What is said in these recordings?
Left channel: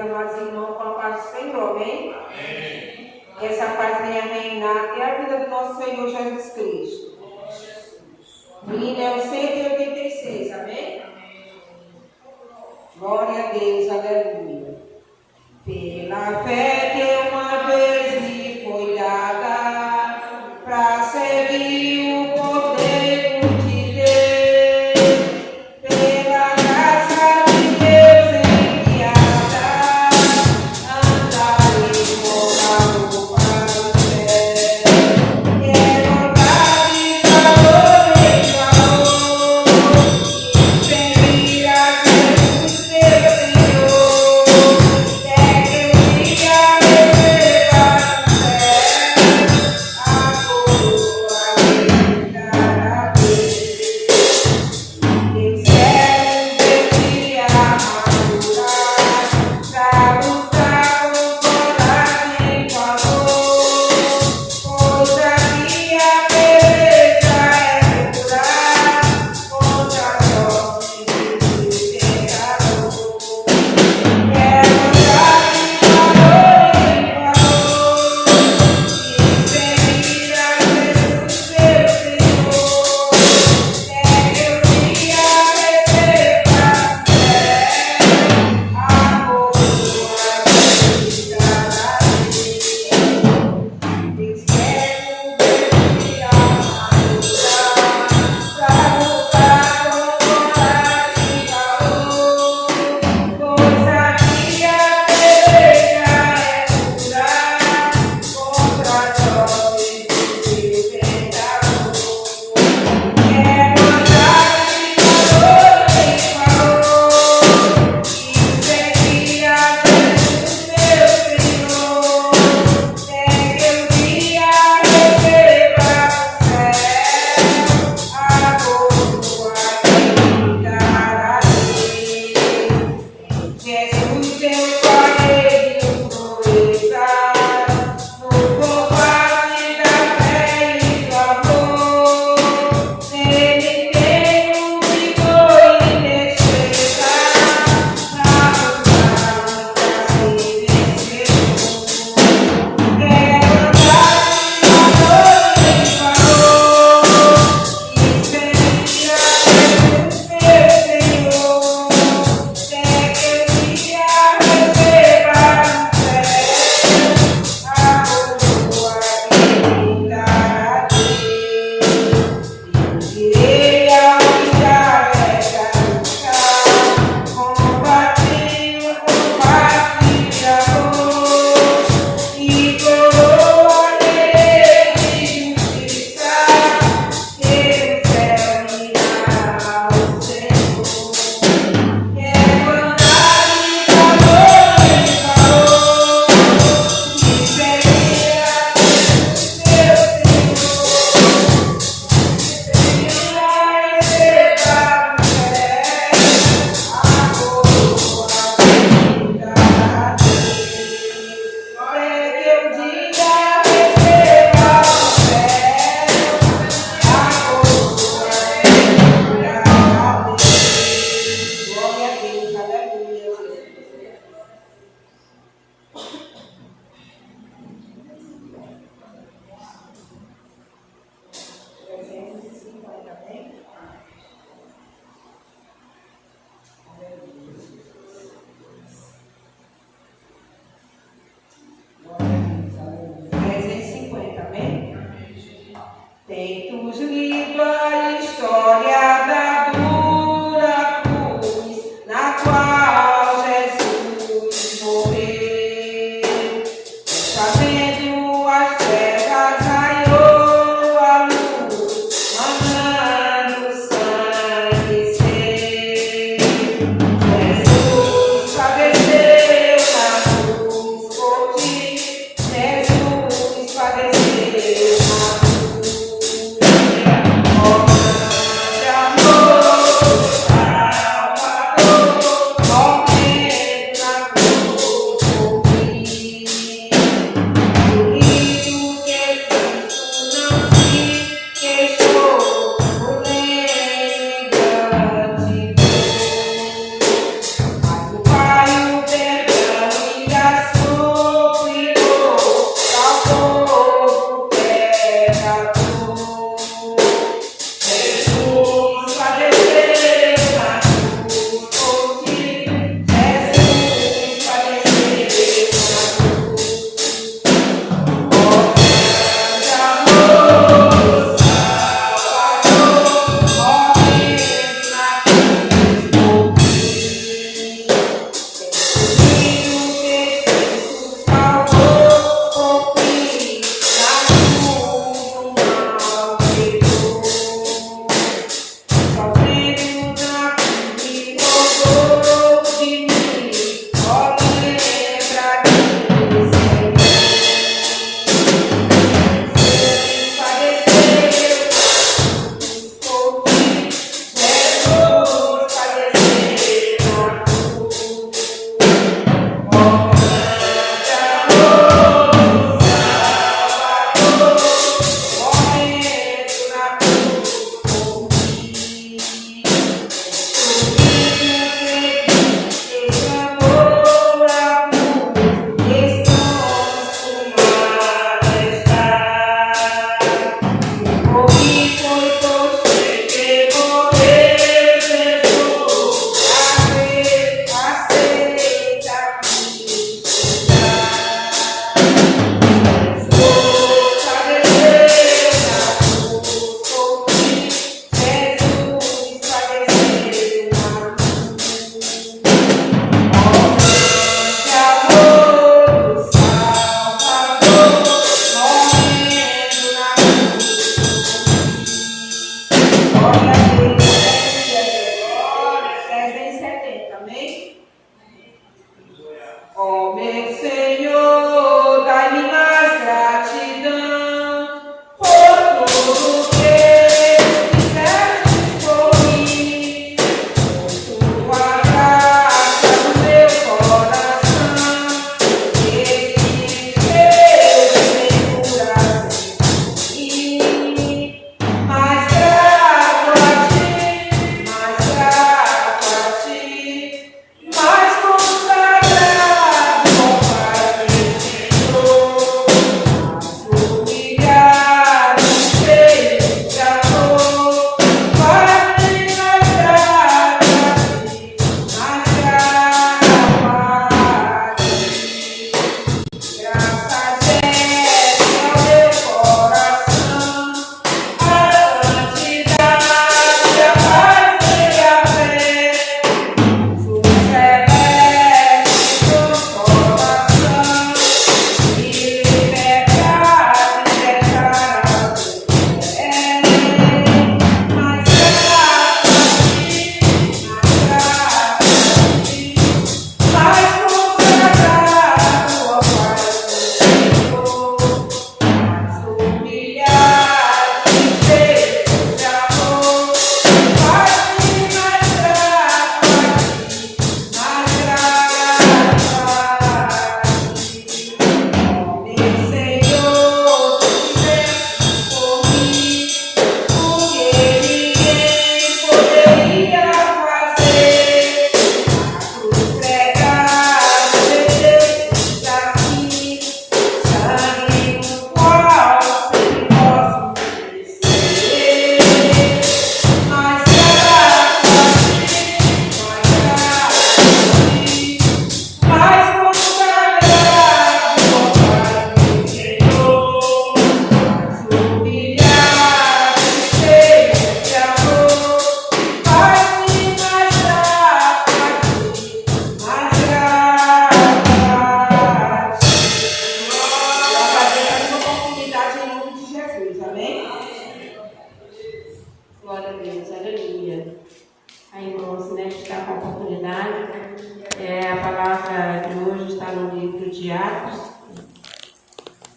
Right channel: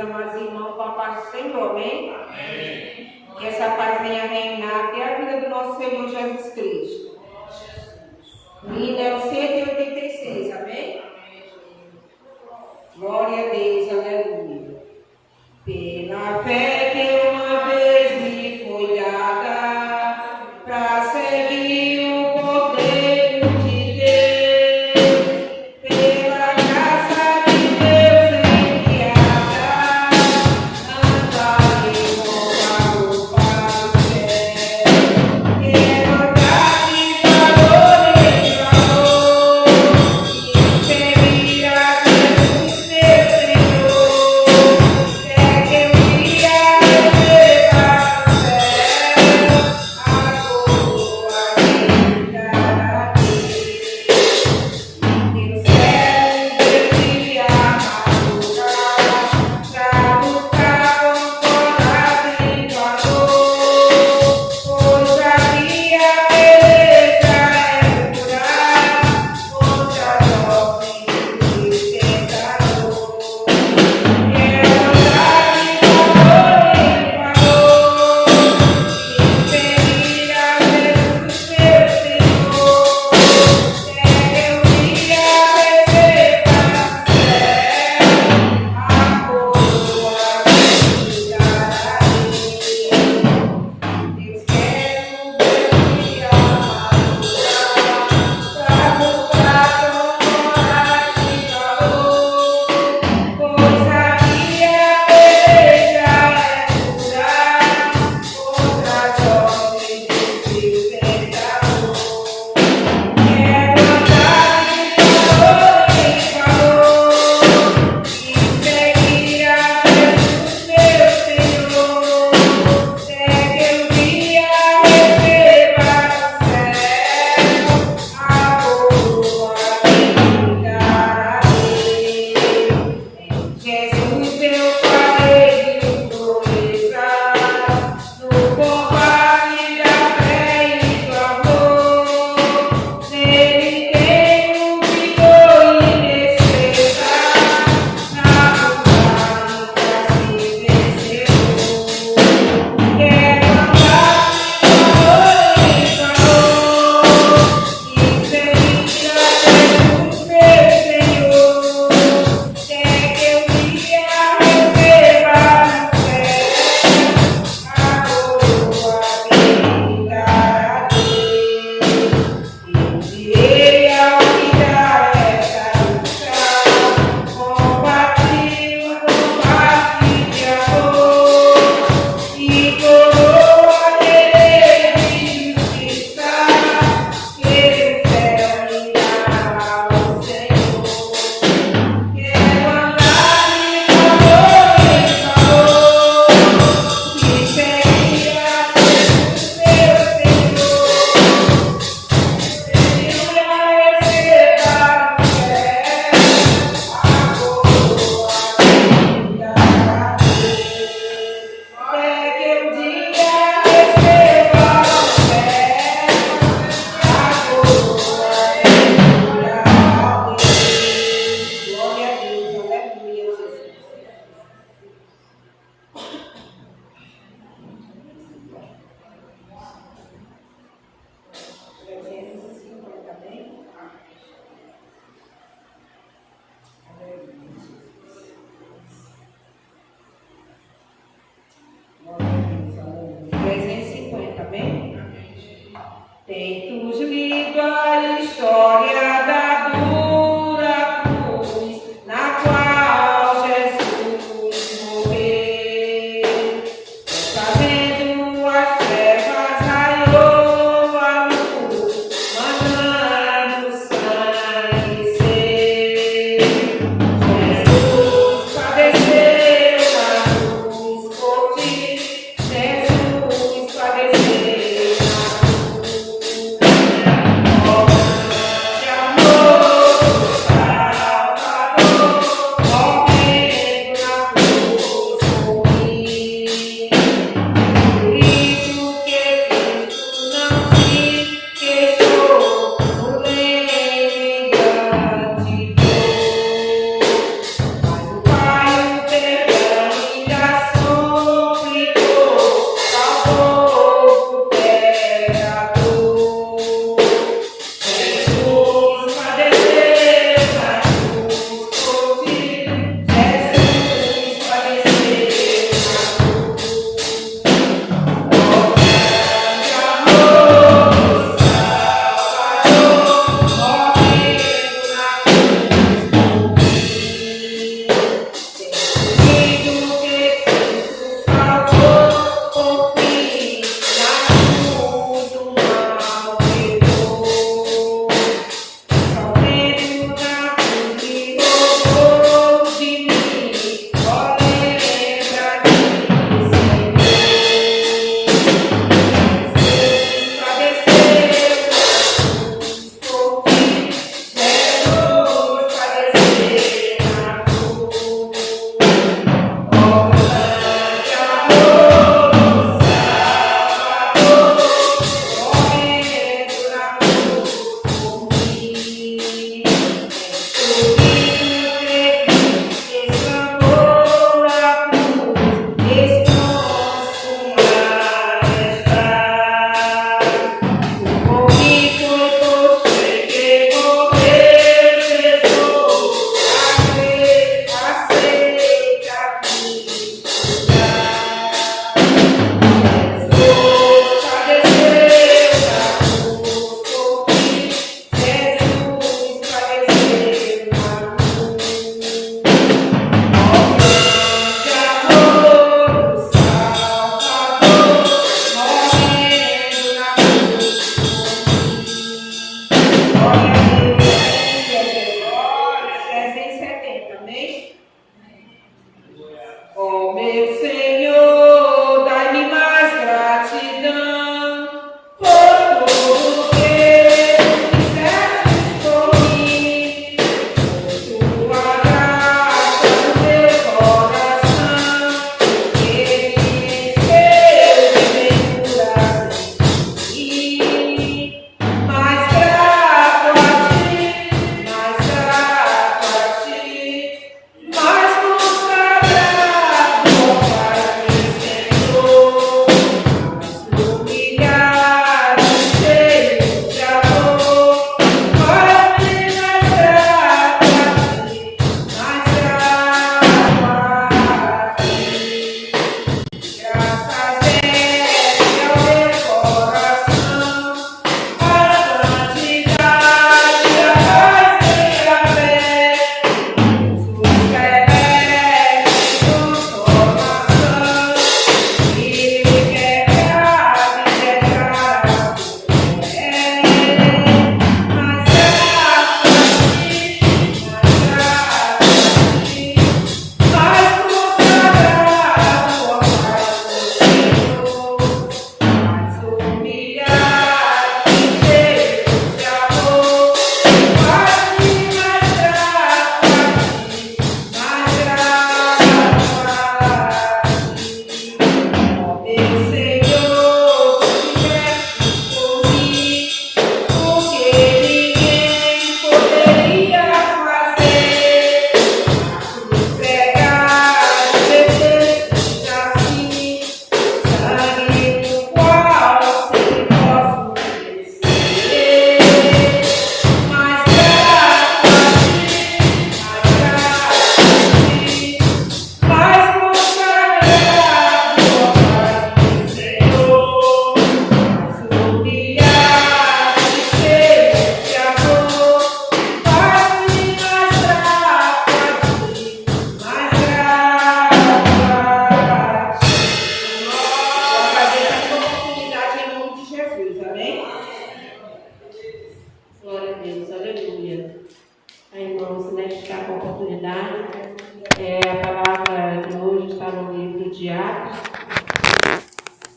amados irmãos, com a paz do Senhor, amém? Amém. Que essa paz venha reinar até a vida do nosso Senhor Jesus Cristo. Hino é o 186, amém? Glória a Deus, aleluia. Pela fé que uma vez me foi dada, para seguir o Cordeiro de Deus, pela graça de Deus enviada, andarei como o Pai quer. Que maldade, valor e amor, e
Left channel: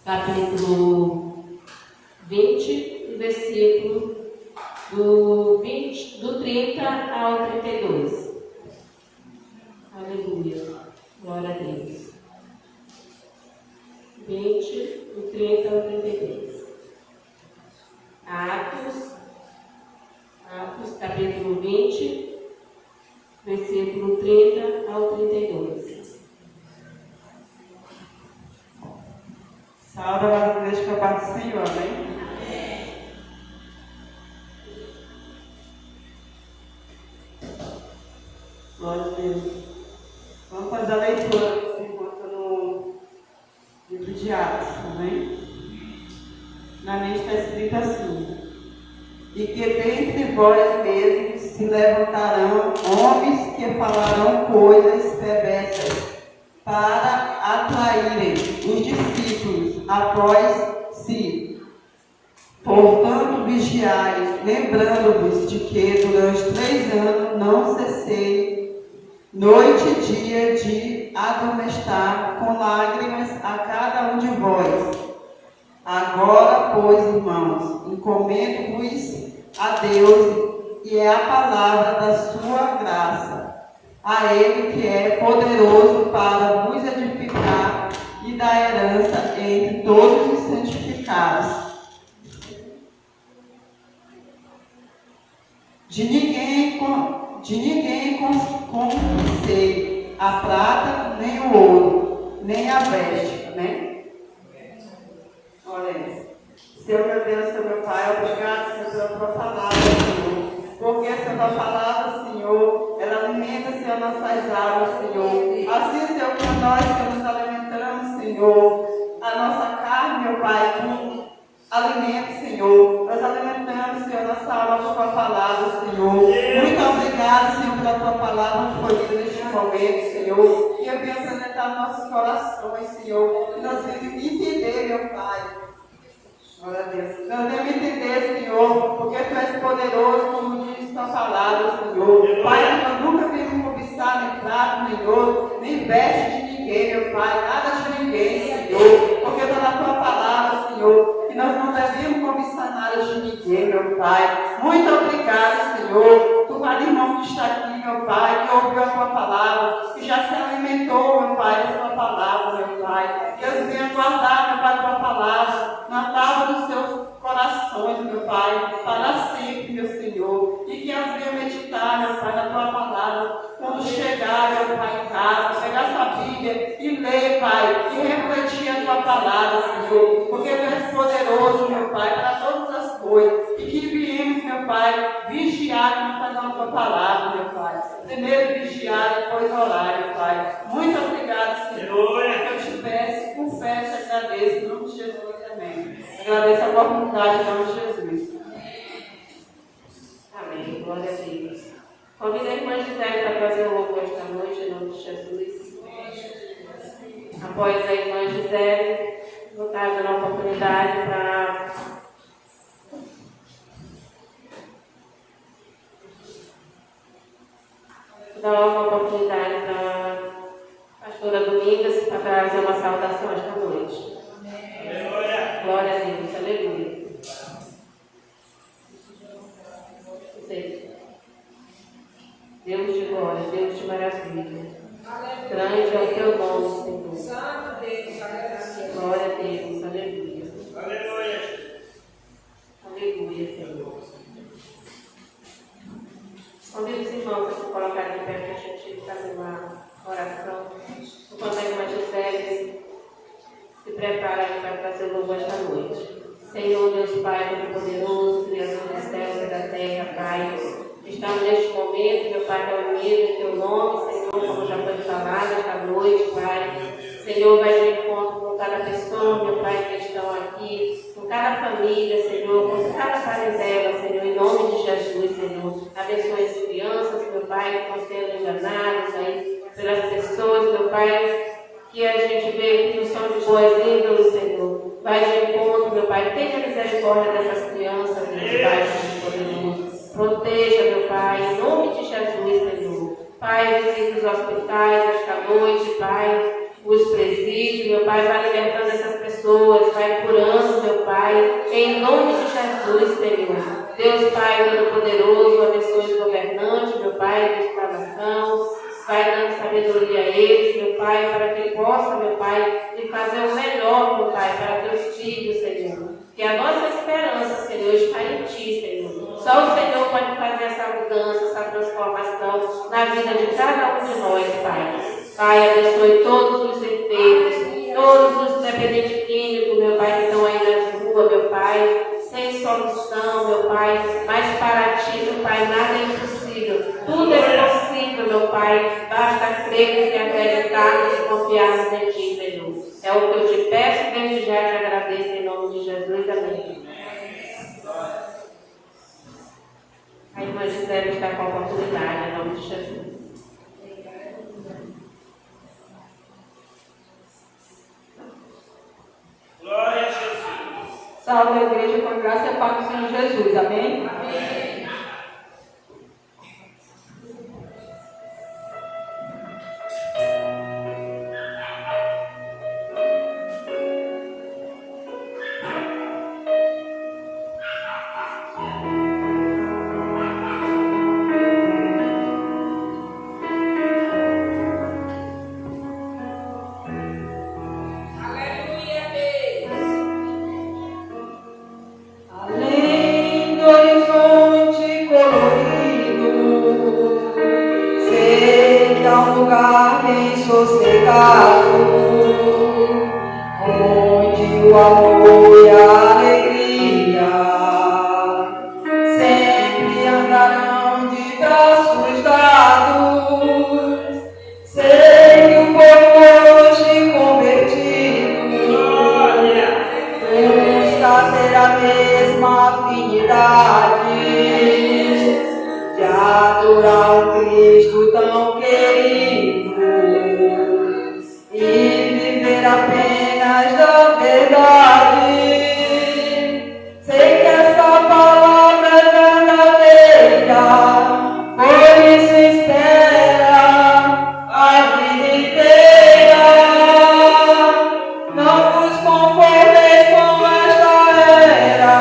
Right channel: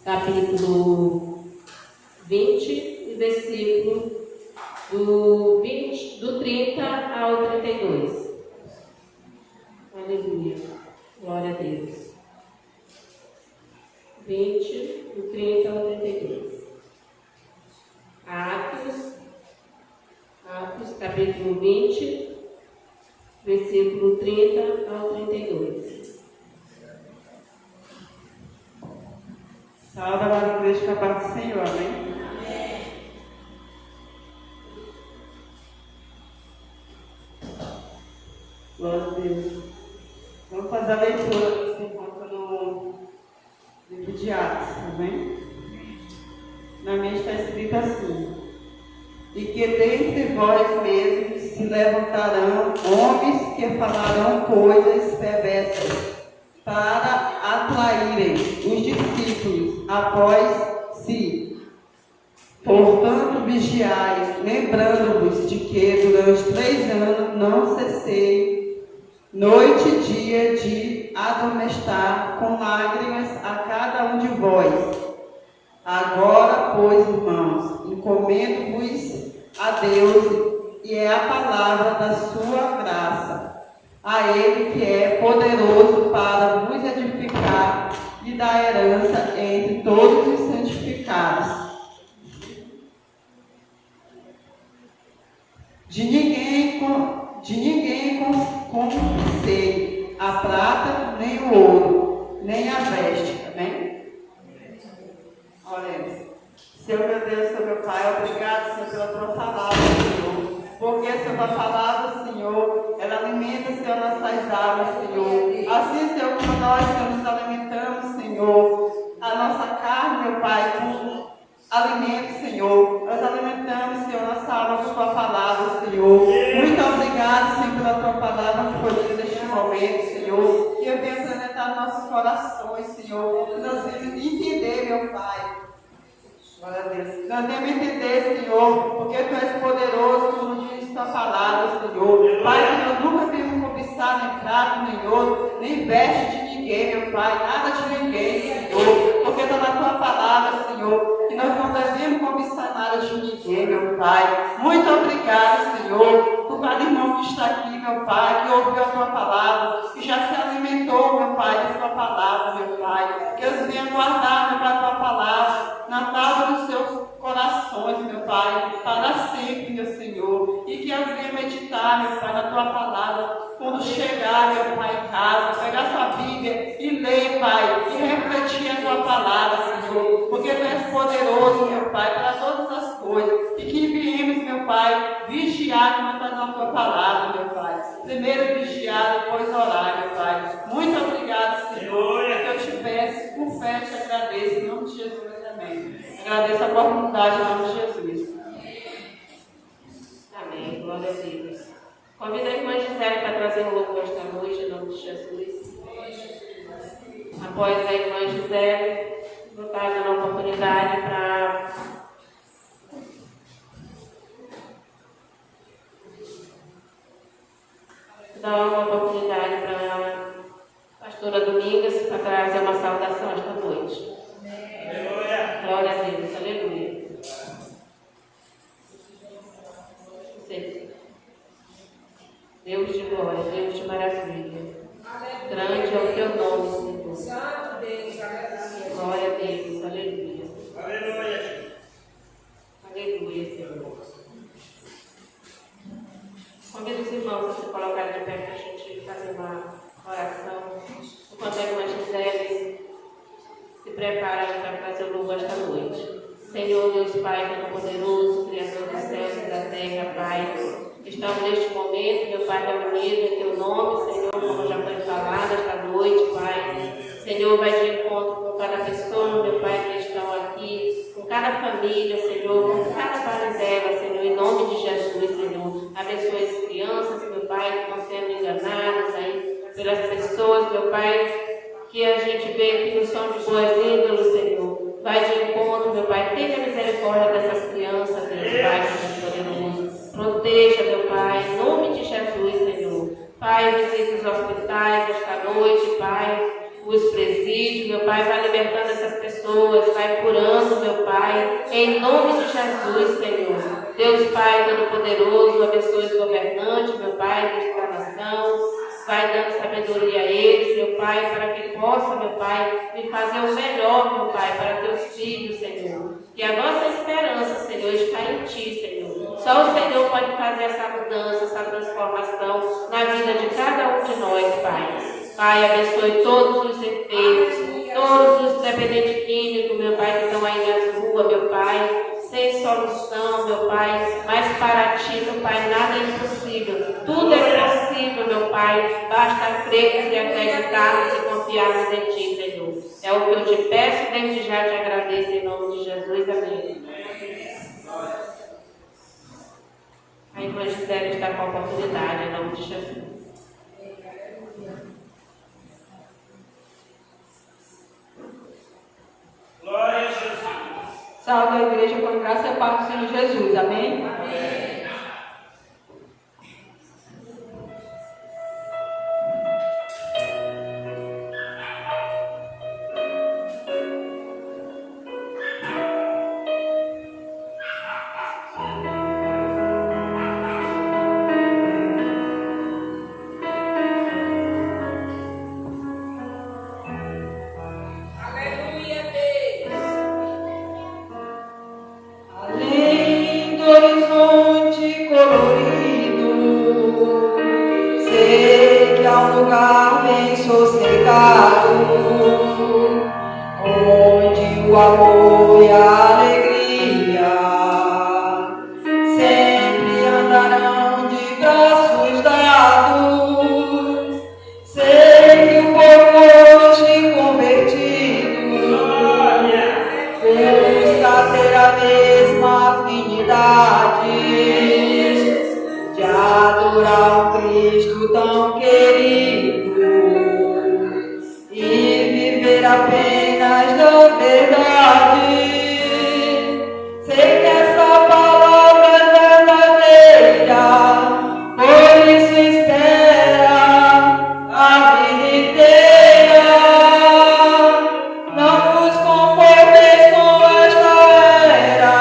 capítulo 20, o versículo do 30 ao 32. Aleluia. Glória a Deus. 20, do 30 ao 32. Atos, capítulo 20, versículo 30 ao 32. Salve a igreja da paz do Senhor, amém? Glória a Deus. Vamos fazer a leitura enquanto no livro de Atos, amém? Na minha está escrito assim: e que dentre vós mesmos se levantarão homens que falarão coisas perversas para atraírem os discípulos após si. Portanto, vigiai, lembrando-vos de que durante 3 anos não cessei, noite e dia, de admoestar com lágrimas a cada um de vós. Agora, pois, irmãos, encomendo-vos a Deus e a palavra da sua graça, a Ele que é poderoso para vos edificar e dar herança entre todos os santificados. De ninguém confisquei a prata, nem o ouro, nem a veste. Amém? Olha, Senhor meu Deus, Senhor meu Pai, obrigado, Senhor, pela tua palavra, Senhor. Porque essa tua palavra, Senhor, ela alimenta, Senhor, nossas almas, Senhor. Assim, Senhor, como nós, Senhor, nos alimentamos, Senhor, a nossa carne, meu Pai, com alimento, Senhor. Nós alimentamos, Senhor, nossa alma com a tua palavra, Senhor. Muito obrigado, Senhor, pela tua palavra que foi neste momento, Senhor. Que eu venha apresentar nossos corações, Senhor. Nós venhamos entender, meu Pai. Glória a Deus. Nós devemos entender, Senhor, porque Tu és poderoso, Senhor, por cada irmão que está aqui, meu Pai, que ouviu a tua palavra, que já se alimentou, meu Pai, da tua palavra, meu Pai. Que eles venham guardar, meu Pai, a tua palavra na tábua dos seus corações, meu Pai, para sempre, meu Senhor. E que eles venham meditar, meu Pai, na tua palavra, quando chegar, meu Pai, em casa, pegar sua Bíblia e ler, Pai, e refletir a tua palavra, Senhor, porque tu és poderoso, meu Pai, para todas as coisas, e que viemos, meu Pai, vigiar na tua palavra, meu Pai. Primeiro vigiar, depois orar, meu Pai. Muito obrigado, Senhor, que eu te peço, com fé te agradeço, em nome de Jesus, amém. Agradeço a oportunidade, em nome de Jesus. Amém, glória a Deus. Convido a irmã Gisele para trazer um louvor esta noite, em nome de Jesus. Após a irmã Gisele, vou estar dando a oportunidade para dar uma oportunidade para a pastora Domingas para trazer uma saudação esta noite. Glória a Deus, aleluia. Deus de glória, Deus de maravilha. Grande é o teu nome, Senhor. Santo Deus, Glória a Deus, aleluia. aleluia. Aleluia, Senhor. Convido os irmãos a se colocarem de pé para a gente fazer uma oração. Enquanto a irmã Gisele se prepara para trazer o louvor esta noite. Senhor, Deus Pai, Todo-Poderoso, Criador dos céus e da terra, Pai. Estamos neste momento, meu Pai, reunido em Teu nome, Senhor, como já foi falado esta noite, Pai. Senhor, vai de encontro com cada pessoa, meu Pai, que estão aqui, com cada família, Senhor, com cada parentela, Senhor, em nome de Jesus, Senhor. Abençoe as crianças, meu Pai, que estão sendo enganadas aí pelas pessoas, meu Pai, que a gente vê que não são de boas índoles, Senhor. Vai de encontro, meu Pai, tenha misericórdia dessas crianças, meu Pai, poderoso. Proteja, meu Pai, em nome de Jesus, Senhor. Pai, visite os hospitais esta noite, Pai, os presídios, meu Pai, vai libertando essas pessoas, vai curando, meu Pai, em nome de Jesus, Senhor. Deus, Pai, Todo-Poderoso, abençoe os governantes, meu Pai, desta nação, vai dando sabedoria a eles, meu Pai, para que possam, meu Pai, me fazer o melhor, meu Pai, para teus filhos, Senhor. Que a nossa esperança, Senhor, está em Ti, Senhor. Só o Senhor pode fazer essa mudança, essa transformação na vida de cada um de nós, Pai. Pai, abençoe todos os enfermos, todos os dependentes químicos, meu Pai, que estão aí nas ruas, meu Pai, sem solução, meu Pai, mas para Ti, meu Pai, nada é impossível. Tudo é possível, meu Pai. Basta crer que acreditarmos e confiarmos em Ti, Senhor. É o que eu te peço, desde já te agradeço em nome de Jesus. Amém. A irmã Gisele está com a oportunidade, em nome de Jesus. Glória a Jesus. Salve a igreja com a graça e a paz do Senhor Jesus. Amém? Amém. Além do horizonte colorido, sei que há um lugar bem sossegado, onde o amor e a alegria sempre andarão de braços dados. Sei que o povo hoje convertido busca ter a mesma afinidade de adorar o Cristo tão querido e viver apenas da verdade. Sei que essa palavra é verdadeira, por isso espera a vida inteira. Não vos conformeis com esta era,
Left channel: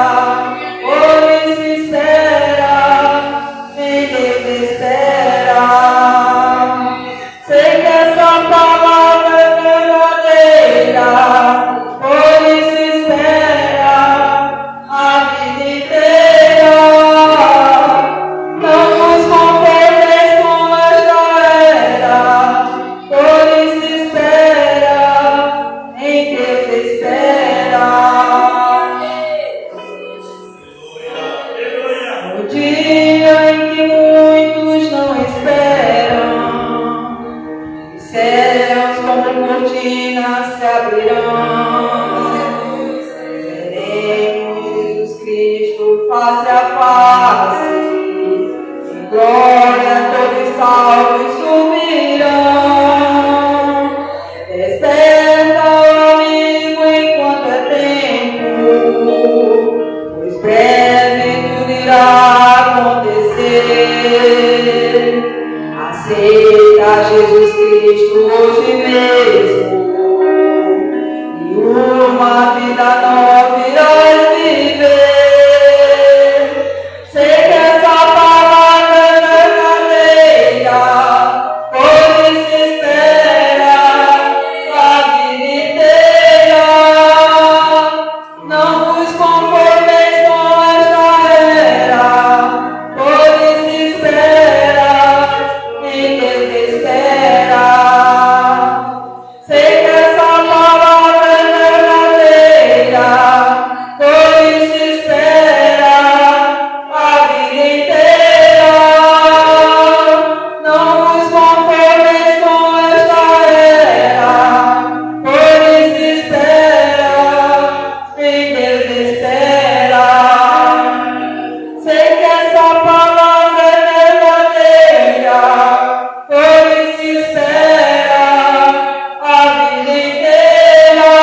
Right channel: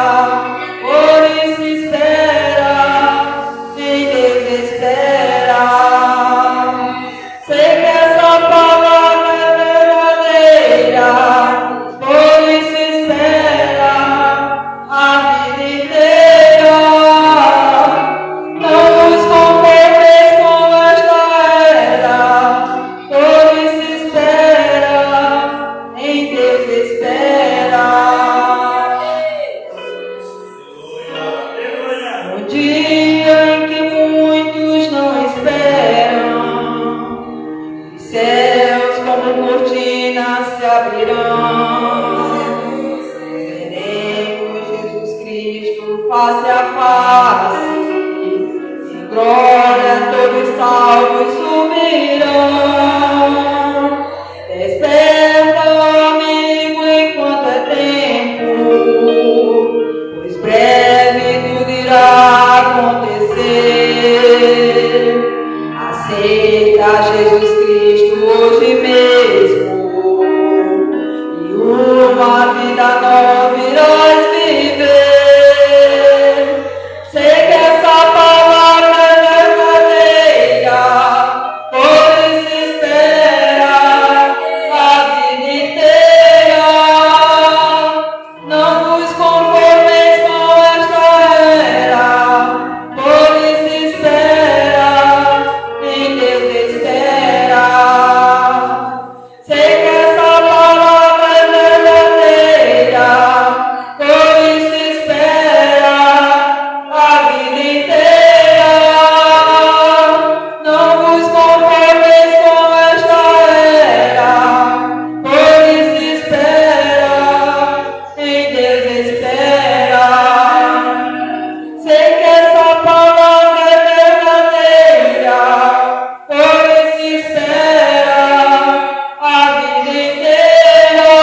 por isso espera dia em que muitos não esperam, os céus como cortinas se abrirão. Veremos Jesus Cristo face a face, em glória todos salvos subirão. Desperta, amigo, enquanto é tempo, pois breve tudo irá acontecer. Aceita Jesus Cristo hoje mesmo, e uma vida nova irás viver. Sei que essa palavra é verdadeira, pois se espera a vida inteira. Não vos conformeis com esta era, pois se espera em desespera. Sei que essa palavra é verdadeira, pois se espera a vida inteira. Não vos conformeis com esta era, pois se espera em desespera. Sei que essa palavra é verdadeira, pois se espera a vida inteira.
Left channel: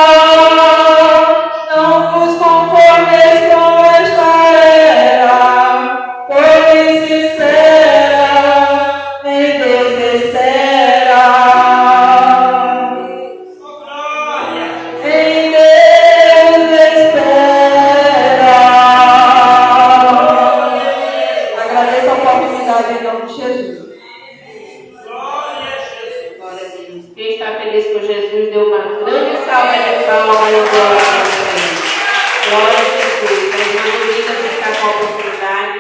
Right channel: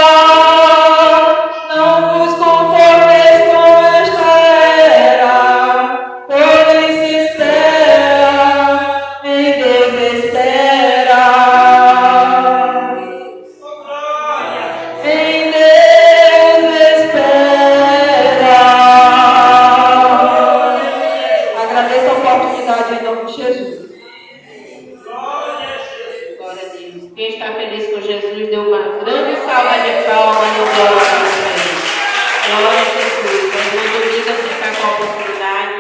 Não vos conformeis com esta era, pois se espera em desespera. Em Deus espera. Agradeço a oportunidade em nome de Jesus. Glória a Deus. Quem está feliz com Jesus, deu uma grande salva de palmas no Deus. Glória a Jesus. A irmã Domingas está com a oportunidade.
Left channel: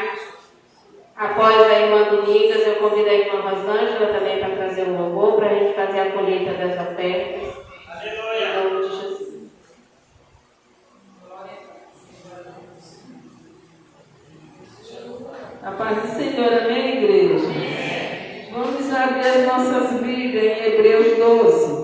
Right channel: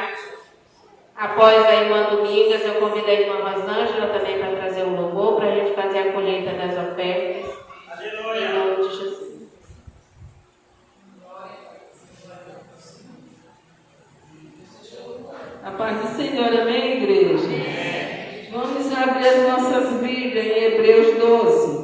Após a irmã Domingas, eu convido a irmã Rosângela também para trazer um louvor para a gente fazer a colheita das ofertas. Em nome de Jesus. A paz do Senhor, amém, igreja? Vamos abrir as nossas Bíblias em Hebreus 12.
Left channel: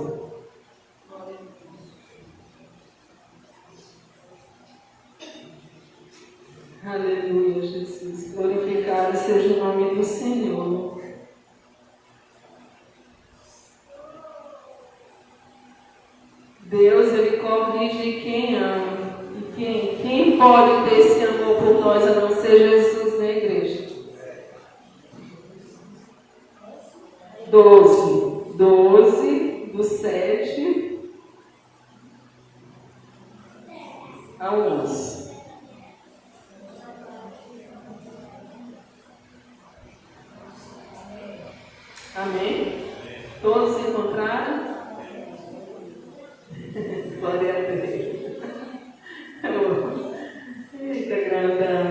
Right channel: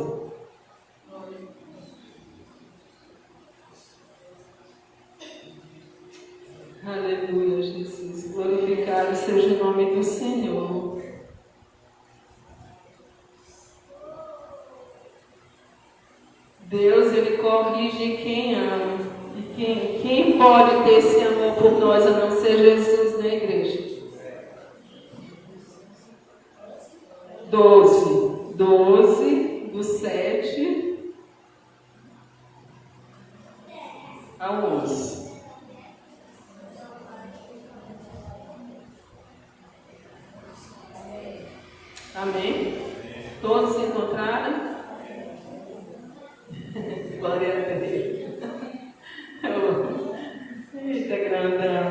Aleluia, Jesus. Glorificado seja o nome do Senhor. Deus, Ele corrige quem ama. E quem pode ter esse amor por nós a não ser Jesus, né, igreja? 12, do 7 ao 11. Amém? Todos encontraram? Glória a Deus. Eita, grandão.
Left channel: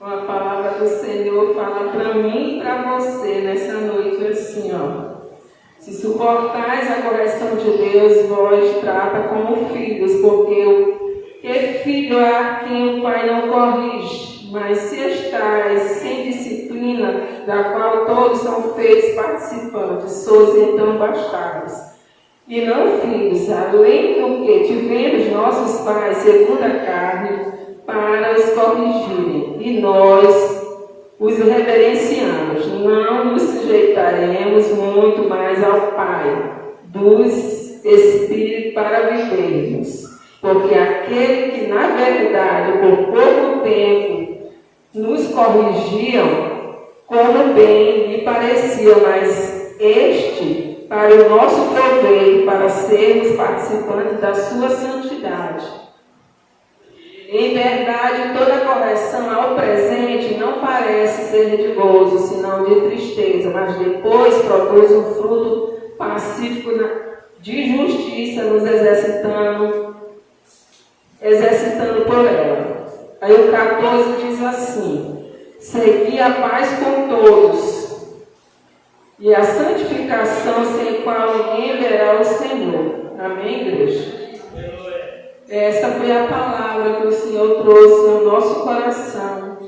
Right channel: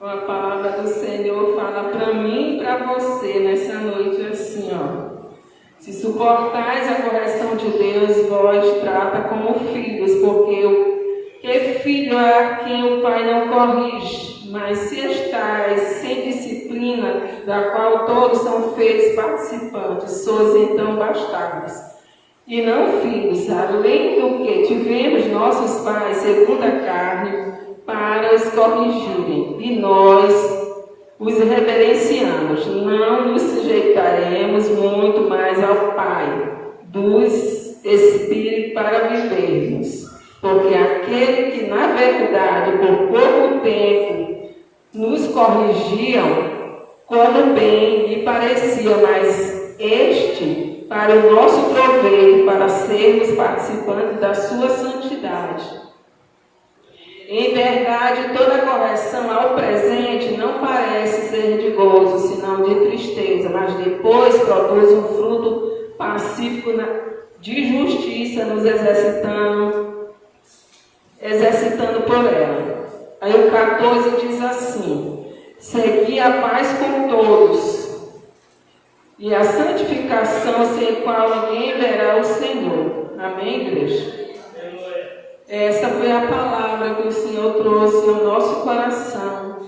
A palavra do Senhor fala para mim e para você nessa noite assim, ó. Se suportais a correção de Deus, vós trata como filhos, porque filho é a quem o Pai não corrige. Mas se estáis sem disciplina, da qual todos são feitos participantes, sois então bastardos, e não filhos, além do que tivemos nossos pais segundo a carne, para os corrigirem, e nós os reverenciamos. Não nos sujeitaremos muito mais ao Pai dos Espíritos para vivermos, porque aquele que na verdade por pouco tempo nos corrigiam, como bem lhe parecia, mas este para o nosso proveito, para sermos participantes da sua santidade. Em verdade, toda correção ao presente não parece ser de gozo, senão de tristeza, mas depois produz um fruto pacífico de justiça, nos exercitando por ela. Aí o 14 diz assim: segui a paz com todos e a santificação, sem qual ninguém verá o Senhor. Amém, igreja? Essa foi a palavra que o Senhor trouxe no nosso coração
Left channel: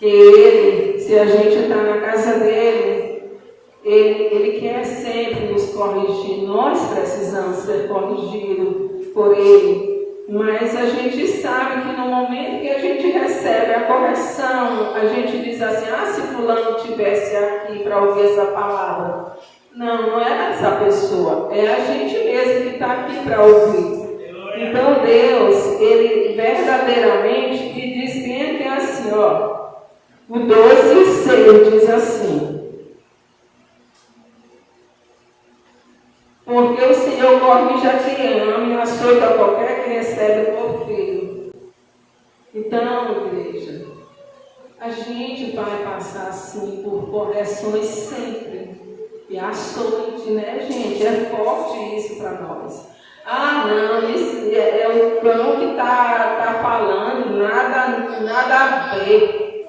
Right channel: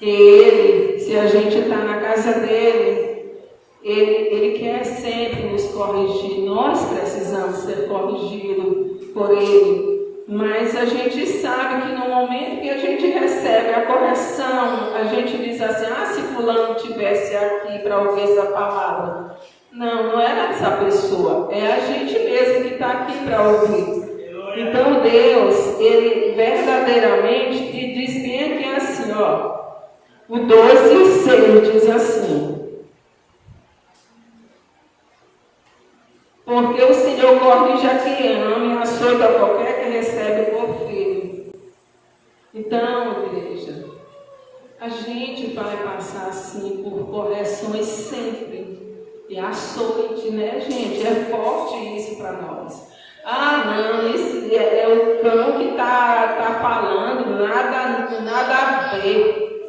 Ele, se a gente está na casa dele, ele quer sempre nos corrigir. Nós precisamos ser corrigidos por ele. Mas a gente sabe que no momento que a gente recebe a correção, a gente diz assim, se fulano estivesse aqui para ouvir essa palavra. Não, não é essa pessoa, é a gente mesmo que está aqui para ouvir. Então Deus, Ele verdadeiramente, e diz bem que assim, o 12 e o 6 diz assim. Porque o Senhor corrige a quem ama e açoita a qualquer que recebe por filho. Então, igreja, a gente vai passar assim por correções sempre. E açoite, né, gente? É forte isso para nós. Não, isso é o cão que está falando, nada a ver.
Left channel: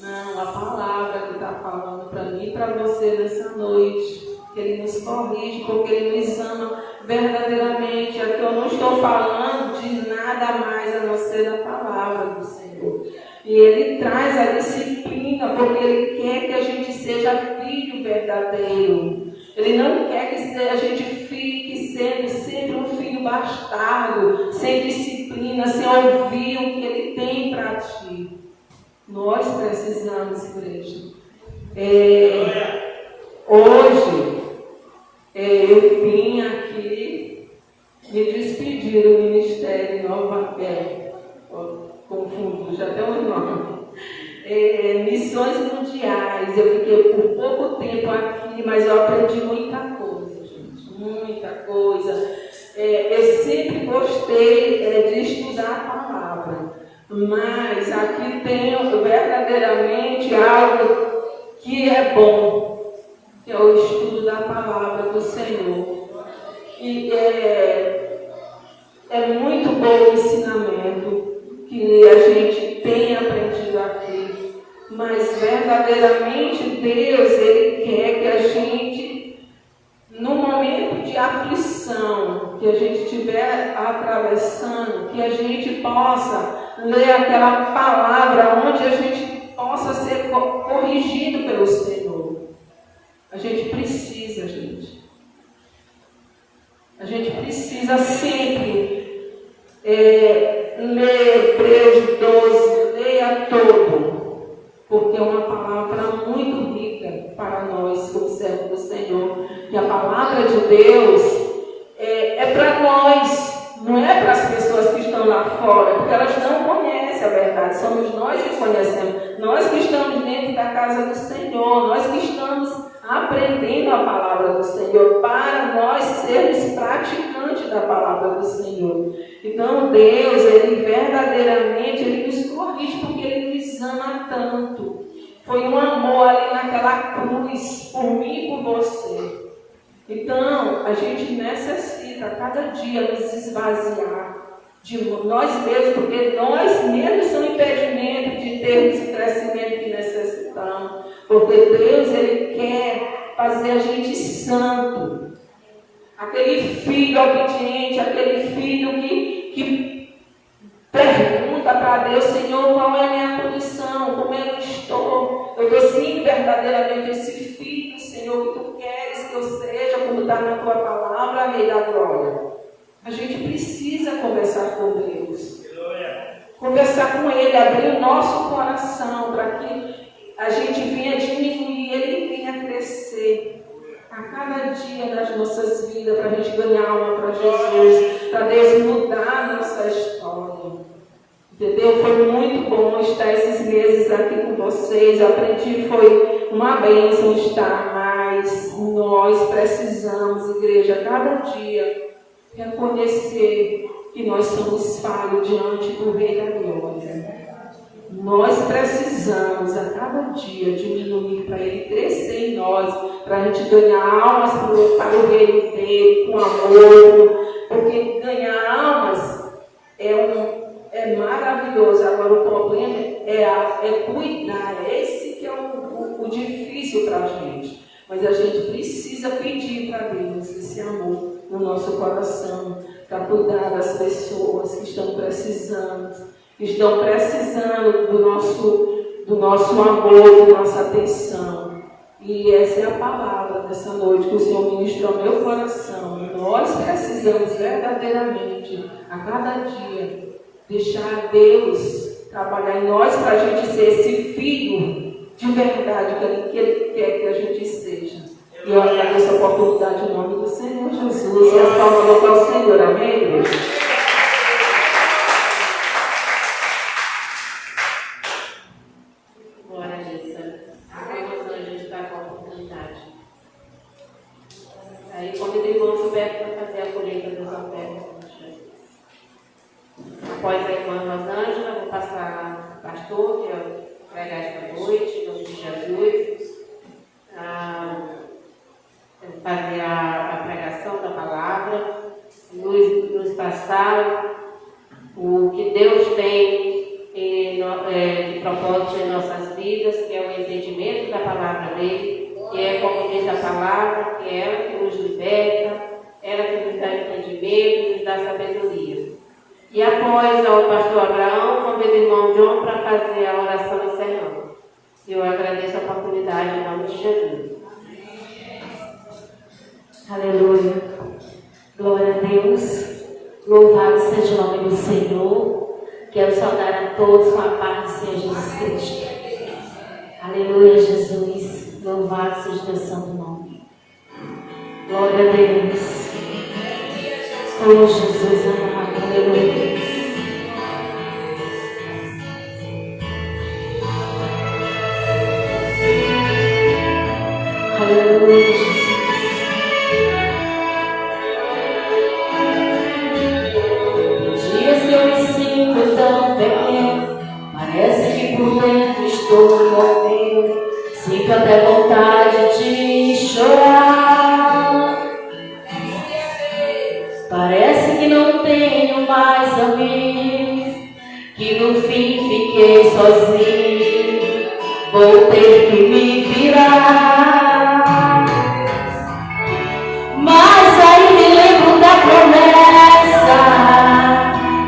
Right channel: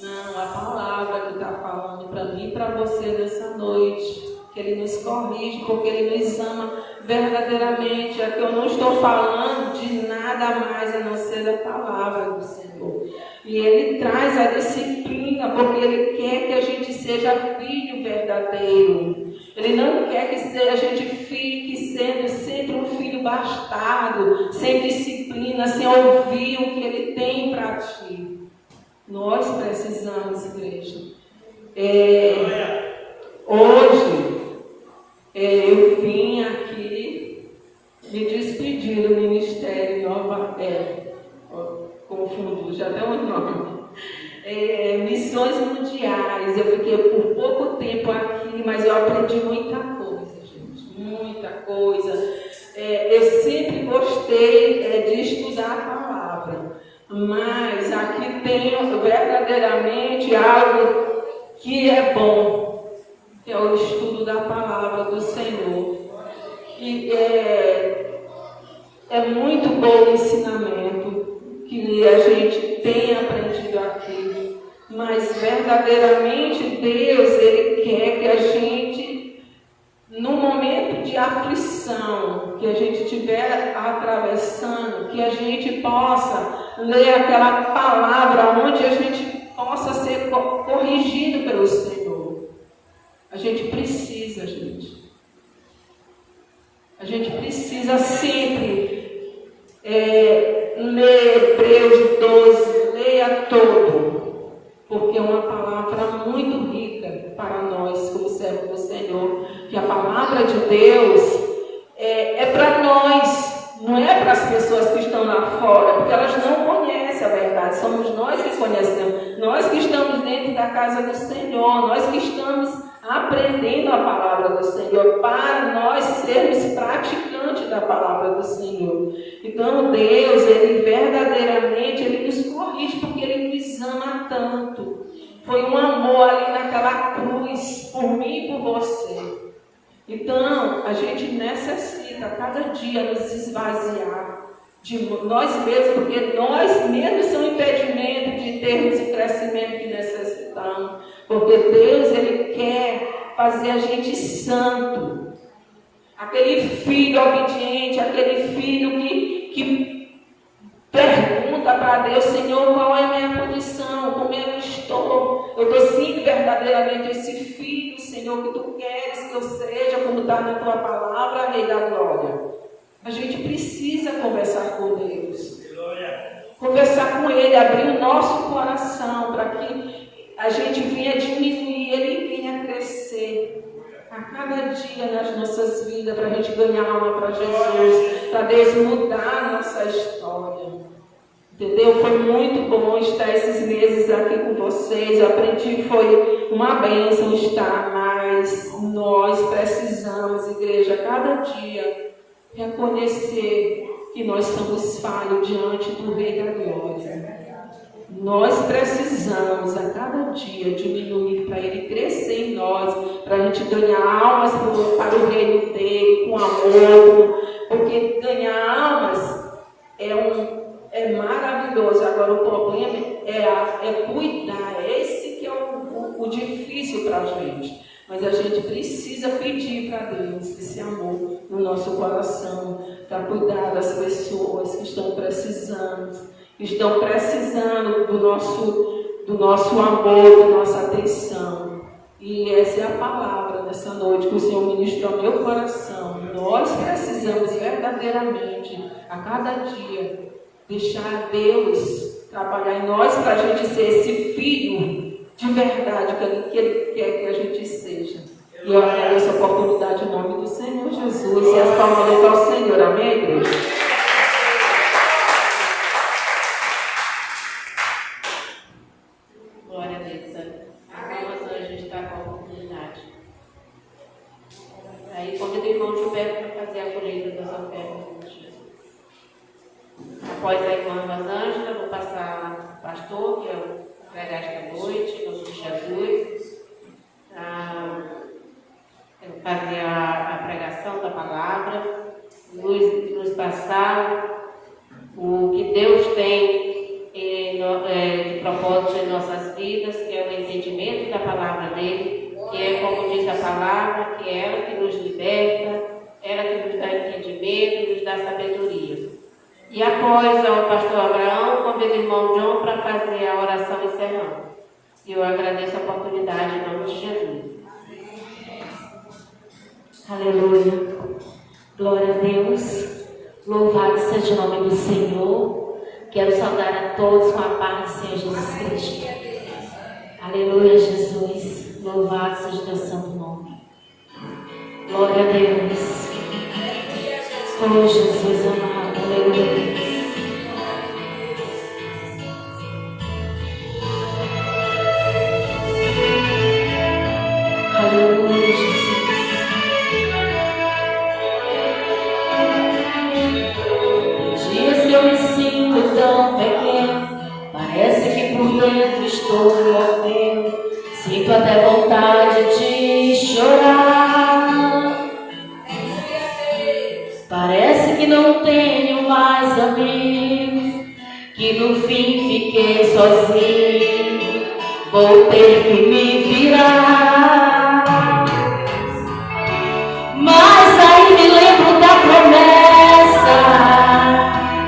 Não, a palavra que está falando para mim e para você nessa noite. Que Ele nos corrige, porque Ele nos ama verdadeiramente. Aqui eu não estou falando de nada mais a não ser a palavra do Senhor. E Ele traz a disciplina, porque Ele quer que a gente seja filho verdadeiro. Ele não quer que a gente fique sendo sempre um filho bastardo, sem disciplina, sem ouvir o que Ele tem para ti. Nós precisamos, igreja. Hoje, eu vim aqui me despedir do ministério confundo, já deu um nome. Missões mundiais. Eu fiquei por pouco tempo aqui, mas eu aprendi muita coisa, gente, muita coisa. Eu sempre gostei de estudar a palavra, mas aqui tem verdadeiramente algo que é bom. Que é o estudo da palavra do Senhor. E é muito bom o ensinamento que a gente tem aprendido aqui. Mas verdadeiramente Deus, Ele quer que a gente, no momento de aflição, que a gente estiver atravessando, que a gente possa ler aquela palavra onde a gente possa ser corrigido pelo Senhor. A gente precisa, gente. A gente precisa sempre ler Hebreus 12, leia todo, porque é uma palavra muito rica para nós, como servos do Senhor. Que a palavra de Deus é para nós, não é para as pessoas que estão lá fora, porque elas não conhecem a verdade. Somos nós que conhecemos, nós que estamos dentro da casa do Senhor, nós que estamos aprendendo a palavra do Senhor, para nós sermos praticantes da palavra do Senhor. Então Deus, Ele verdadeiramente, Ele nos corrige, porque Ele nos ama tanto. Foi um amor ali naquela cruz, por mim e por você. Então, a gente necessita, cada dia, nos esvaziar de nós mesmos, porque nós mesmos somos impedimento de termos o crescimento que necessitamos. Porque Deus, Ele quer fazer a gente santo. Aquele filho obediente, aquele filho que pergunta para Deus, Senhor, qual é a minha condição, como eu estou. Eu estou sim verdadeiramente esse filho, Senhor, que Tu queres que eu seja, como está na Tua palavra, Rei da glória. A gente precisa conversar com Deus. Conversar com Ele, abrir o nosso coração para que a gente vinha diminuir, Ele vinha crescer a cada dia nas nossas vidas, para a gente ganhar alma para Jesus, para Deus mudar a nossa história. Entendeu? Foi muito bom estar esses meses aqui com vocês. Eu aprendi, foi uma bênção estar, mas nós precisamos, igreja, cada dia reconhecer que nós somos falhos diante do Rei da Glória. Nós precisamos a cada dia diminuir para Ele crescer em nós, para a gente ganhar almas para o reino dele, com amor, porque ganhar almas é maravilhoso. Agora o problema é cuidar, esse que é o difícil para a gente. Mas a gente precisa pedir para Deus esse amor no nosso coração, para cuidar das pessoas que estão precisando do do nosso amor, da nossa atenção. E essa é a palavra dessa noite que o Senhor ministrou ao meu coração. Nós precisamos verdadeiramente, a cada dia, deixar Deus trabalhar em nós para a gente ser esse filho de verdade que Ele quer que a gente seja. E eu agradeço a oportunidade em nome do Senhor Jesus. E as palmas ao Senhor. Amém, igreja? Glória a Deus. Vamos hoje estar com a oportunidade. Aí convido o irmão Gilberto para fazer a colheita das ofertas. Após a irmã Rosângela, vou passar ao pastor, que é o pregar esta noite, em nome de Jesus. Fazer a pregação da palavra, nos passar o que Deus tem de propósito em nossas vidas, que é o entendimento da palavra dele, que é, como diz a palavra, que é ela que nos liberta, ela que nos dá entendimento, nos dá sabedoria. E após o pastor Abraão, convido o irmão John para fazer a oração encerrando. E eu agradeço a oportunidade em nome de Jesus. Aleluia. Glória a Deus. Louvado seja o nome do Senhor. Quero saudar a todos com a paz do Senhor Jesus Cristo. Aleluia, Jesus. Louvado seja o teu santo nome. Glória a Deus. Oh, Jesus amado. Aleluia. Aleluia, Jesus. Eu me sinto tão pequeno, parece que por dentro estou morrendo, sinto até vontade de chorar. Parece que não tenho mais amigos, que no fim fiquei sozinho, vou ter que me virar. Mas aí me lembro da promessa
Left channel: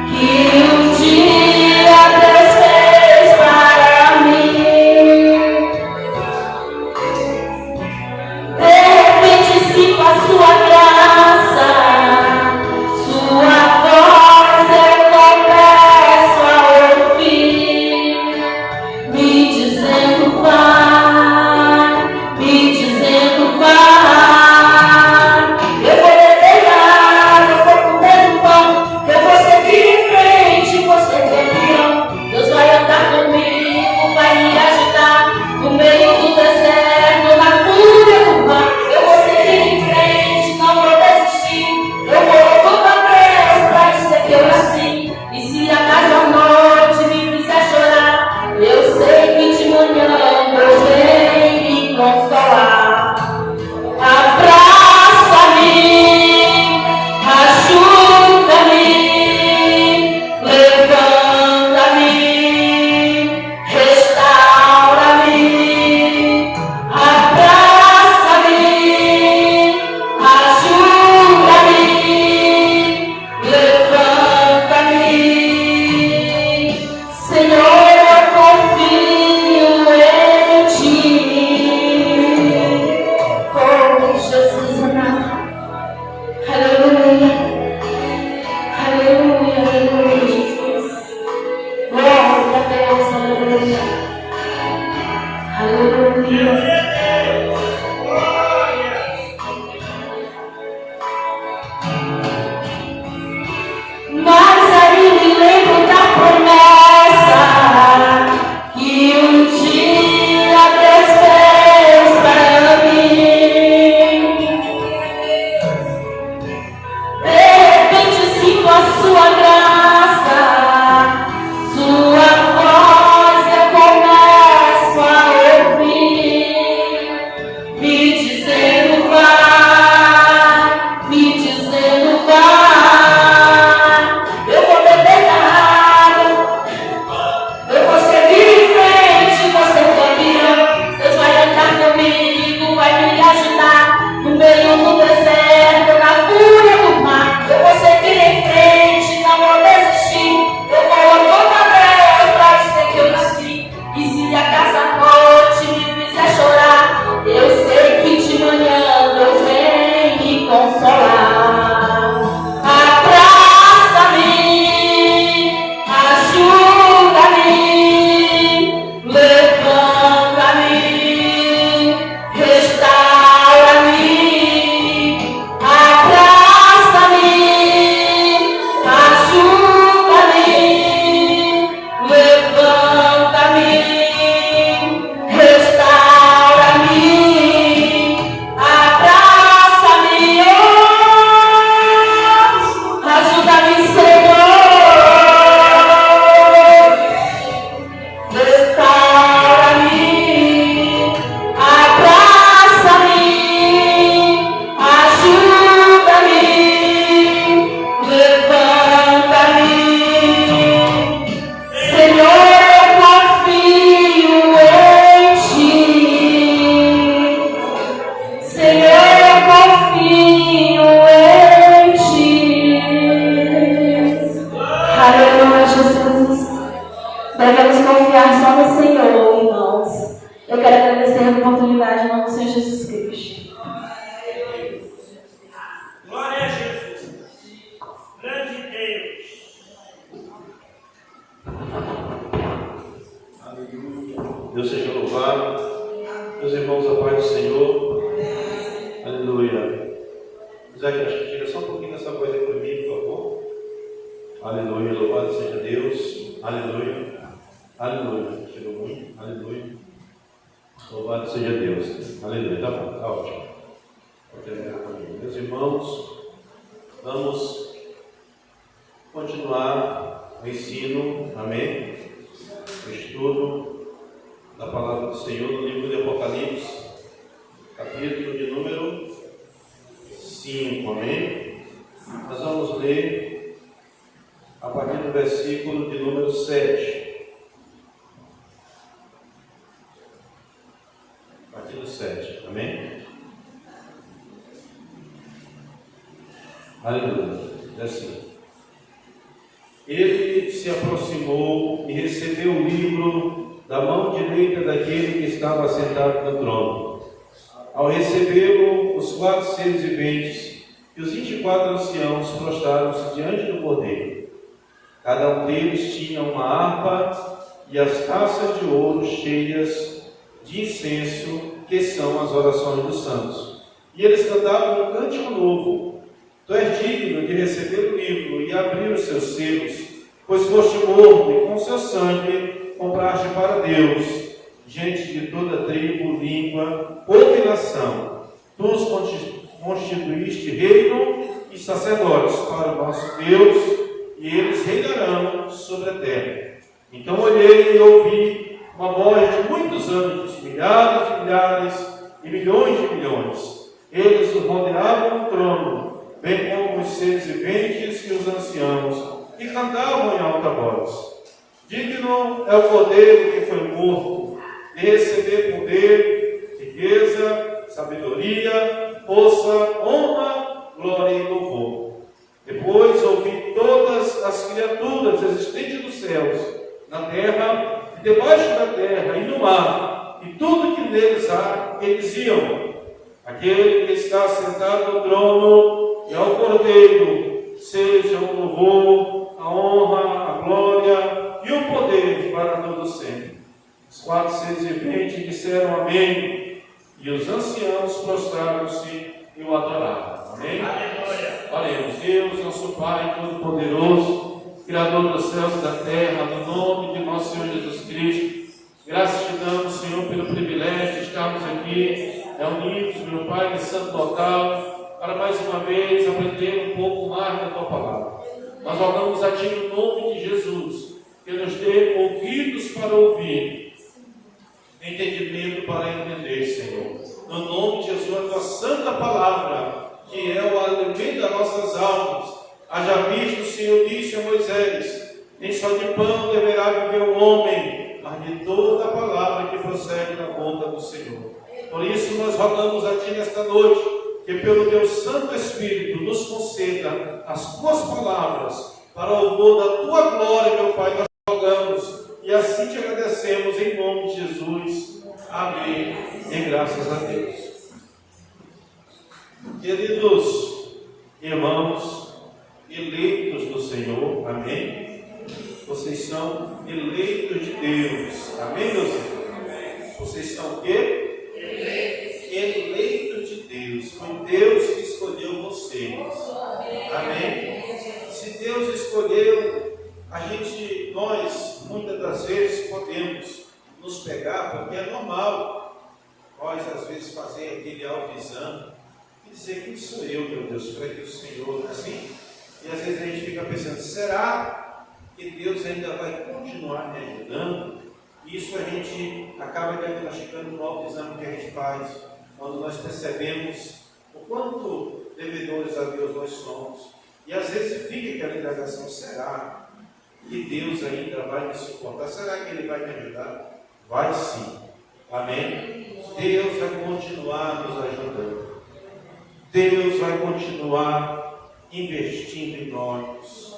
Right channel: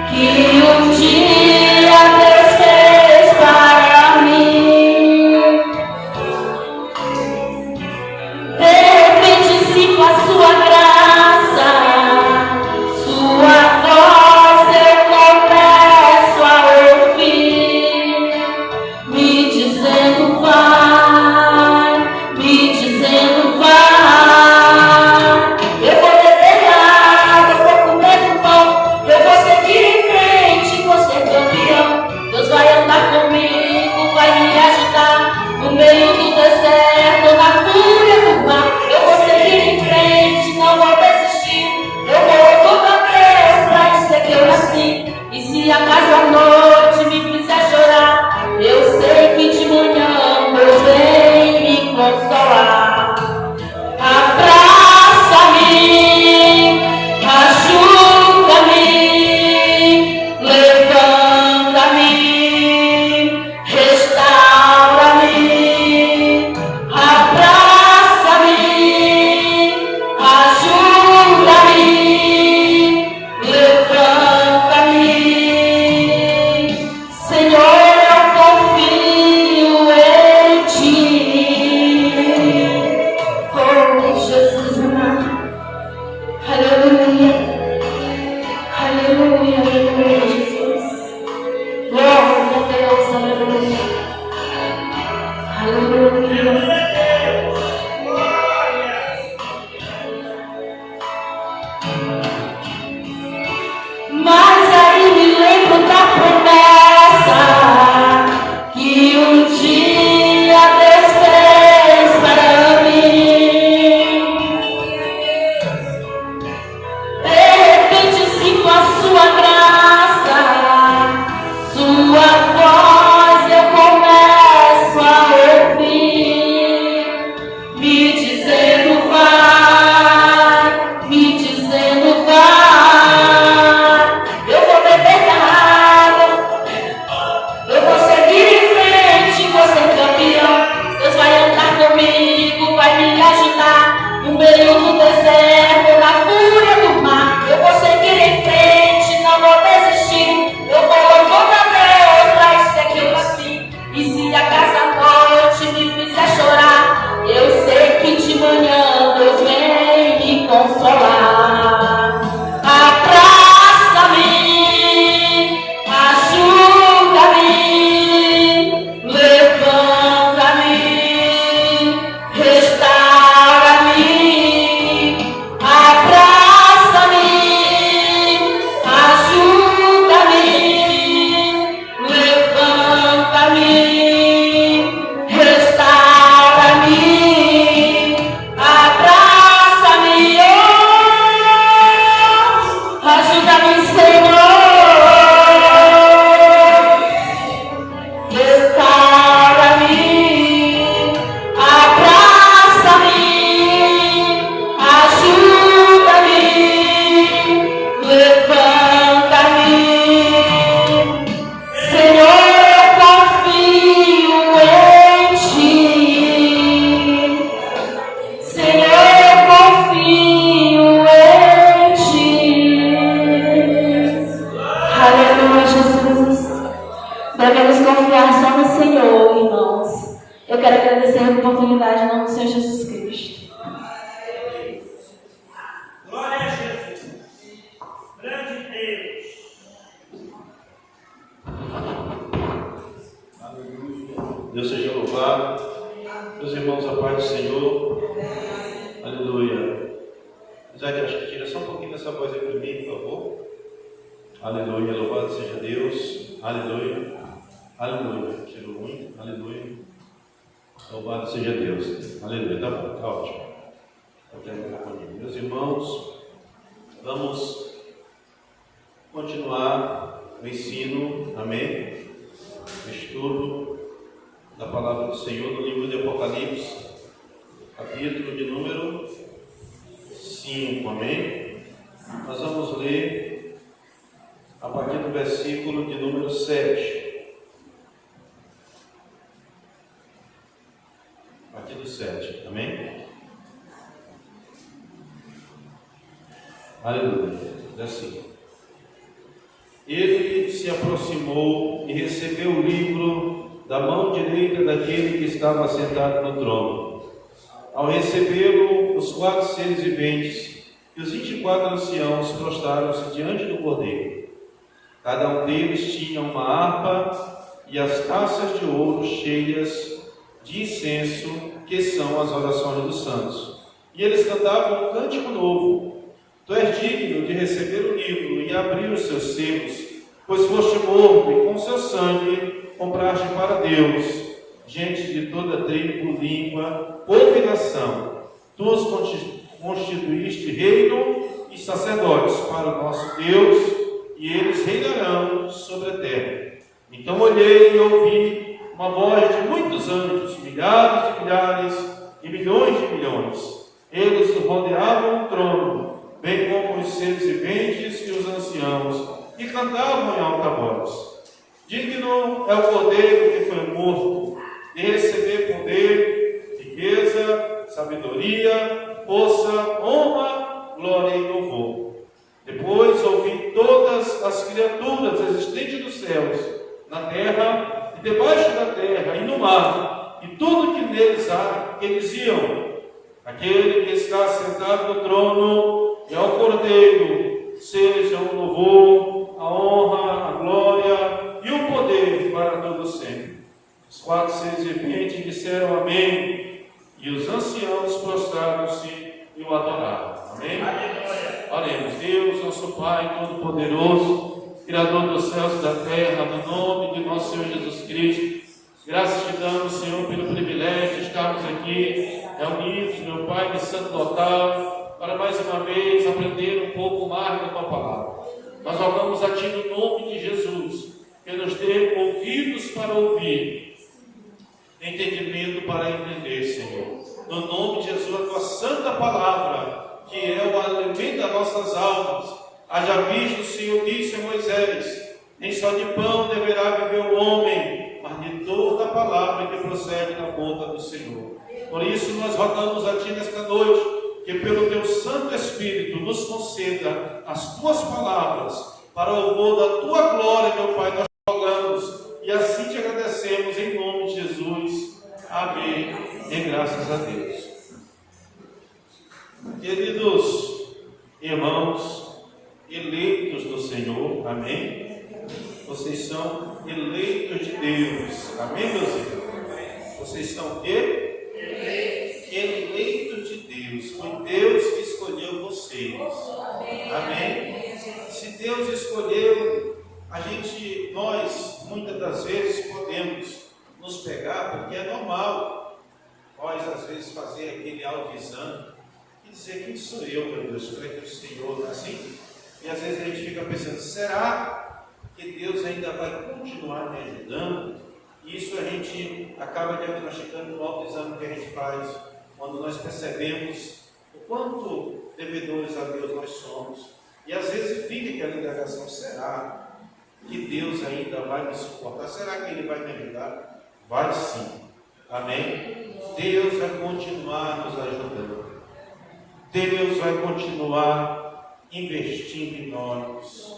que um dia Deus fez para mim. De repente, sim, com a sua graça, sua voz eu começo a ouvir, me dizendo vai, me dizendo vai. Eu vou beber água, eu vou comer pão, eu vou seguir em frente, vou ser campeão. Deus vai andar comigo, vai me ajudar no meio do deserto, na fúria do mar. Eu vou seguir em frente, não vou desistir. Eu vou voltar preso pra dizer que eu nasci. E se acaso a noite me fizer chorar, eu sei que de manhã Deus vem me consolar. Abraça-me, ajuda-me, levanta-me, restaura-me. Abraça-me, ajuda-me, levanta-me. Senhor, eu confio em ti. Oh, Jesus amado. Aleluia. Aleluia, aleluia, Jesus. Glória a Deus, aleluia. Aleluia. Mas aí me lembro da promessa que um dia Deus fez para mim. De repente, sim, com a sua graça, sua voz eu começo a ouvir. Eu quero agradecer a oportunidade em nome do Senhor Jesus Cristo. Glória a Jesus. Grande Deus. Deus seja louvado. Meus irmãos, a paz do Senhor. Aleluia. Isaac, acho que tira só um pouquinho dessa voz aí para mim, por favor. Aleluia. Louvado seja Deus. Aleluia. Aleluia. Tirou muito. Aleluia. Louvado seja Deus. Aleluia. Tá bom, tá ótimo. Vou terminar comigo. Meus irmãos, vamos continuar o ensino, amém? O estudo da palavra do Senhor no livro de Apocalipse, capítulo de número 5, amém? Nós vamos ler a partir do versículo de número 7. A partir do 7, amém? Aleluia. Diz assim: Ele se aproximou e recebeu o livro da mão direita daquele que estava sentado no trono. Ao recebê-lo, os 4 seres viventes e os 24 anciãos prostraram-se diante do Cordeiro. Cada um deles tinha uma harpa e as taças de ouro cheias de incenso, que são as orações dos santos. E eles cantavam um cântico novo: Tu és digno de receber o livro e abrir os seus selos, pois foste morto e com seu sangue compraste para Deus gente de toda tribo, língua, povo e nação. Tu os constituíste reino e sacerdotes para o nosso Deus, e eles reinarão sobre a terra. Então olhei e ouvi uma voz de muitos anjos, milhares de milhares e milhões de milhões. Eles rodeavam o trono, bem como os seres viventes e os anciãos, e cantavam em alta voz: Digno é o Cordeiro que foi morto de receber poder, riqueza, sabedoria, força, honra, glória e louvor. Depois ouvi todas as criaturas existentes nos céus, na terra e debaixo da terra e no mar, e tudo que neles há, que diziam: Aquele que está sentado no trono e ao Cordeiro seja o louvor, a honra, a glória e o poder para todo sempre. Os 4 seres viventes disseram amém, e os anciãos prostraram-se e o adoraram. Amém? Aleluia. Oremos. Deus, nosso Pai Todo-Poderoso, Criador dos céus e da terra, no nome de nosso Senhor Jesus Cristo, graças te damos, Senhor, pelo privilégio de estarmos aqui reunidos, meu Pai, de santo local, para mais uma vez aprender um pouco mais da tua palavra. Nós rogamos a ti no nome de Jesus, que nos dê ouvidos para ouvir, entendimento para entender, Senhor. No nome de Jesus, a tua santa palavra, que é o alimento das nossas almas. Haja visto, o Senhor disse a Moisés: nem só de pão deverá viver o homem, mas de toda a palavra que procede da boca do Senhor. Por isso nós rogamos a ti nesta noite, que pelo teu Santo Espírito nos conceda as tuas palavras, para o louvor da tua glória, meu Pai, nós rogamos, e assim te agradecemos em nome de Jesus. Amém. E graças a Deus. Queridos irmãos, eleitos do Senhor, amém? Vocês são eleitos de Deus, amém, meus irmãos? Vocês são o quê? Eleitos de Deus. Foi Deus que escolheu vocês, amém? Se Deus escolheu, nós, muitas das vezes, podemos nos pegar, porque é normal nós, às vezes, fazer aquele autoexame e dizer: quem sou eu, meu Deus, para que o Senhor, não é assim? E às vezes a gente fica pensando: será que Deus ainda vai continuar me ajudando? E isso a gente acaba diagnosticando no autoexame que a gente faz, quando nós percebemos o quanto devedores a Deus nós somos. E às vezes fica aquela indagação: será que Deus ainda vai me suportar? Será que Ele vai me ajudar? Vai sim, amém? Deus vai continuar nos ajudando. Deus vai continuar investindo em nós.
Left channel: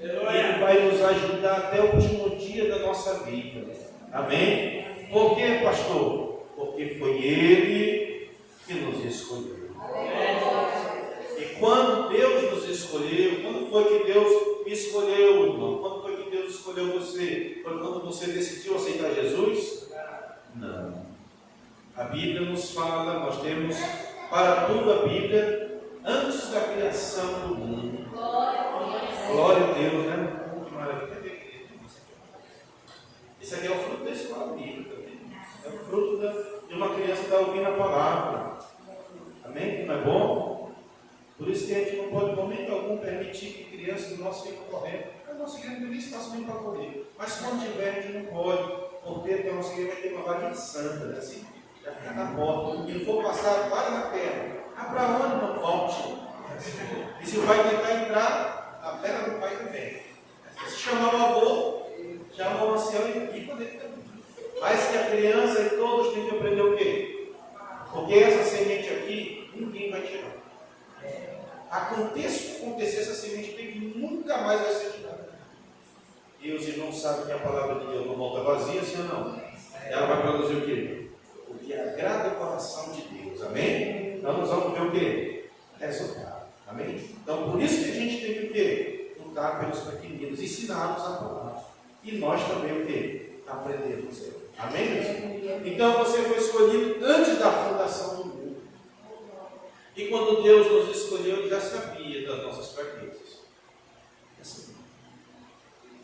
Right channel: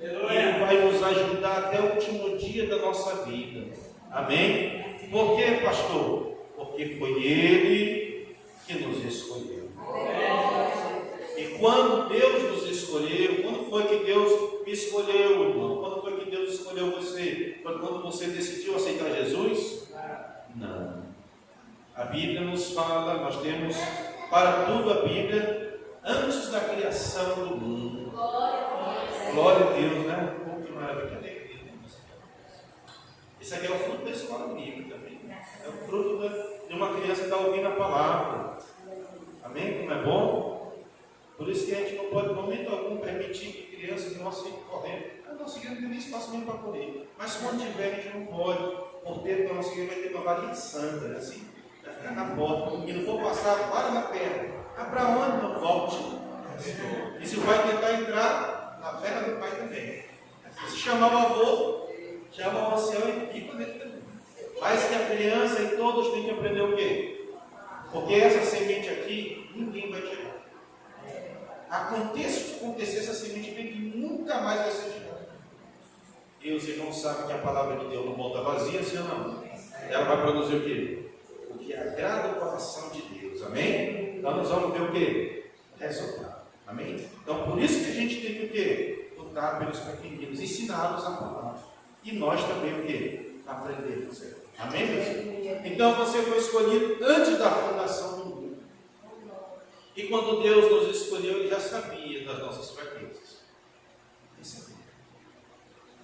Ele vai nos ajudar até o último dia da nossa vida, amém? Por quê, pastor? Porque foi Ele que nos escolheu. E quando Deus nos escolheu, quando foi que Deus me escolheu, irmão? Quando foi que Deus escolheu você? Foi quando você decidiu aceitar Jesus? Não. A Bíblia nos fala, nós temos para tudo a Bíblia antes da criação do mundo. Glória a Deus, né? Que maravilha. Isso aqui é o fruto da escola bíblica também. É o fruto de uma criança que está ouvindo a palavra. Amém? Não é bom? Por isso que a gente não pode, em momento algum, permitir que crianças nossas fiquem correndo. A nossa igreja não tem espaço mesmo para correr. Mas quando tiver, a gente não pode. O porteiro da nossa igreja vai ter uma varinha santa, né? Assim, vai ficar na porta. O menino for passar, vale na perna. Ah, para onde? Não volte. E se vai tentar entrar, na perna do pai também. Se chamar o avô, chama o ancião e pica dele também. Mas que a criança e todos têm que aprender o quê? Porque essa semente aqui, ninguém vai tirar. Aconteça o que acontecer, essa semente tem que nunca mais vai ser tirada. E os irmãos sabem que a palavra de Deus não volta vazia, sim ou não? Ela vai produzir o quê? O que agrada o coração de Deus. Amém? Então nós vamos ver o quê? Resultado. Amém? Então por isso que a gente tem que o quê? Lutar pelos pequeninos, ensiná-los a palavra. E nós também o quê? Aprendemos. Amém, meus irmãos? Então você foi escolhido antes da fundação do mundo. E quando Deus nos escolheu, Ele já sabia das nossas fraquezas. Já sabia.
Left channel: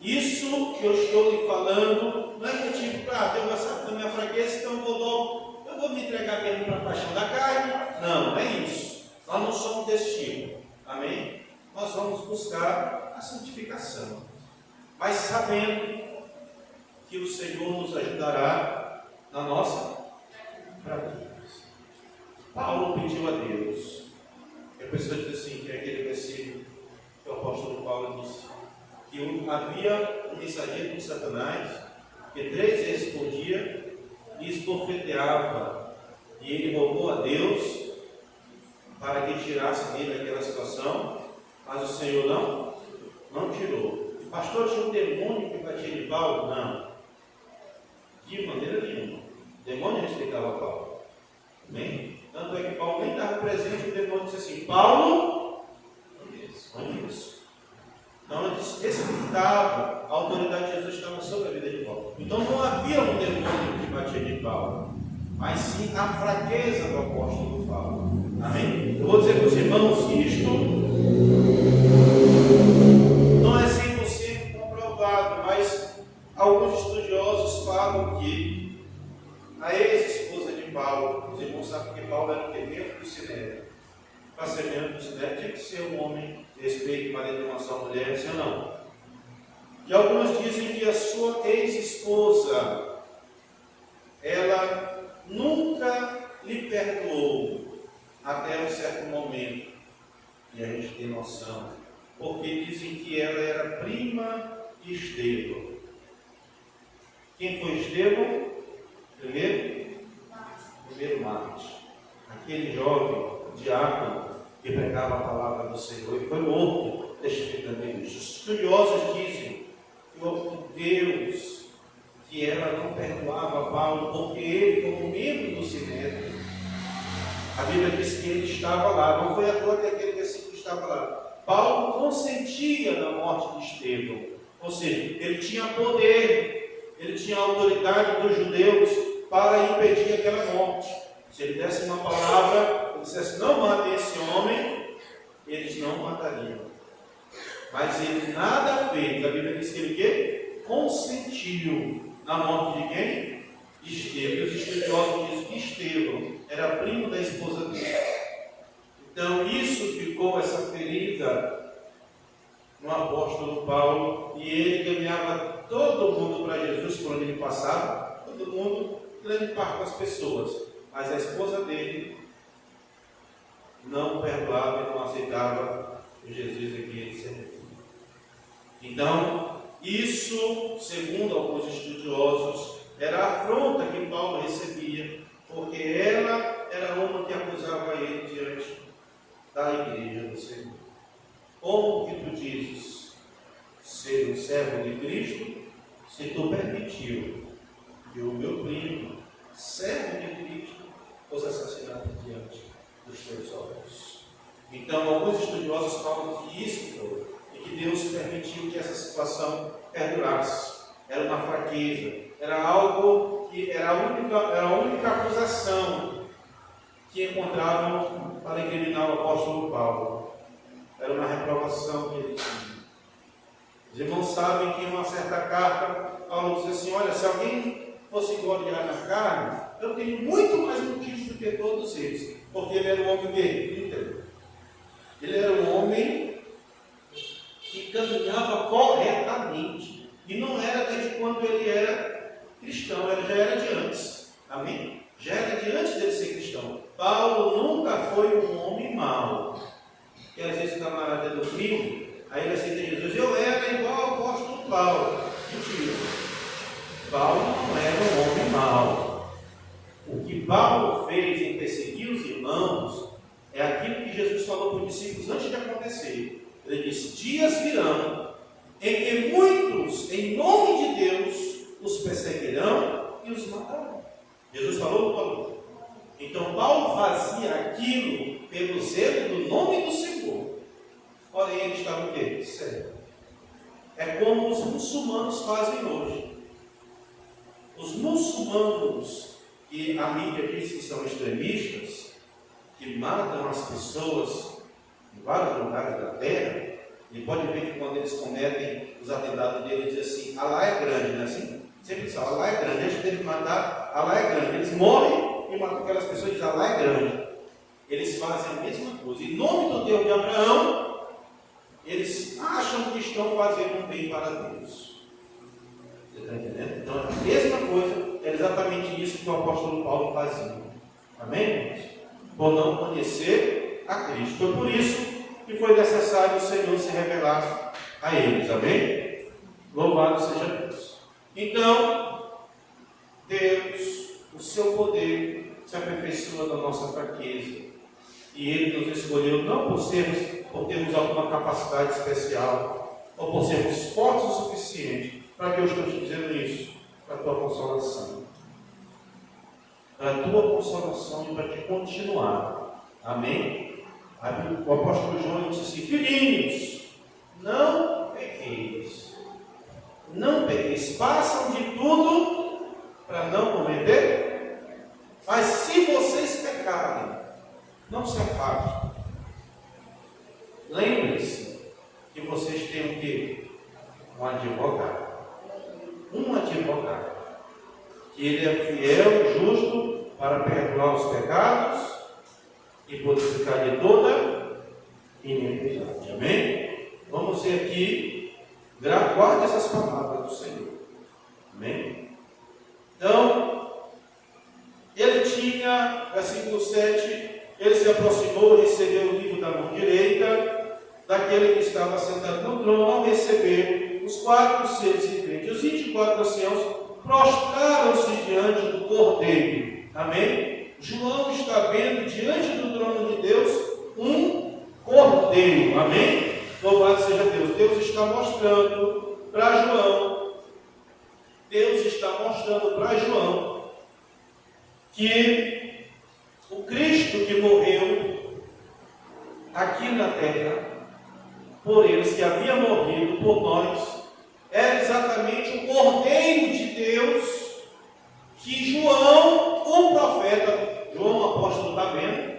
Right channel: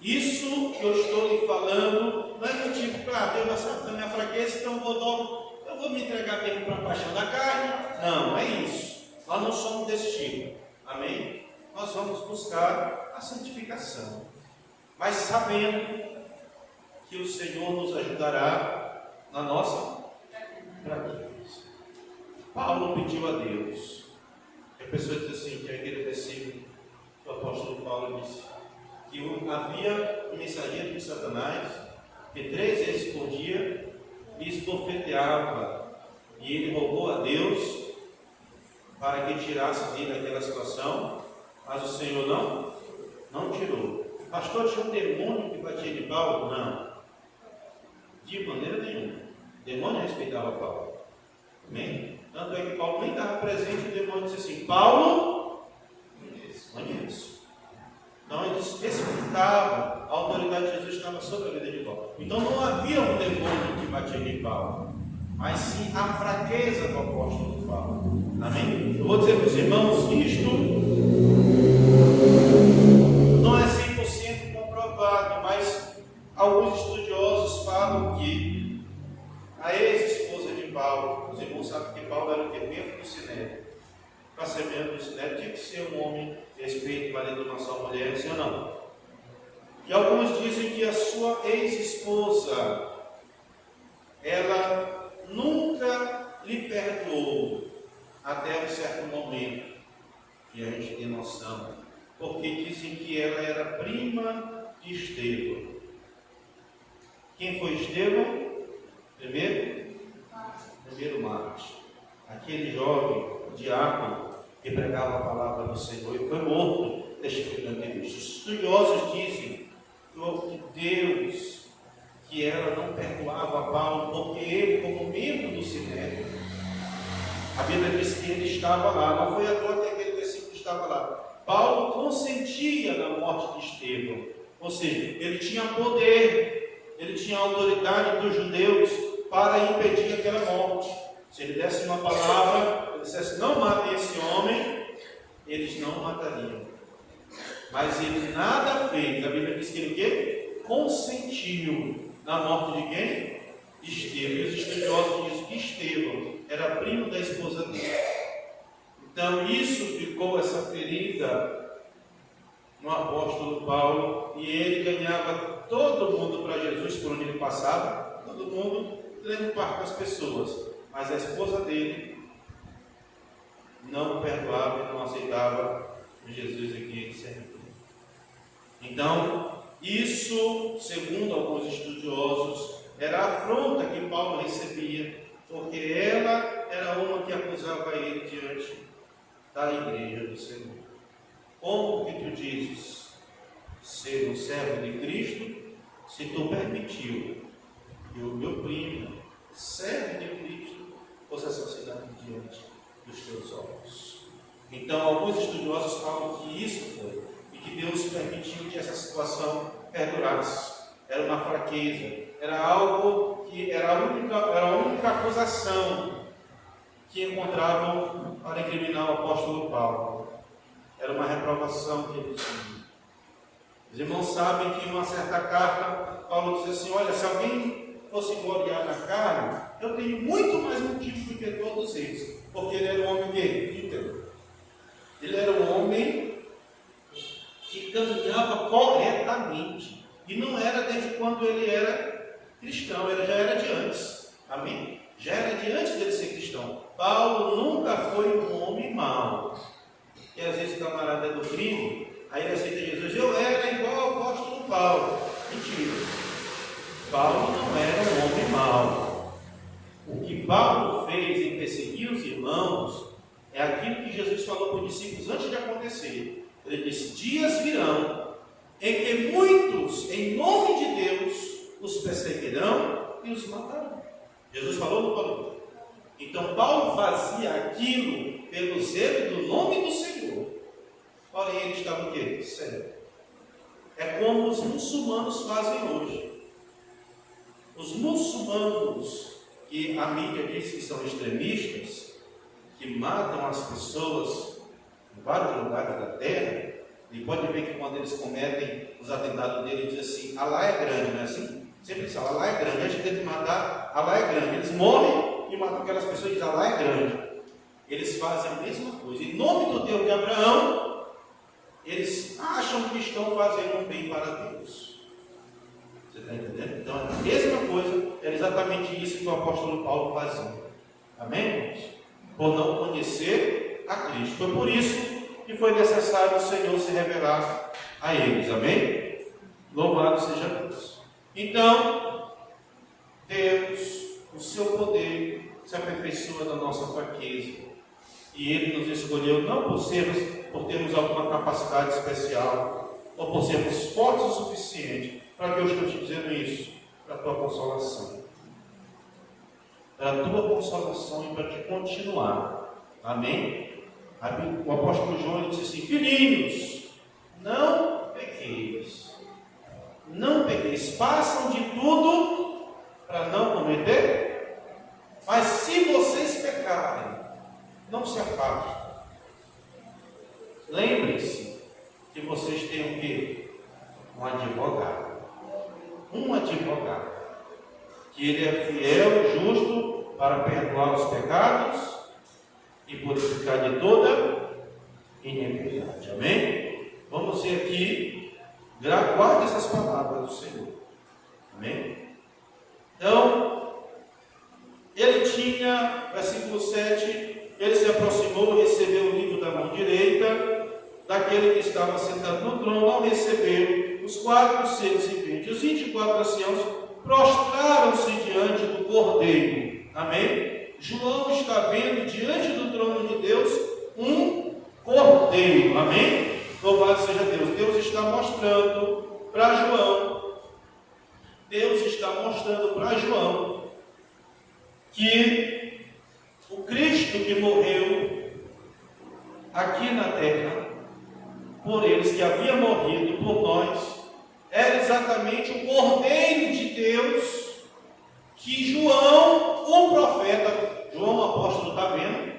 Isso que eu estou lhe falando não é motivo para Deus já sabe da minha fraqueza, então eu vou me entregar mesmo para a paixão da carne. Não, não é isso. Nós não somos desse tipo. Amém? Nós vamos buscar a santificação. Mas sabendo que o Senhor nos ajudará na nossa fraqueza. Paulo pediu a Deus. E a pessoa diz assim, que é aquele versículo que o apóstolo Paulo disse, que havia um mensageiro de Satanás, que 3 vezes por dia lhe esbofeteava, e ele rogou a Deus para que tirasse dele aquela situação, mas o Senhor não tirou. Pastor, tinha um demônio que batia de Paulo? Não. De maneira nenhuma. O demônio respeitava Paulo. Amém? Tanto é que Paulo nem estava presente, o demônio disse assim, Paulo, conheço. Então ele respeitava, a autoridade de Jesus estava sobre a vida de Paulo. Então não havia um demônio que batia de Paulo, mas sim a fraqueza do apóstolo Paulo. Amém? Eu vou dizer para os irmãos que isto não é 100% comprovado, mas alguns estudiosos falam que a ex-esposa de Paulo, os irmãos sabem que Paulo era o que? Membro do Sinédrio. Para ser membro do Sinédrio tinha que ser um homem respeito, marido de uma só mulher, sim ou não? E alguns dizem que a sua ex-esposa, ela nunca lhe perdoou até um certo momento, e a gente tem noção, porque dizem que ela era prima de Estevão. Quem foi Estevão? Primeiro Marte, aquele jovem diácono que pregava a palavra do Senhor e foi morto testificando isso. Os estudiosos dizem que Deus, que ela não perdoava Paulo, porque ele, como membro do Sinédrio, a Bíblia diz que ele estava lá, não foi à toa que aquele versículo estava lá. Paulo consentia na morte de Estevão, ou seja, ele tinha poder, ele tinha autoridade dos judeus para impedir aquela morte. Se ele desse uma palavra, ele dissesse, não matem esse homem, eles não matariam. Mas ele nada fez. A Bíblia diz que ele o quê? Consentiu na morte de quem? De Estevão. E os estudiosos dizem que Estevão era primo da esposa dele. Então isso ficou, essa ferida no apóstolo Paulo, e ele ganhava todo mundo para Jesus por onde ele passava, todo mundo, grande parte das pessoas. Mas a esposa dele não perdoava e não aceitava o Jesus a quem ele servia. Então, isso, segundo alguns estudiosos, era a afronta que Paulo recebia, porque ela era uma que acusava ele diante da igreja do Senhor. Como que tu dizes ser um servo de Cristo, se tu permitiu que o meu primo, servo de Cristo, dos teus olhos. Então, alguns estudiosos falam que isso foi, e que Deus permitiu que essa situação perdurasse. Era uma fraqueza, era algo que era a única acusação que encontravam para incriminar o apóstolo Paulo. Era uma reprovação que ele tinha. Os irmãos sabem que em uma certa carta, Paulo diz assim: olha, se alguém fosse gloriar na carne, eu tenho muito mais motivo do que todos eles, porque ele era um homem íntegro. Ele era um homem que caminhava corretamente, e não era desde quando ele era cristão, já era de antes. Amém? Já era de antes dele ser cristão. Paulo nunca foi um homem mau. Que às vezes o camarada é do crime, aí ele aceita Jesus. Eu era igual ao apóstolo Paulo. Mentira. Paulo não era um homem mau. O que Paulo fez em perseguir os irmãos é aquilo que Jesus falou para os discípulos antes de acontecer. Ele disse: dias virão em que muitos, em nome de Deus, os perseguirão e os matarão. Jesus falou ou não falou? Então Paulo fazia aquilo pelo zelo do nome do Senhor. Porém, ele estava o quê? Sério. É como os muçulmanos fazem hoje. Os muçulmanos, que a mídia diz que são extremistas, que matam as pessoas em vários lugares da terra, e pode ver que quando eles cometem os atentados dele, diz assim: Alá é grande, não é assim? Sempre diz: Alá é grande. Antes deles matar, Alá é grande. Eles morrem e matam aquelas pessoas e dizem: Alá é grande. Eles fazem a mesma coisa. Em nome do Deus de Abraão, eles acham que estão fazendo um bem para Deus. Você está entendendo? Então, é a mesma coisa, era exatamente isso que o apóstolo Paulo fazia. Amém, irmãos? Por não conhecer a Cristo. Foi por isso que foi necessário o Senhor se revelar a eles. Amém? Louvado seja Deus. Então, Deus, o seu poder se aperfeiçoa na nossa fraqueza. E Ele nos escolheu não por termos alguma capacidade especial, ou por sermos fortes o suficiente. Para que eu estou te dizendo isso? Para a tua consolação. Para a tua consolação e para te continuar. Amém? O apóstolo João disse assim: filhinhos, não pequeis. Não pequeis. Façam de tudo para não cometer. Mas se vocês pecarem, não se afastem. Lembrem-se que vocês têm o quê? Um advogado. Um advogado. Que ele é fiel e justo para perdoar os pecados e purificar de toda iniquidade. Amém? Vamos ver aqui. Guarda essas palavras do Senhor. Amém? Então, ele tinha, versículo 7, ele se aproximou e recebeu o livro da mão direita daquele que estava sentado no trono. Ao receber os 4 seres viventes, os 24 anciãos prostraram-se diante do Cordeiro. Amém? João está vendo diante do trono de Deus um Cordeiro. Amém? Louvado seja Deus. Deus está mostrando para João. Deus está mostrando para João que o Cristo que morreu aqui na terra por eles, que havia morrido por nós, era exatamente o Cordeiro de Deus que João, o profeta, João o apóstolo está vendo,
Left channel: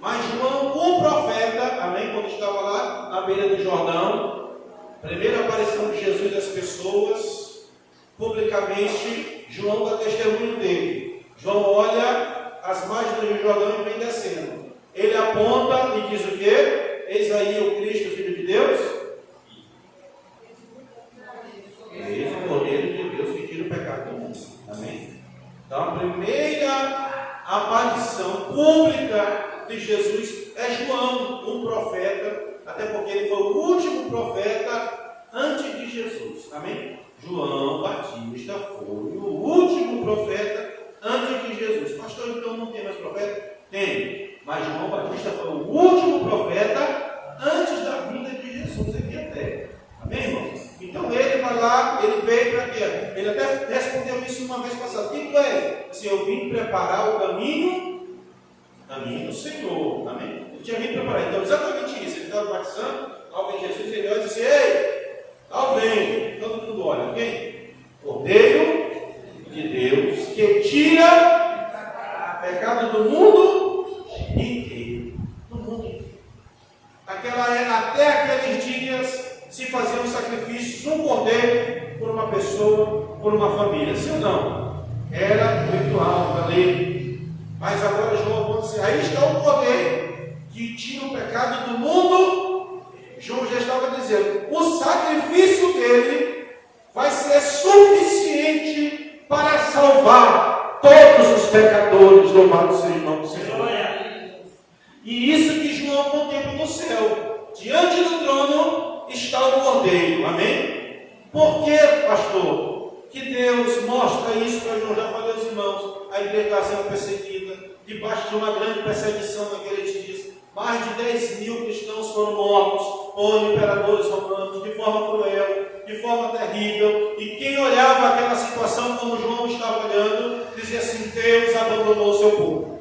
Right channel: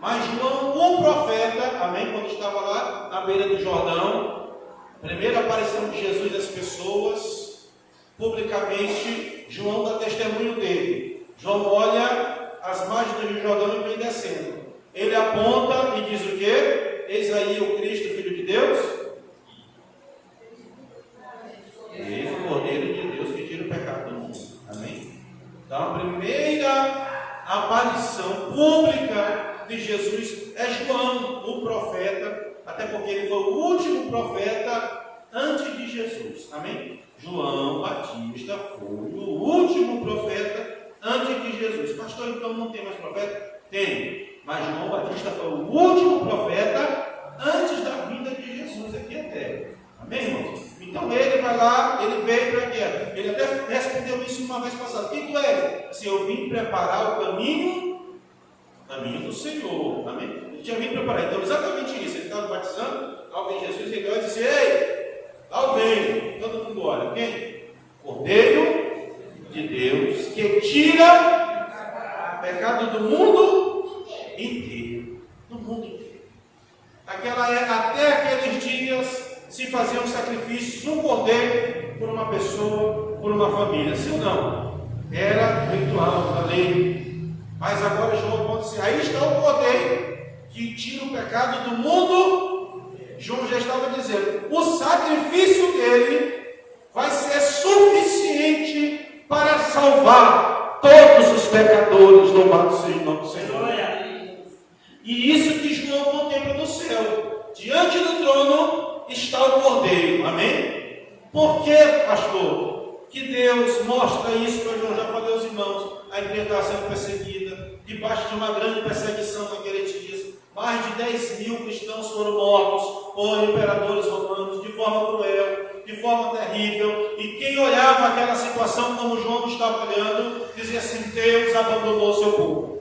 mas João o profeta, amém, quando estava lá na beira do Jordão, primeira aparição de Jesus às pessoas, publicamente, João dá testemunho dele. João olha as margens do Jordão e vem descendo. Ele aponta e diz o quê? Eis aí o Cristo, Filho de Deus. Eis o Cordeiro de Deus que tira o pecado do mundo. Amém? Então a primeira aparição pública de Jesus é João, o profeta, até porque ele foi o último profeta antes de Jesus. Amém? João Batista foi o último profeta antes de Jesus. Pastor, então não tem mais profeta? Tem. Mas João Batista foi o último profeta antes da vinda de Jesus aqui à terra. Amém, irmãos? Então ele vai lá, ele veio para quê? Ele até respondeu isso uma vez passada. Quem tu és? Assim, eu vim preparar o caminho caminho do Senhor. Amém? Ele tinha vindo preparar. Então, exatamente isso. Ele estava batizando, ao ver Jesus, ele olha e disse: ei, ao vem. Todo mundo olha. Quem? Cordeiro de Deus, que tira o pecado do mundo inteiro. Do mundo inteiro. Até aqueles dias se faziam sacrifícios, um cordeiro por uma pessoa, por uma família. Sim ou não? Era ritual da lei. Mas agora João pode dizer: aí está o cordeiro que tira o pecado do mundo. João já estava dizendo: o sacrifício dele vai ser suficiente para salvar todos os pecadores. Louvado seja o nome do Senhor. E isso que João contempla no céu. Diante do trono está o cordeiro. Amém? Por que, pastor, que Deus mostra isso para João? Já falei aos irmãos, a igreja está sendo perseguida, debaixo de uma grande perseguição naqueles dias. Mais de 10 mil cristãos foram mortos por imperadores romanos, de forma cruel, de forma terrível. E quem olhava aquela situação como João estava olhando, dizia assim: Deus abandonou o seu povo.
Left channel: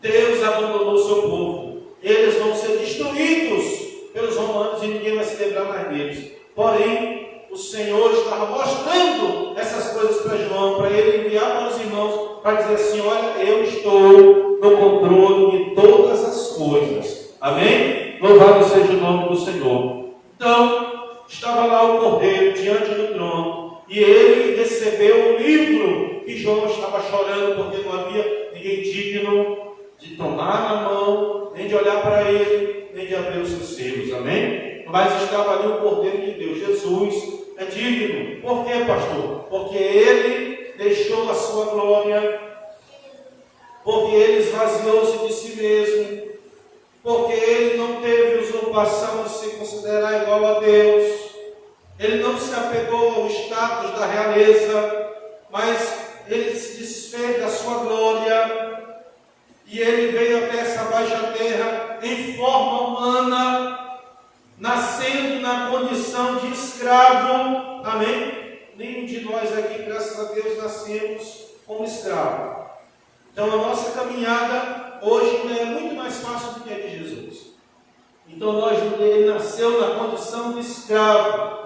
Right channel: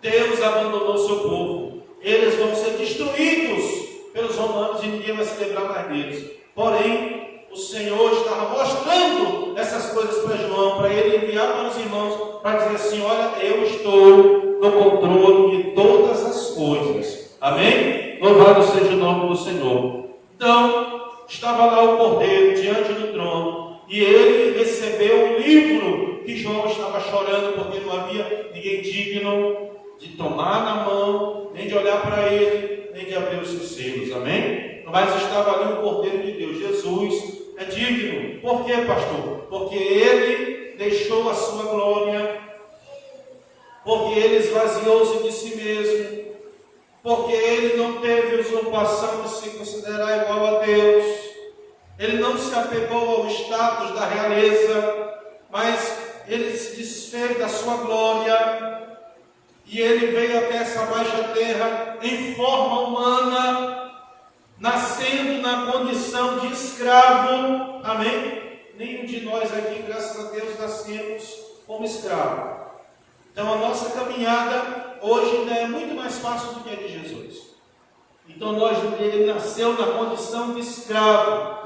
Deus abandonou o seu povo. Eles vão ser destruídos pelos romanos e ninguém vai se lembrar mais deles. Porém, o Senhor estava mostrando essas coisas para João, para ele enviar para os irmãos, para dizer assim: olha, eu estou no controle de todas as coisas. Amém? Louvado seja o nome do Senhor. Então, estava lá o cordeiro diante do trono, e ele recebeu o livro que João estava chorando, porque não havia ninguém digno de tomar na mão, nem de olhar para ele, nem de abrir os seus selos. Amém? Mas estava ali o Cordeiro de Deus. Jesus é digno. Por quê, pastor? Porque ele deixou a sua glória, porque ele esvaziou-se de si mesmo, porque ele não teve usurpação de se considerar igual a Deus. Ele não se apegou ao status da realeza, mas ele se desfez da sua glória. E ele veio até essa baixa terra em forma humana, nascendo na condição de escravo. Amém? Nenhum de nós aqui, graças a Deus, nascemos como escravo. Então a nossa caminhada hoje ainda é muito mais fácil do que a de Jesus. Então ele nasceu na condição de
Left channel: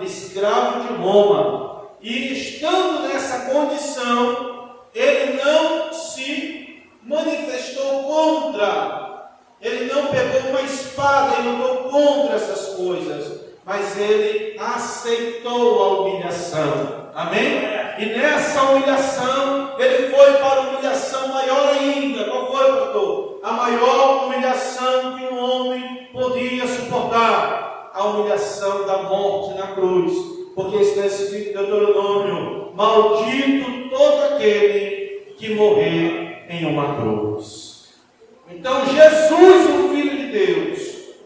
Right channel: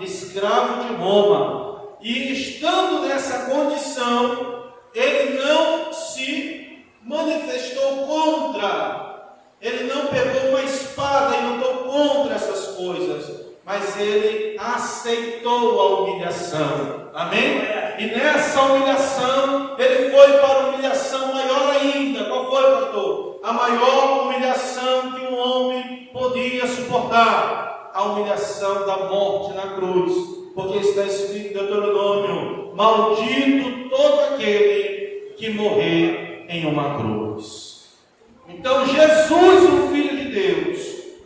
escravo de Roma. E estando nessa condição, ele não se manifestou contra, ele não pegou uma espada e lutou contra essas coisas, mas ele aceitou a humilhação. Amém? E nessa humilhação, ele foi para a humilhação maior ainda. Qual foi, pastor? A maior humilhação que um homem podia suportar: a humilhação da morte na cruz. Porque está escrito em Deuteronômio: maldito todo aquele que morrer em uma cruz. Então Jesus, o Filho de Deus,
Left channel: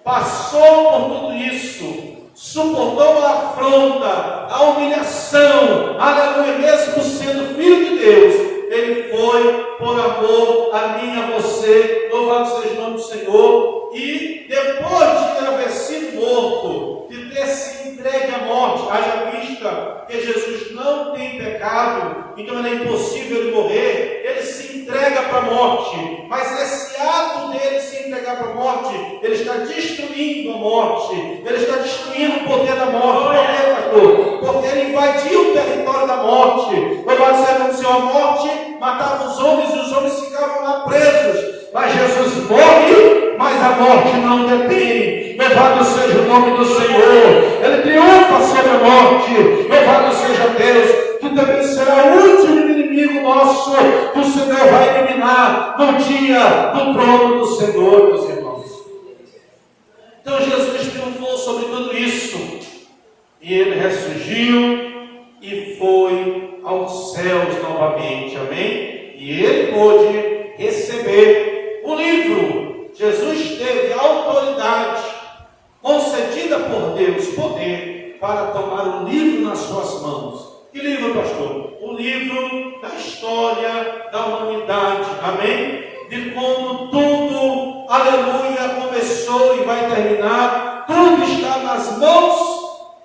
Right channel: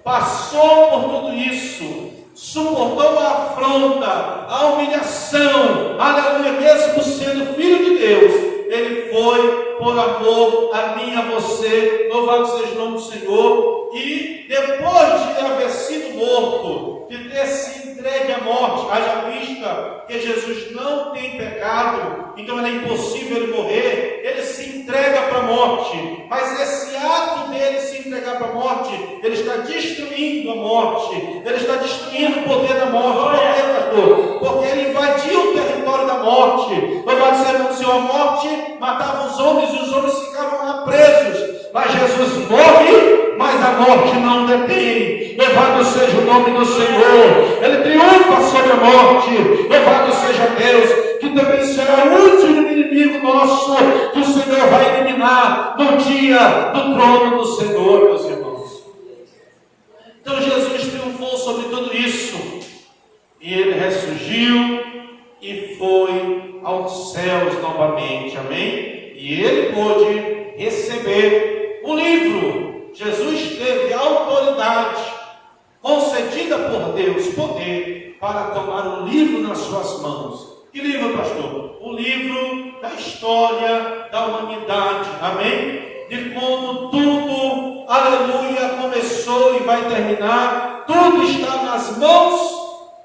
passou por tudo isso, suportou a afronta, a humilhação, aleluia, mesmo sendo Filho de Deus, ele foi por amor a mim e a você. Louvado seja o nome do Senhor. E depois de haver sido morto, de ter se entregue à morte, haja vista que Jesus não tem pecado, então era impossível ele morrer, ele se entrega para a morte. Mas esse ato dele se entregar para a morte, ele está destruindo a morte, ele está destruindo o poder da morte. Por quê, pastor? Porque ele invadiu o território da morte. Louvado seja o Senhor. A morte matava os homens e os homens ficavam lá presos. Mas Jesus morre, mas a morte não detém. Louvado seja o nome do Senhor. Ele triunfa sobre a morte. Louvado seja Deus, que também será o último inimigo nosso que o Senhor vai eliminar no dia do trono do Senhor, meus irmãos. Então Jesus triunfou sobre tudo isso, e ele ressurgiu e foi aos céus novamente. Amém? E ele pôde receber o livro. Jesus teve autoridade concedida por Deus, poder para tomar o livro nas suas mãos. Que livro, pastor? O livro da história da humanidade. Amém? De como tudo, aleluia, começou e vai terminar. Tudo está nas mãos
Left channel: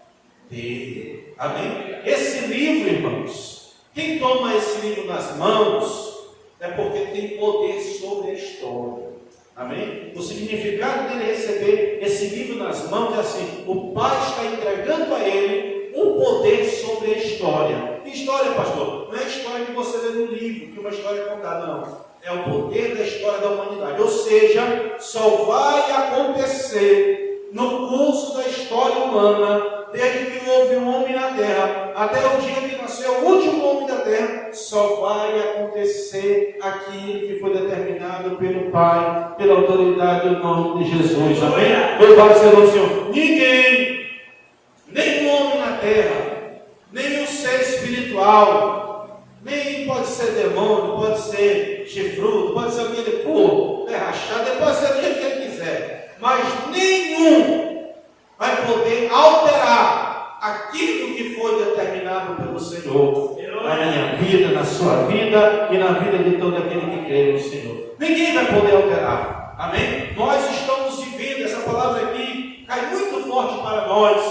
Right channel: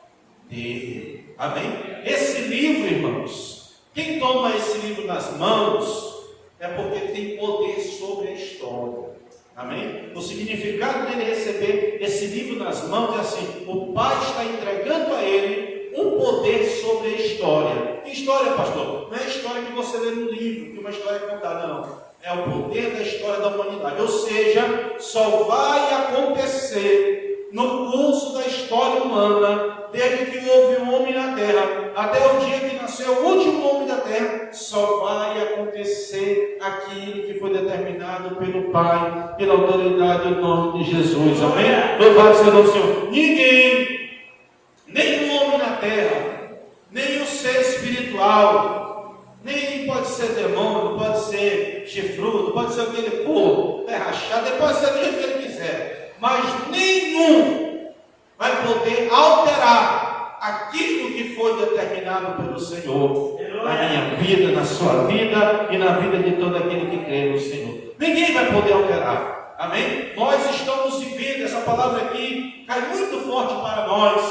dele. Amém? Esse livro, irmãos, quem toma esse livro nas mãos é porque tem poder sobre a história. Amém? O significado dele receber esse livro nas mãos é assim: o Pai está entregando a ele o poder sobre a história. Que história, pastor? Não é a história que você lê no livro, que uma história é contada, não. É o poder da história da humanidade. Ou seja, só vai acontecer no curso da história humana, desde que houve um homem na terra, até o dia que nasceu o último homem da terra, só vai acontecer aquilo que foi determinado pelo Pai, pela autoridade do nome de Jesus. Amém? Louvado seja o Senhor. Ninguém, nenhum homem na terra, nenhum ser espiritual, nem pode ser demônio, pode ser chifrudo, pode ser o que ele for, rachado, pode ser do jeito que ele quiser, mas nenhum vai poder alterar aquilo que foi determinado pelo Senhor na minha vida, na sua vida e na vida de todo aquele que crê no Senhor. Ninguém vai poder alterar. Amém? Nós estamos vivendo, essa palavra aqui cai muito forte para nós,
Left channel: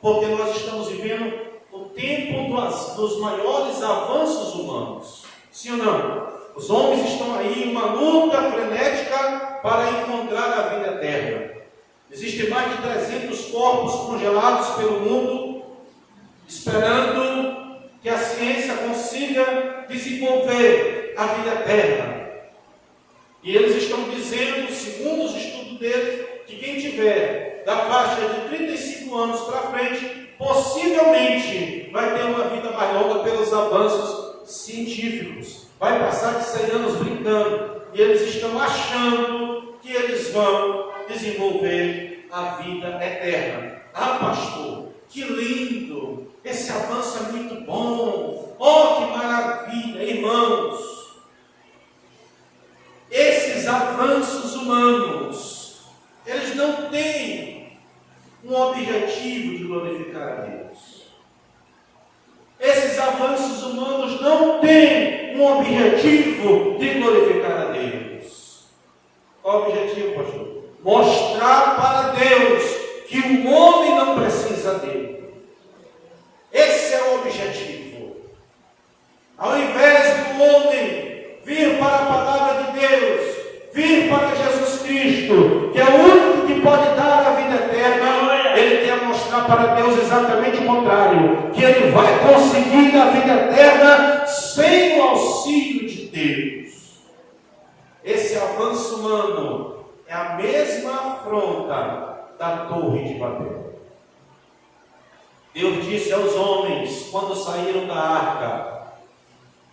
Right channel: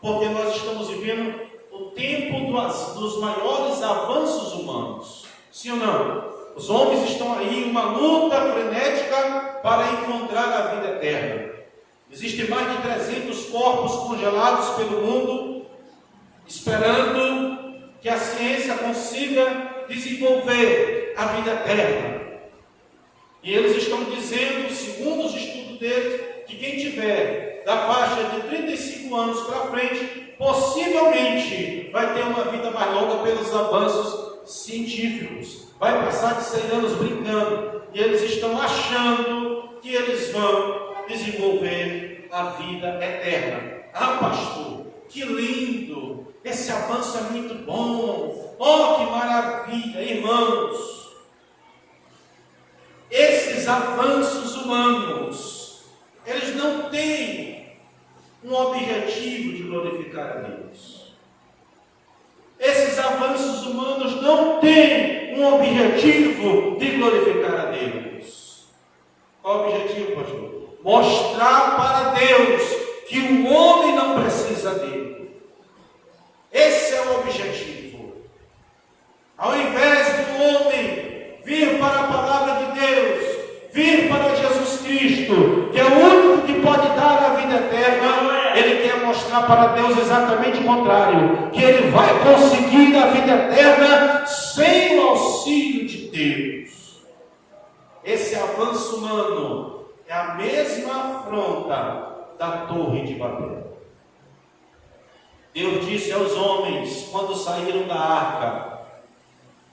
porque nós estamos vivendo o tempo dos maiores avanços humanos. Sim ou não? Os homens estão aí em uma luta frenética para encontrar a vida eterna. Existem mais de 300 corpos congelados pelo mundo, esperando que a ciência consiga desenvolver a vida eterna. E eles estão dizendo, segundo os estudos deles, que quem tiver da faixa de 35 anos para frente, possivelmente vai ter uma vida mais longa pelos avanços científicos. Vai passar de 100 anos brincando. E eles estão achando que eles vão desenvolver a vida eterna. Ah, pastor, que lindo! Esse avanço é muito bom. Oh, que maravilha, irmãos! Esses avanços humanos, eles não têm um objetivo de glorificar a Deus. Esses avanços humanos não têm um objetivo de glorificar a Deus. Qual o objetivo, pastor? Mostrar para Deus que o homem não precisa dele. Esse é o objetivo. Ao invés do homem vir para a palavra de Deus, vir para Jesus Cristo, que é o único que pode dar a vida eterna, ele quer mostrar para Deus exatamente o contrário, que ele vai conseguir a vida eterna sem o auxílio de Deus. Esse avanço humano é a mesma afronta da Torre de Babel. Deus disse aos homens, quando saíram da arca:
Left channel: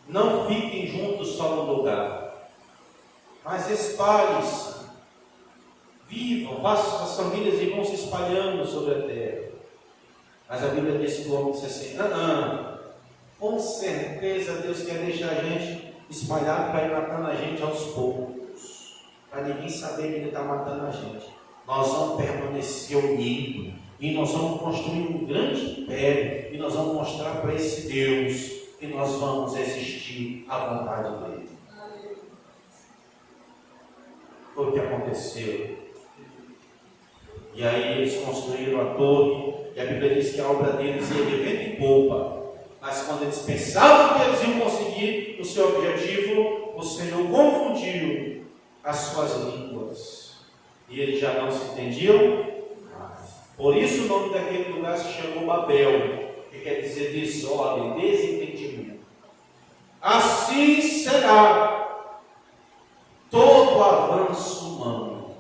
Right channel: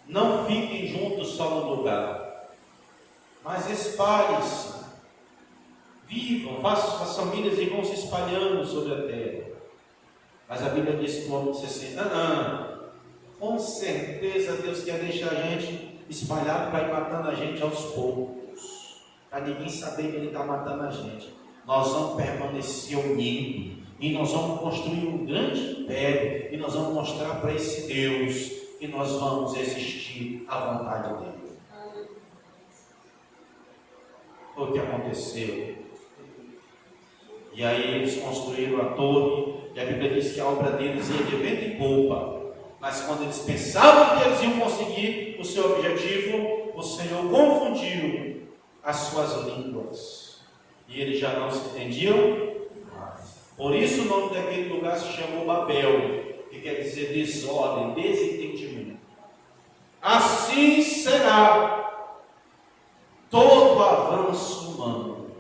não fiquem juntos só no lugar, mas espalhem-se, vivam, façam as famílias e vão se espalhando sobre a terra. Mas a Bíblia diz que o homem disse assim: com certeza Deus quer deixar a gente espalhado para ir matando a gente aos poucos, para ninguém saber que Ele está matando a gente. Nós vamos permanecer unidos, e nós vamos construir um grande império, e nós vamos mostrar para esse Deus que nós vamos existir à vontade dele. Foi o que aconteceu. E aí eles construíram a torre, e a Bíblia diz que a obra deles ia de vento em popa. Mas quando eles pensavam que eles iam conseguir o seu objetivo, o Senhor confundiu as suas línguas, e eles já não se entendiam. Por isso o nome daquele lugar se chamou Babel, que quer dizer desordem, desentendimento. Assim será todo avanço humano.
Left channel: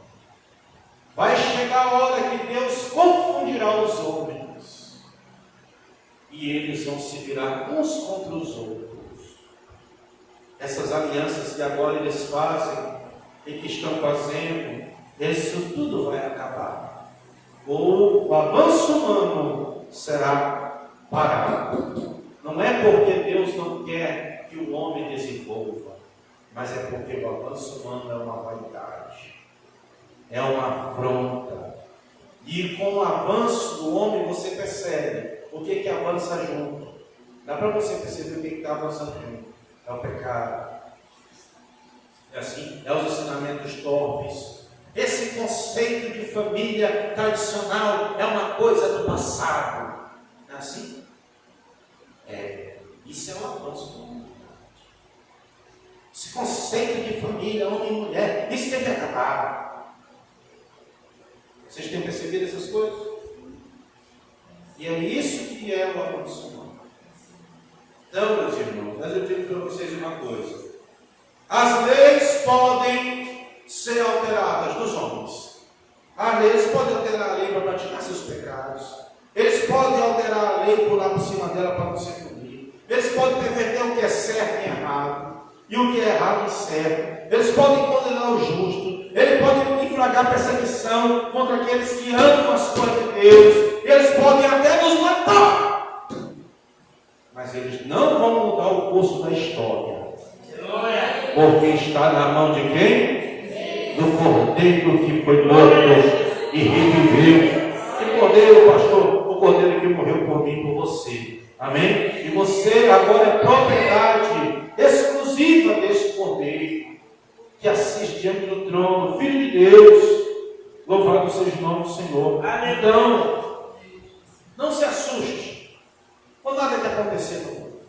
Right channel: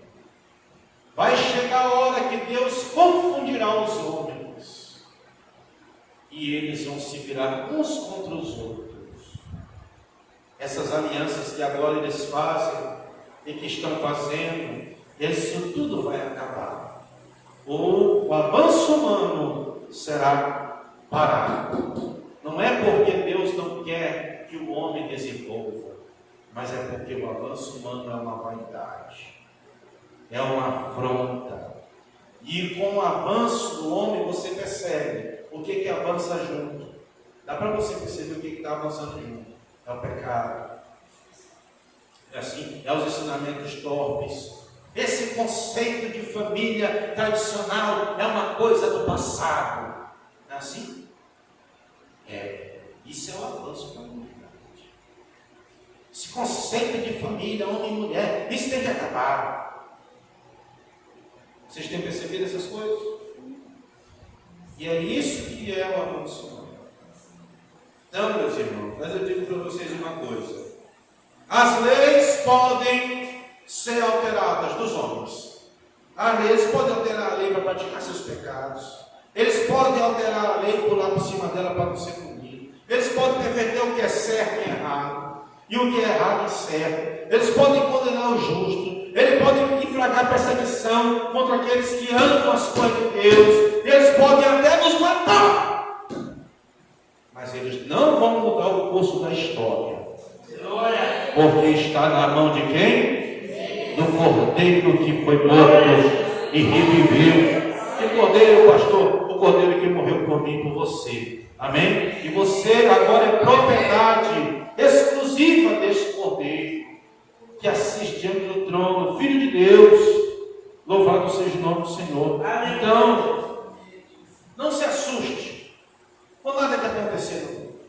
Vai chegar a hora que Deus confundirá os homens, e eles vão se virar uns contra os outros. Essas alianças que agora eles fazem e que estão fazendo, isso tudo vai acabar. O avanço humano será parado. Não é porque Deus não quer que o homem desenvolva, mas é porque o avanço humano é uma vaidade, é uma afronta. E com o avanço do homem você percebe o que avança junto. Dá para você perceber o que está avançando junto. É o pecado, é assim, é os ensinamentos torpes. Esse conceito de família tradicional é uma coisa do passado. Não é assim? Isso é um avanço da humanidade. Esse conceito de família, homem e mulher, isso Isso tem que acabar. Vocês têm percebido essas coisas? E é isso que é o ar-condicionado. Então, meus irmãos, mas eu digo para vocês uma coisa. As leis podem ser alteradas dos homens. As leis podem alterar a lei para praticar seus pecados. Eles podem alterar a lei e pular por cima dela para não ser punido. Eles podem defender o que é certo e errado. E o que é errado e certo. Eles podem condenar o justo. Eles podem infragar perseguição contra aqueles que amam as coisas de Deus. E eles podem até nos matar. Mas eles não vão mudar o curso da história. Porque está na mão de quem? Do Cordeiro que foi morto e reviveu. Que Cordeiro, pastor? O Cordeiro que morreu por mim e por você. Amém? E você agora é propriedade exclusiva desse Cordeiro que assiste diante do trono, Filho de Deus. Louvado seja o nome do Senhor. Então, não se assuste com nada que acontecer no mundo.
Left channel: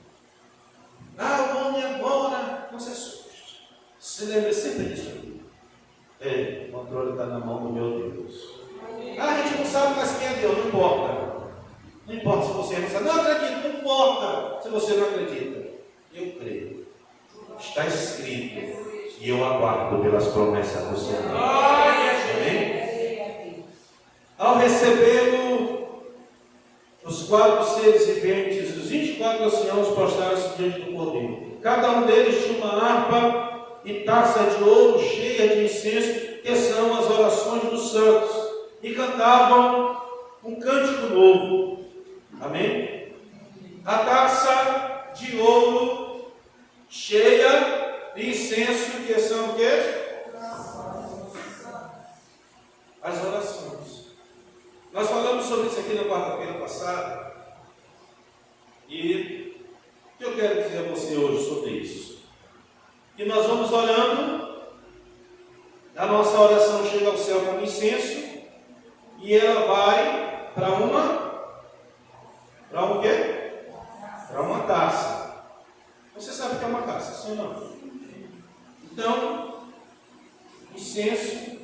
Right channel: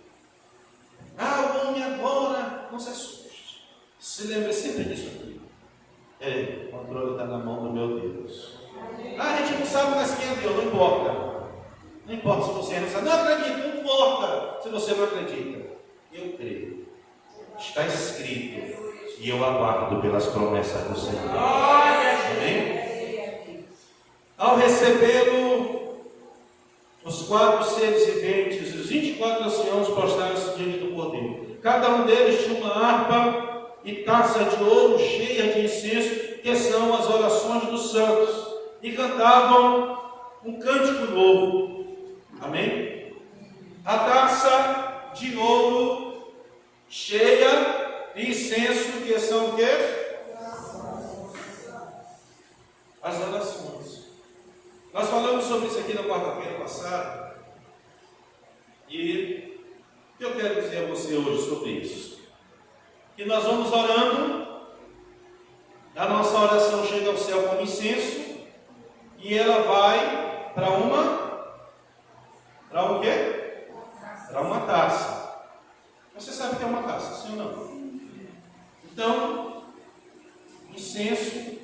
O homem agora, não se assuste. Se lembre sempre disso aqui. O controle está na mão do meu Deus. A gente não sabe mais quem é Deus, não importa. Não importa se você não acredita, não importa se você não acredita. Eu creio. Está escrito. E eu aguardo pelas promessas do Senhor. Amém? Ao receber os 4 seres viventes, os 24 anciãos prostraram-se diante do Cordeiro. Cada um deles tinha uma harpa e taça de ouro cheia de incenso, que são as orações dos santos, e cantavam um cântico novo. Amém? A taça de ouro cheia de incenso, que são o quê? As orações. Nós falamos sobre isso aqui na quarta-feira passada. E o que eu quero dizer a você hoje sobre isso? Que nós vamos orando, a nossa oração chega ao céu como incenso, e ela vai para o quê? Para uma taça. Você sabe o que é uma taça, sim ou não? Então, incenso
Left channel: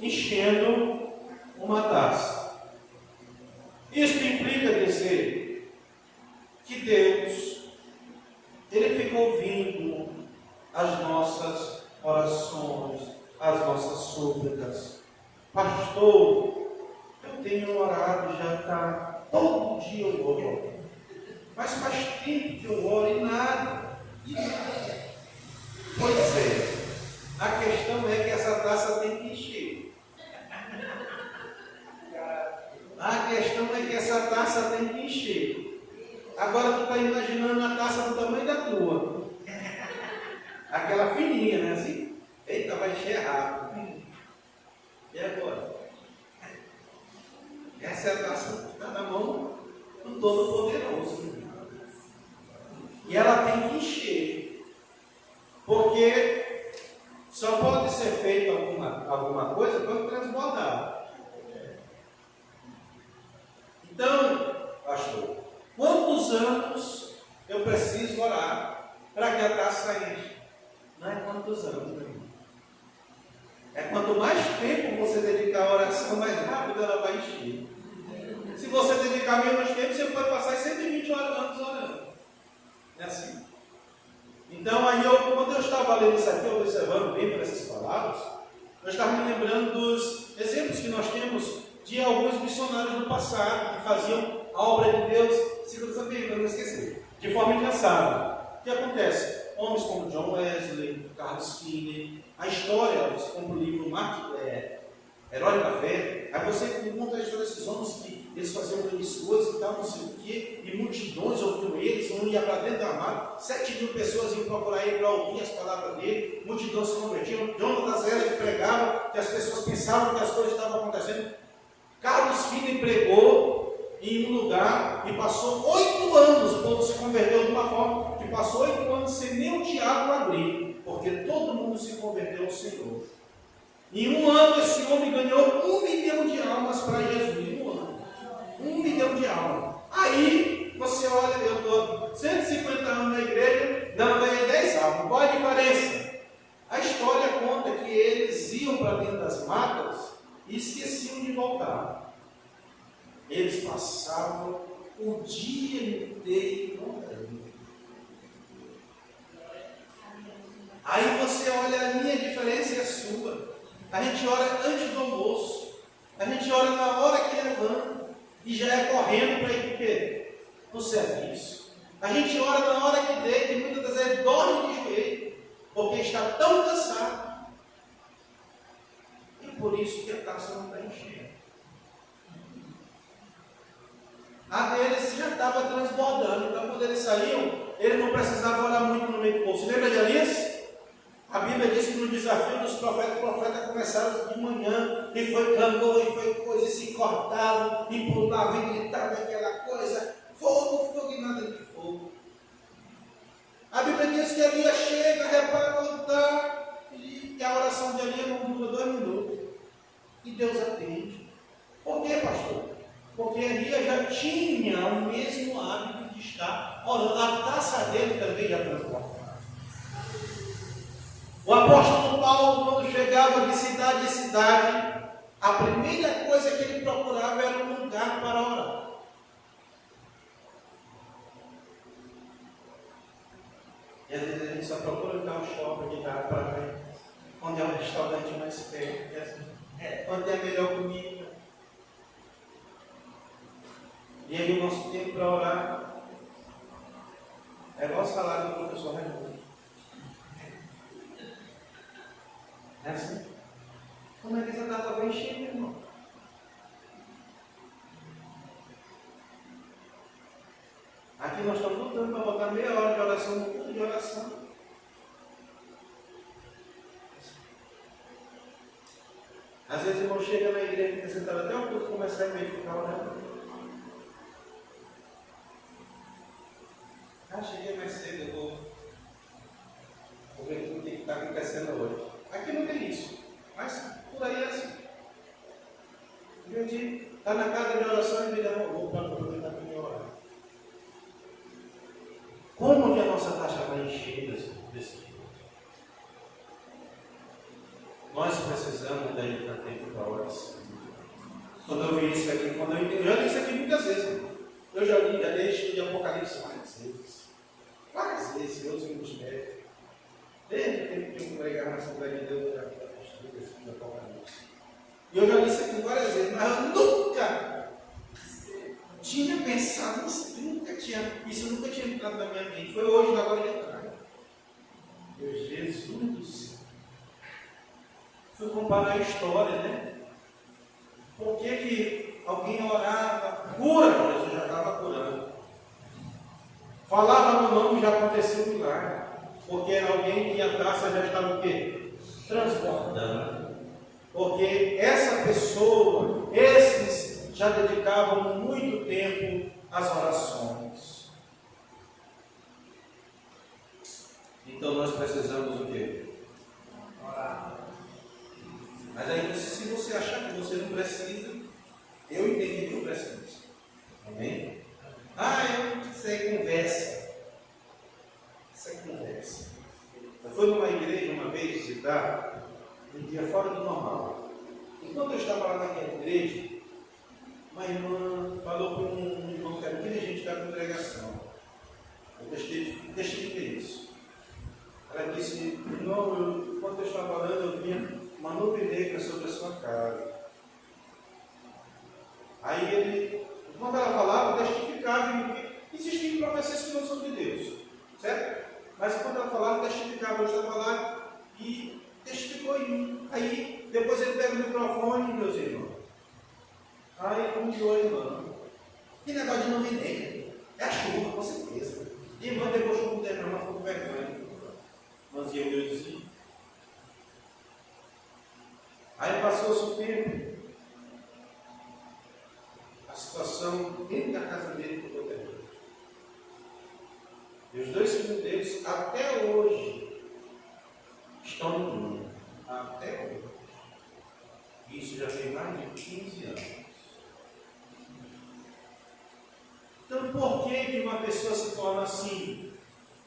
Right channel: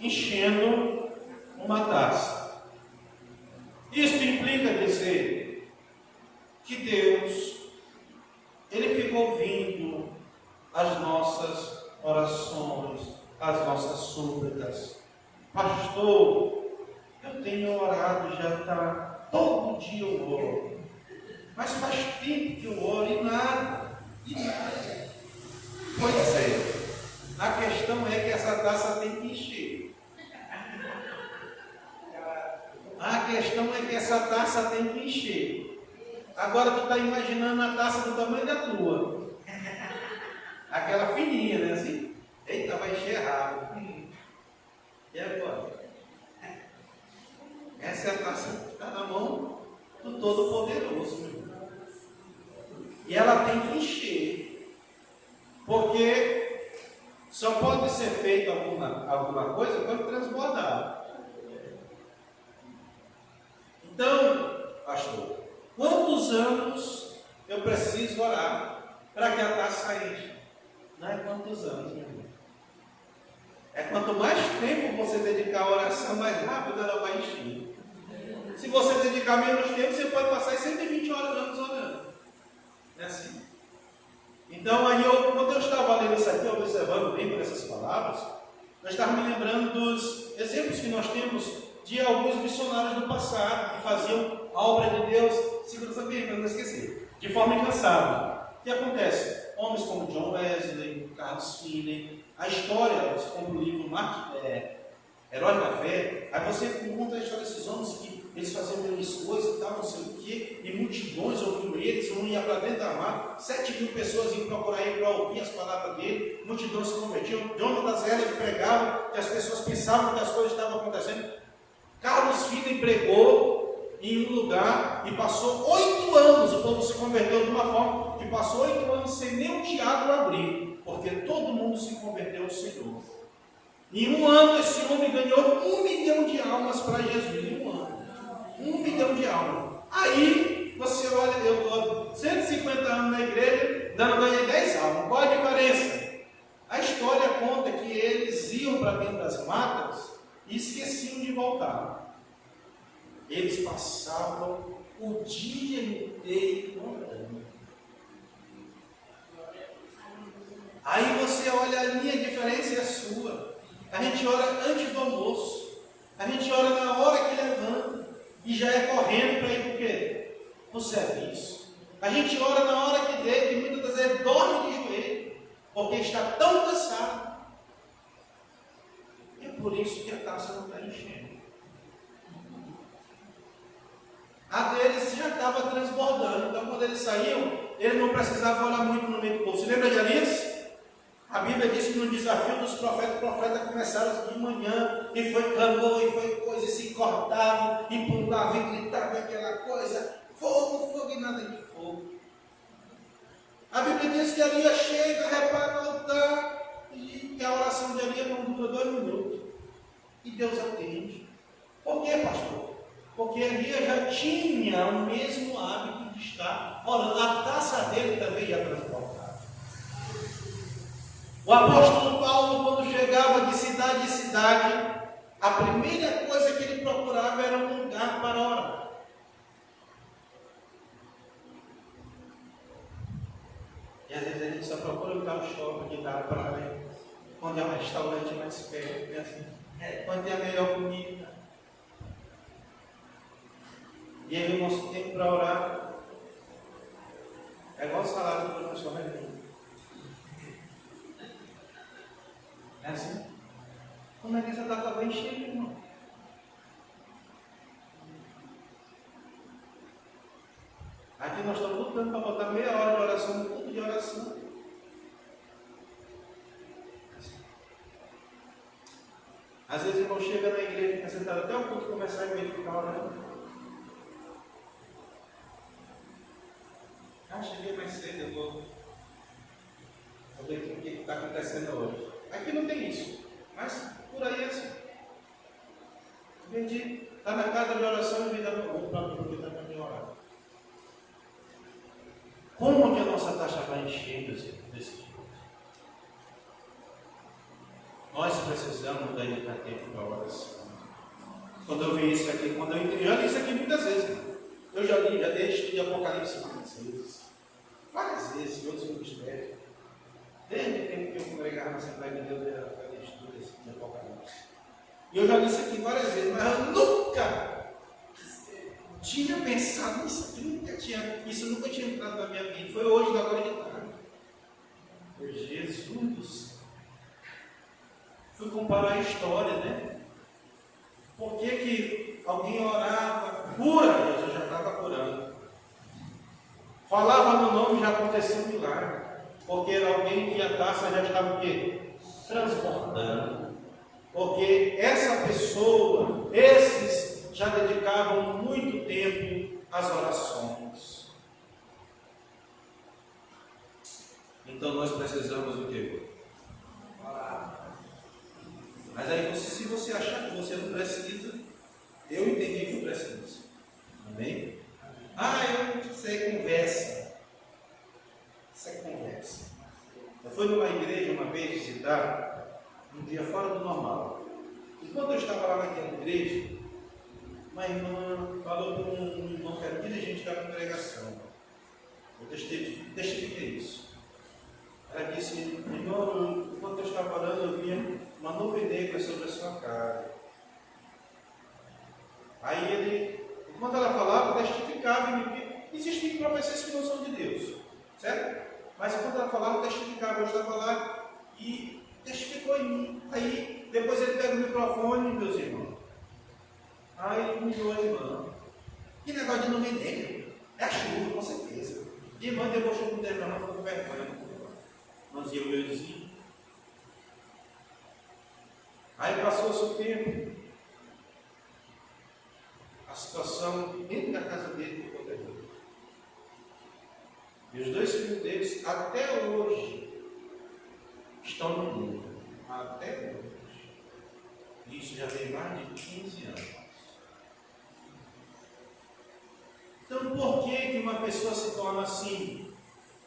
enchendo uma taça. Isto implica dizer que Deus, Ele fica ouvindo as nossas orações, as nossas súplicas. Pastor, eu tenho orado, já está, todo dia eu oro, mas faz tempo que eu oro e nada. Pois é, a questão é que essa taça tem que encher. A questão é que essa taça tem que encher. Agora tu está imaginando a taça do tamanho da tua. Aquela fininha, né? Assim. Eita, vai encher rápido. E agora? Essa é a taça que está na mão do Todo-Poderoso. E ela tem que encher. Porque só pode ser feita alguma coisa quando transbordar. Então, pastor, quantos anos eu preciso orar para que a taça enche? Não é quantos anos, meu irmão. É quanto mais tempo você dedicar à oração, mais rápido ela vai encher. Se você dedicar menos tempo, você pode passar 120 anos orando. É assim. Então, aí quando eu estava lendo isso aqui, observando bem por essas palavras, eu estava me lembrando dos exemplos que nós temos de alguns missionários do passado, que faziam a obra de Deus, segura bem, para não esquecer, de forma incansável. O que acontece? Homens como John Wesley, Carlos Finney, a história, como o livro Herói da Fé, aí você conta a história desses homens que eles faziam grandes coisas e tal, não sei o quê, e multidões ouviam eles, um ia para dentro da mata, 7.000 pessoas iam procurar ele para ouvir as palavras dele, multidões se convertiam, John das Eras pregava, que as pessoas pensavam que as coisas estavam acontecendo. Carlos Finney pregou em um lugar e passou 8 anos, o povo se converteu de uma forma que passou 8 anos sem nem o diabo abrir, porque todo mundo se converteu ao Senhor. Em um ano, esse homem ganhou 1 milhão de almas para Jesus. Em um ano. 1 milhão de almas. Aí, você olha, eu estou 150 anos na igreja, não ganhei 10 almas. Qual a diferença? A história conta que que eles iam para dentro das matas e esqueciam de voltar. Eles passavam o dia inteiro orando. Aí você olha, a minha diferença é a sua. A gente ora antes do almoço. A gente ora na hora que levanta. E já é correndo para ir para o quê? No serviço. A gente ora na hora que deita e muitas das vezes dorme de joelho. Porque está tão cansado. E é por isso que a taça não está enchendo. A deles já estava transbordando. Então quando eles saíam, eles não precisavam orar muito no meio do povo. Você lembra de Elias? A Bíblia diz que no desafio dos profetas, os profetas começaram de manhã, e foi clamor, e foi coisa, e se cortavam, e pulavam, e gritavam aquela coisa, fogo, fogo e nada de fogo. A Bíblia diz que Elias chega, repara o altar, e a oração de Elias não dura 2 minutos. E Deus atende. Por quê, pastor? Porque Elias já tinha o mesmo hábito de estar orando. A taça dele também já transportava. O apóstolo Paulo, quando chegava de cidade em cidade, a primeira coisa que ele procurava era um lugar para orar. E às vezes a gente só procura um tal shopping, de dar praia, onde é um restaurante mais perto, né? Assim, onde é a melhor comida. E aí o nosso tempo para orar é igual o salário do professor Raimundo. É assim? Como é que essa data vem cheia, irmão? Aqui nós estamos lutando para botar meia hora de oração no culto de oração. Às vezes o irmão chega na igreja e fica sentado até o culto começar e meio de ficar orando. Cheguei mais cedo, eu vou ver o que está acontecendo hoje. Aqui não tem isso, mas por aí é assim. Em vez de estar na casa de oração e me dar uma roupa para aproveitar para me orar. Como que a nossa taxa vai encher desse tipo? Nós precisamos dedicar tempo para a oração. Quando eu vi isso aqui, eu já li isso aqui muitas vezes. Eu já dei estudo de Apocalipse várias vezes, em outros ministérios. Desde o tempo que eu congregava na Assembleia de Deus, eu já fazia estudo de Apocalipse. E eu já li isso aqui várias vezes, mas eu nunca tinha pensado nisso, isso nunca tinha entrado na minha mente. Foi hoje, na hora de tarde. Jesus do céu. Fui comparar a história, né? Por que alguém orava, cura, Jesus já estava curando. Falava no nome, já acontecia um milagre. Porque era alguém que a taça já estava o quê? Transbordando. Porque essa pessoa, esses já dedicavam muito tempo às orações. Então nós precisamos o quê? Orar. Mas aí, se você achar que você não precisa, eu entendi que eu preciso. Amém? Isso aí conversa. Isso é conversa. Eu fui numa igreja uma vez visitar, um dia fora do normal. Enquanto eu estava lá naquela igreja, uma irmã falou para um irmão que era dirigente da congregação. Eu testifiquei isso. Ela disse: irmão, enquanto eu estava orando, eu via uma nuvem negra sobre a sua casa. Aí ele, enquanto ela falava, testificava e me via. Existem profecias que não são de Deus, certo? Mas enquanto ela falava, testificava. Eu estava lá e testificou em mim. Aí depois ele pega o microfone, meus irmãos. Aí ele humilhou a irmã. Que negócio de nuvem negra? É a chuva, com certeza. E a irmã debochou com o tempo, ela ficou com vergonha. Irmãzinha humildezinha. Aí passou-se o tempo. A situação dentro da casa dele ficou terrível. E os 2 filhos deles, até hoje, estão no mundo. Até hoje. Isso já tem mais de 15 anos. Então, por que uma pessoa se torna assim?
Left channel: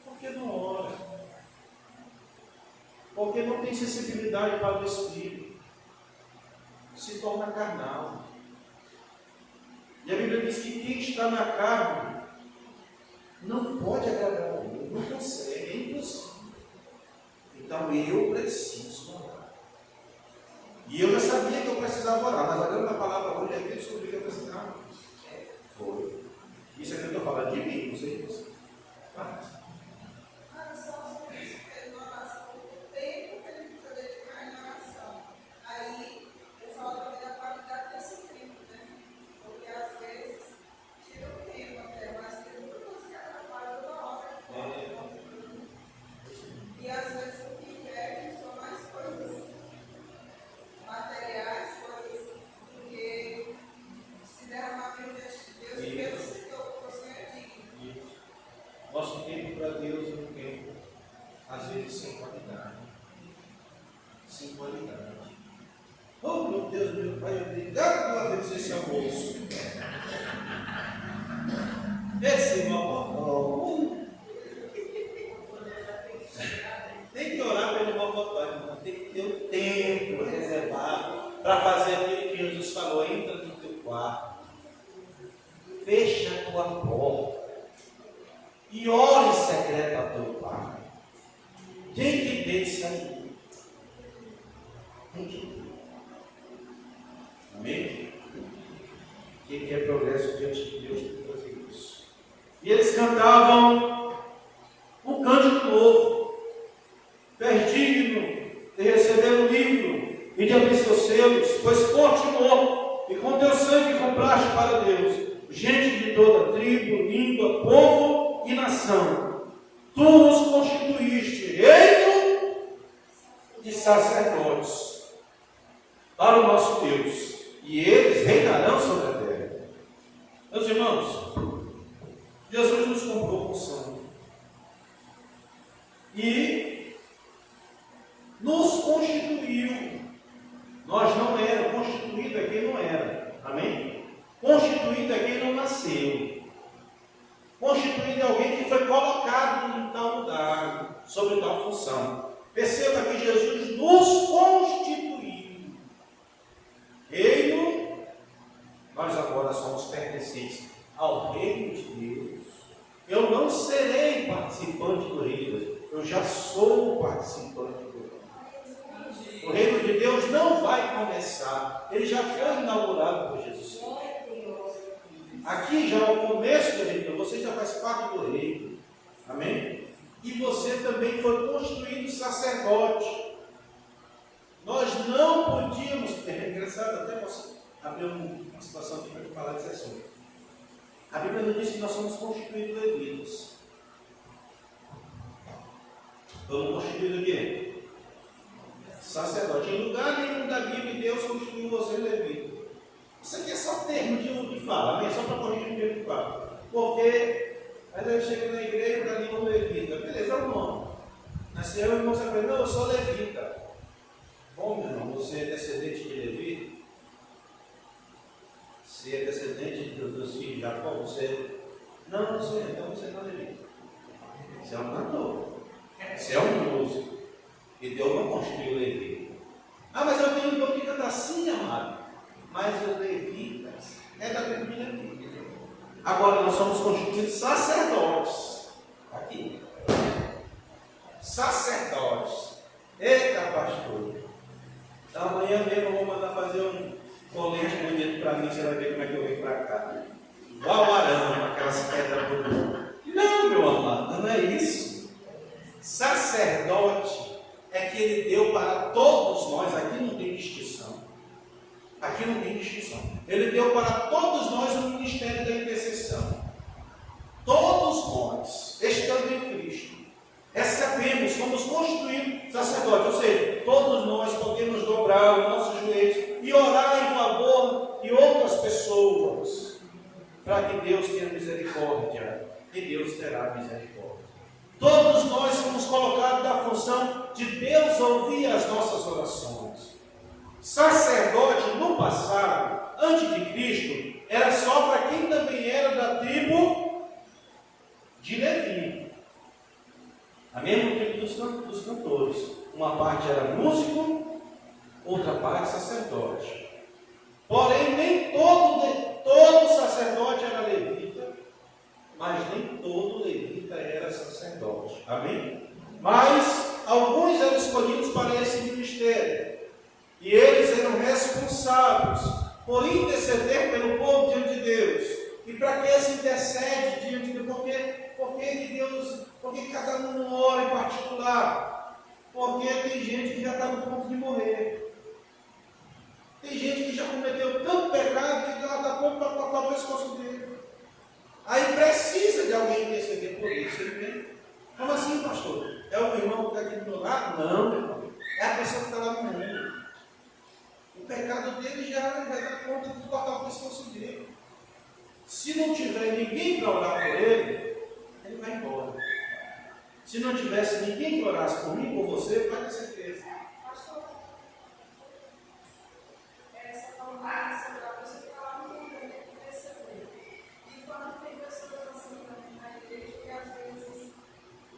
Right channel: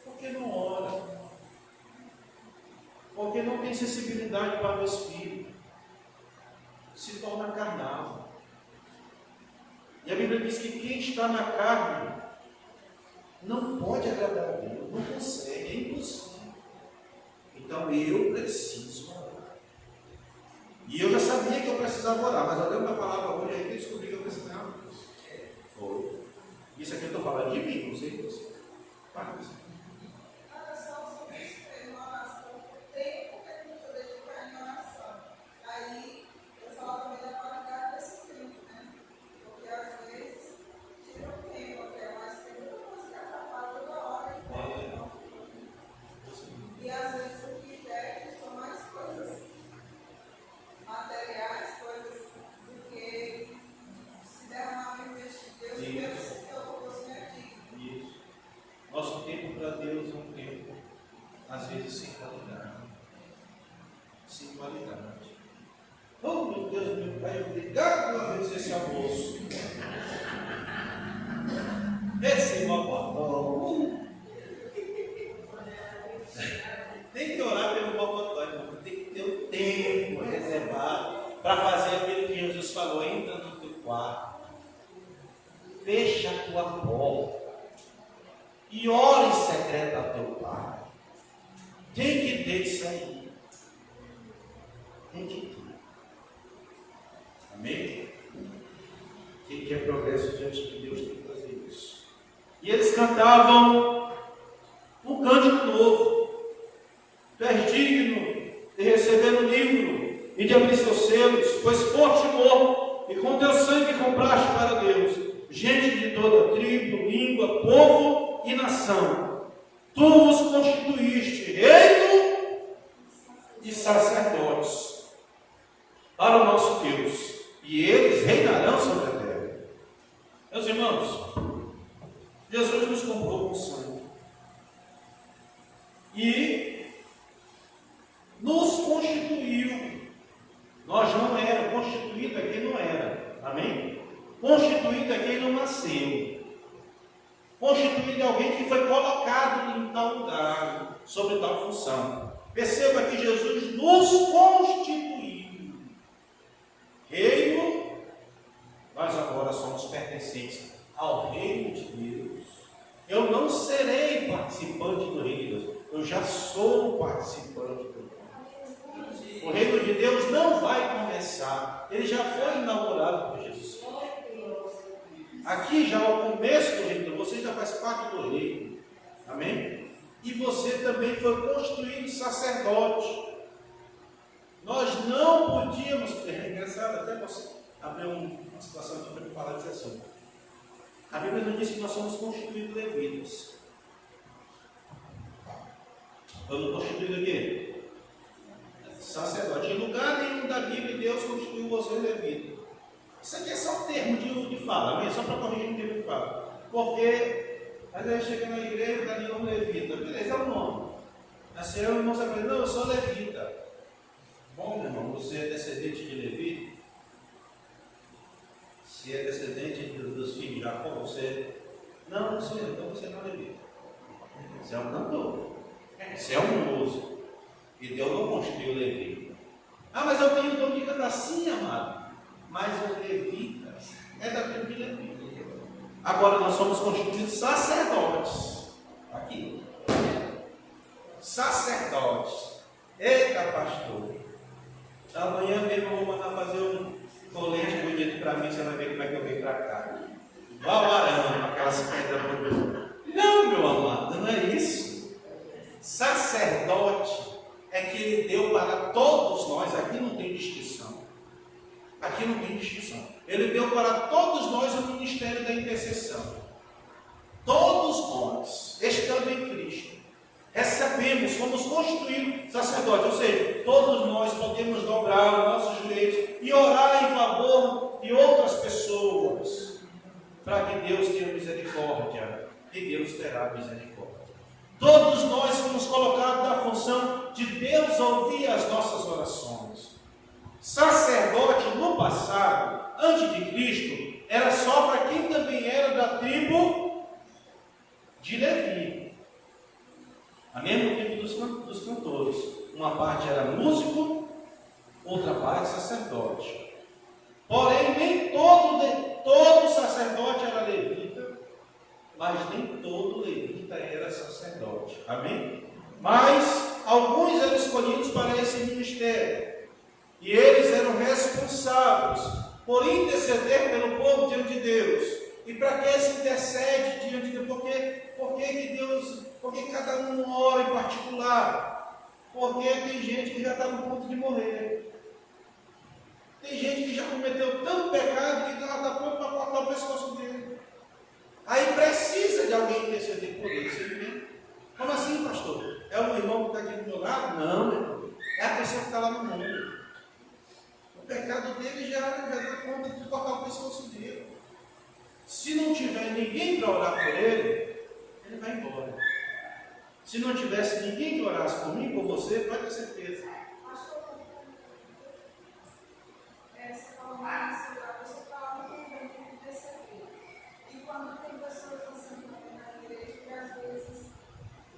Porque não ora. Porque não tem sensibilidade para o Espírito. Se torna carnal. E a Bíblia diz que quem está na carne não pode agradar a Deus, não consegue, é impossível. Então eu preciso orar. E eu já sabia que eu precisava orar, mas olhando a palavra hoje, aí eu descobri que eu precisava. Foi. Isso aqui eu estou falando de mim, não sei de você. Mas, nosso tempo para Deus é um tempo, às vezes, sem qualidade. Sem qualidade. Oh, meu Deus, meu Pai, obrigado por haver esse almoço. Esse mocotó. Tem que orar pelo mocotó, irmão. Tem que ter um tempo reservado para fazer aquilo que Jesus falou. Entra no teu quarto. Fecha a tua porta. E ora em secreto ao teu Pai. Tem que ter isso aí. Tem que ter. Amém? Quem quer progresso diante de Deus tem que fazer isso. E eles cantavam um cântico novo. Tu és digno de receber o livro e de abrir seus selos, pois por ti morro e com teu sangue compraste para Deus gente de toda tribo, língua, povo e nação. Tu os constituíste reino e sacerdotes para o nosso Deus, e eles reinarão sobre a terra. Meus irmãos, Jesus nos comprou com sangue e nos constituiu. Nós não éramos, constituído é quem não era, amém? Constituído é quem não nasceu. Constituído é alguém que foi colocado em tal lugar, sobre tal função. Perceba que Jesus nos constituiu. Reino, nós agora somos pertencentes ao reino de Deus. Eu não serei participante do reino de Deus, eu já sou participante do reino. O reino de Deus não vai começar, ele já foi inaugurado por Jesus. Aqui já é o começo do reino, você já faz parte do reino, amém? E você também foi construído sacerdote. Nós não podíamos, é engraçado, até posso abrir uma situação aqui para eu falar desse assunto. A Bíblia nos diz que nós somos constituídos levitas. Vamos constituídos aqui? Sacerdote. Em lugar nenhum da Bíblia, Deus constituiu você levita. Isso aqui é só um termo de fala, amém? Só para corrigir um termo de fala. Porque, às vezes chega na igreja, está ali um levita. Beleza, é o nome. Nasceu, o irmão se aprende, não, eu sou levita. Bom, meu irmão, você é descendente de Levi? Se é descendente dos filhos de Jacó, você... Não, não sou eu, então você não é levita. Você é um cantor. Você é um músico. E Deus não constituiu o levita. Ah, mas eu tenho dom de cantar, sim, amado. Mas os levitas é da tribo de Levi. Agora nós somos constituídos sacerdotes. Aqui. Sacerdotes. Eita, pastor. Amanhã mesmo eu vou mandar fazer um colete bonito para mim. Você vai ver como é que eu venho para cá. Igual o arame, aquelas pedras bonitas. Não, meu amado, não é isso. Sacerdote é que ele deu para todos nós. Aqui não tem distinção. Aqui não tem distinção. Ele deu para todos nós o ministério da intercessão. Todos nós, estando em Cristo, recebemos, fomos constituídos sacerdotes. Ou seja, todos nós podemos dobrar os nossos joelhos e orar em favor de outras pessoas, para que Deus tenha misericórdia. E Deus terá misericórdia. Todos nós fomos colocados na função de Deus ouvir as nossas orações. Sacerdote no passado, antes de Cristo, era só para quem também era da tribo de Levi. A mesma tribo dos cantores. Uma parte era músico, outra parte sacerdote. Porém, nem todo sacerdote era levita, mas nem todo levita era sacerdote. Amém? Mas alguns eram escolhidos para esse ministério. E eles eram responsáveis por interceder pelo povo diante de Deus. E para que esse intercede diante de Deus? Por que cada um ora em particular? Porque tem gente que já está no ponto de morrer. Tem gente que já cometeu tanto pecado que Deus está pronto para cortar o pescoço dele. Aí precisa de alguém interceder por ele. Você entende? Como assim, pastor? É o meu irmão que está aqui do meu lado? Não, meu irmão. É a pessoa que está lá no mundo. O pecado dele já dá conta de cortar o pescoço dele. Se não tiver ninguém para orar por ele, ele vai embora. Se não tivesse ninguém que orasse por mim, por você, pode ter certeza. Essa forma de segurar, você está lá no mundo de perceber. E quando tem pessoas assim na igreja, que às vezes,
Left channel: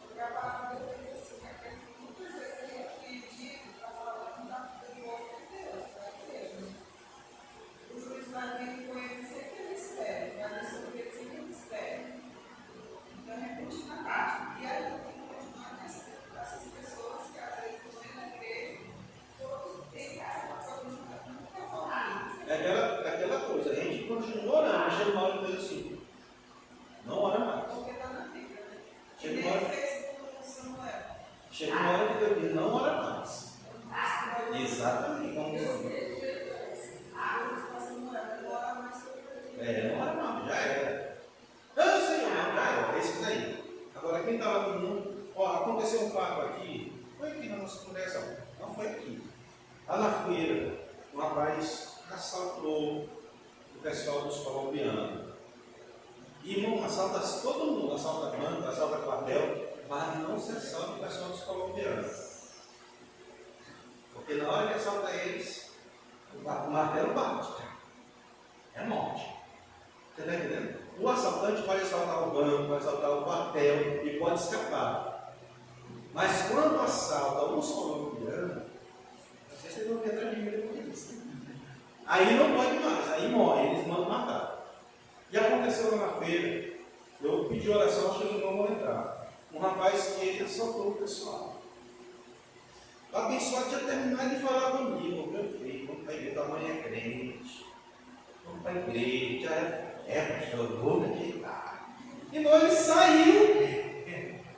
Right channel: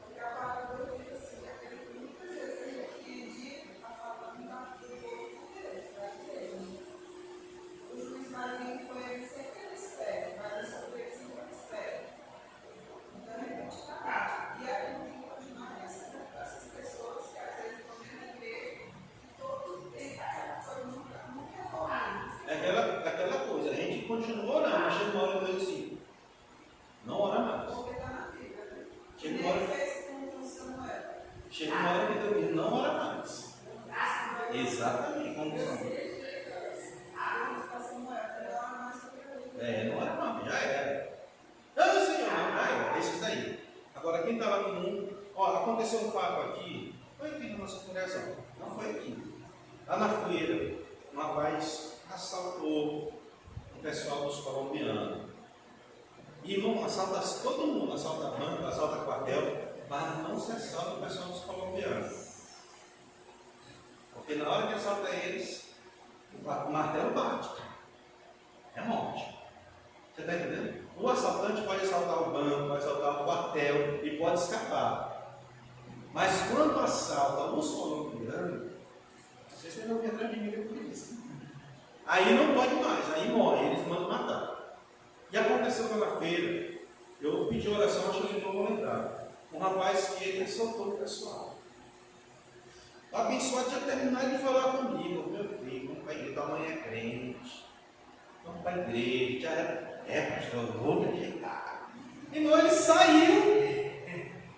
porque a palavra de Deus diz assim, que muitas vezes a gente pedido para falar do povo de Deus, para a igreja. O juiz vai vir com ele sem que ele espere, vai resolver sem que ele espere. Então, repentinamente. E aí, tem que continuar recebendo essas pessoas que às vezes estão dentro da igreja, todo tempo, aquela coisa nunca evolui. É aquela coisa, a gente continua orando, mas chega uma hora que diz assim, não ora mais. Porque está na Bíblia, né? Chega uma hora, fez com Samuel. chega uma hora que Deus diz, não ora mais. Exatamente, como Samuel. Não ora mais, já era. Não, Senhor, não, já era, esse daí. Agora, quem está lá no mundo, ó, aconteceu um fato aqui, foi aqui na nossa congregação, não foi aqui. Lá na feira, um rapaz assaltou o pessoal dos colombianos. Irmão, assalta todo mundo, assalta banco, assalta quartel, mas não se assalta o pessoal dos colombianos. Porque na hora que assalta eles, o martelo bate. É morte. Você está entendendo? O assaltante pode assaltar o banco, pode assaltar o quartel e pode escapar. Mas quando assalta os colombianos, não sei se vocês vão vir atrás de mim depois disso. Aí não pode mais, aí morre, eles mandam matar. E aconteceu lá na feira, eu pedi oração, acho que eles não vão entrar. Um rapaz que ele assaltou o pessoal. O abençoado tinha terminado de falar comigo, meu filho, vamos para a igreja, tua mãe é crente, vamos para a igreja, já pastor, eu vou me ajeitar. Irmão, ele saiu,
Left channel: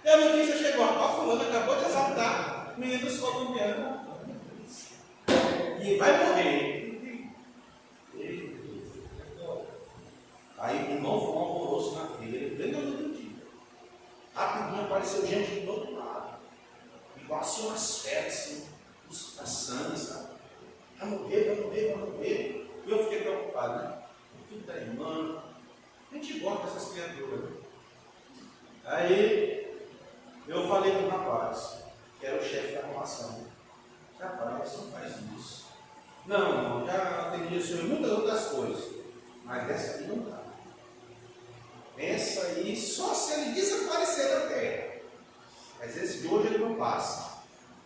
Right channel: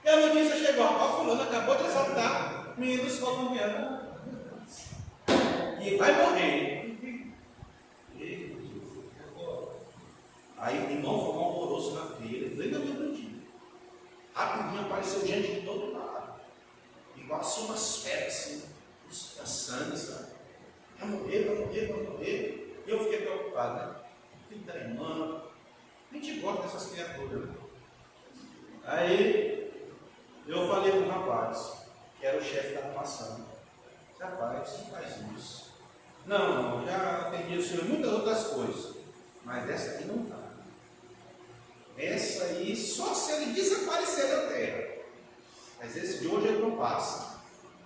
e a notícia chegou, ó, fulano acabou de assaltar, menino dos colombianos, e vai morrer. Aí o irmão foi um alvoroço na feira, bem na noite do dia. Rapidinho apareceu gente de todo lado. Igual assim umas feras, assim, da sangue, sabe? Vai morrer, vai morrer, vai morrer. E eu fiquei preocupado, né? O filho da irmã, a gente gosta dessas criaturas, né? Aí eu falei com o rapaz, que era o chefe da armação. Rapaz, não faz isso. Não, já atendi o senhor em muitas outras coisas, mas essa aqui não dá. Essa aí, só se ele desaparecer da terra. Mas esse de hoje ele não passa.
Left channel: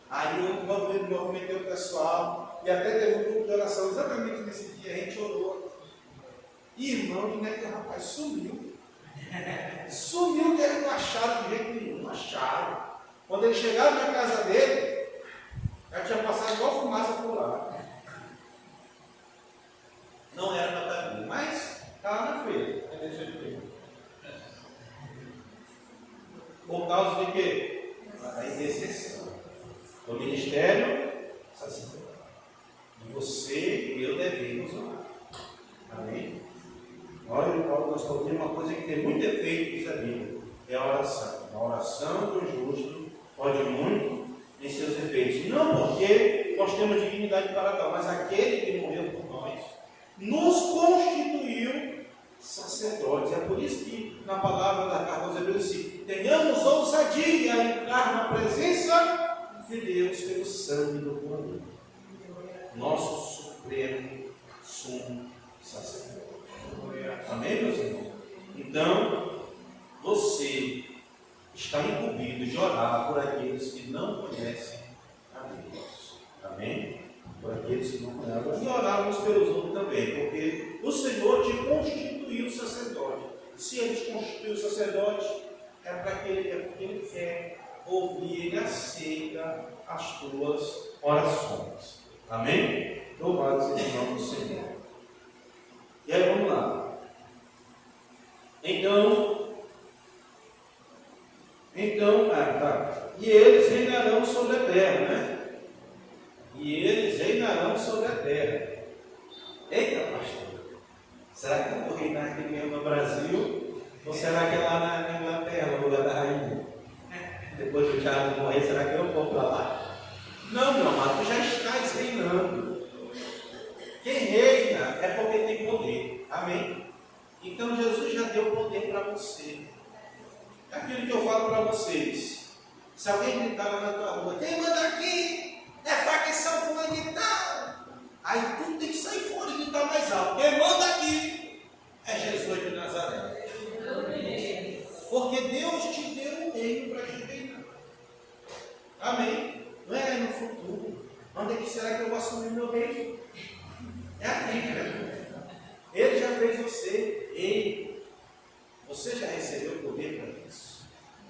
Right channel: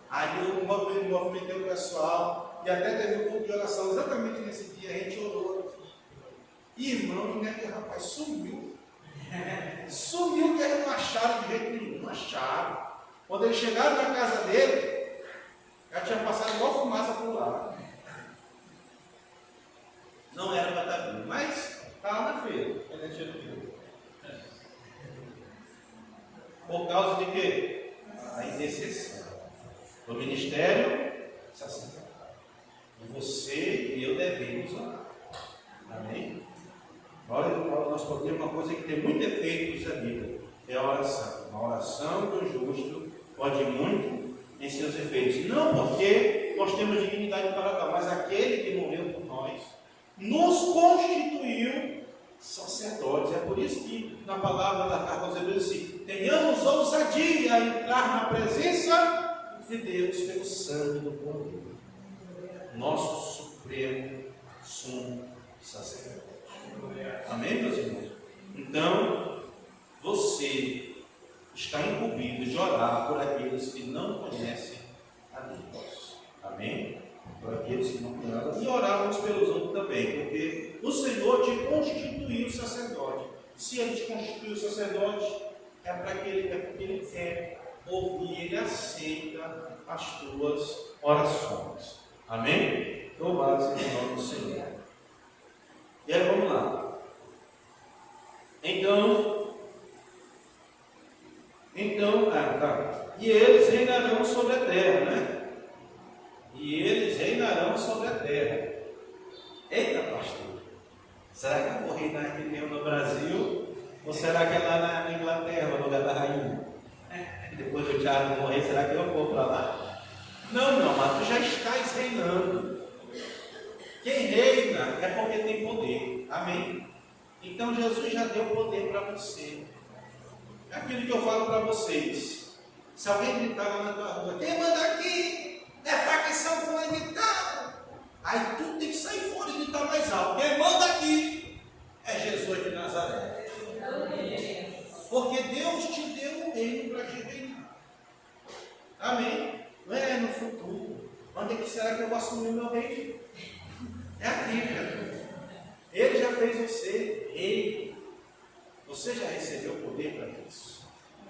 Aí eu movimentei o pessoal e até teve um pouco de oração exatamente nesse dia. A gente orou. Irmão, né, que o rapaz sumiu. Sumiu que eles não acharam de jeito nenhum. Não acharam. Quando eles chegaram na casa dele, já tinha passado igual fumaça por lá. Não era para estar vindo, mas estava na feira. Por causa de quê? A intercessão do ministério sacerdotal. E você e eu devemos orar. Amém? Olha, nós podemos uma coisa que tem muito efeito, diz a Bíblia, é a oração. A oração do justo pode muito em seus efeitos. Não porque nós temos dignidade para tal, mas aquele que morreu por nós nos constituiu sacerdotes. É por isso que na palavra da carta aos Hebreus diz: tenhamos ousadia a entrar na presença de Deus pelo sangue do Cordeiro, nosso supremo sumo sacerdote. Amém, meus irmãos? Então, você está incumbido de orar por aqueles que não conhecem a eles se murmuravam e oravam uns pelos outros também, porque o Senhor te constituiu sacerdote. Se Ele te constituiu sacerdote, é porque Ele quer ouvir, Ele aceita as tuas orações. Amém? Louvado seja o nome do Senhor. E aí vamos lá. Então, e eles reinarão sobre a terra, né? E eles reinarão sobre a terra. Eita, pastor, será que eu vou reinar aqui mesmo no Brasil? Ou será que é lá na Inglaterra, no lugar da rainha? Depois do Tiago morrer, será que eu vou para lá? Não, meu amado, tu já estás reinando. Quem reina é porque tem poder. Amém? Então Jesus já deu poder para você. É aquilo que eu falo para vocês. Se alguém gritar lá na tua rua, quem manda aqui é facção fulana e tal. Aí tu tem que sair fora e gritar mais alto. Quem manda aqui é Jesus de Nazaré. Porque Deus te deu um reino para te reinar. Amém? Não é no futuro. Onde é que será que eu vou assumir o meu reino? É aqui, criatura. Ele já fez você rei. Você já recebeu o poder para isso.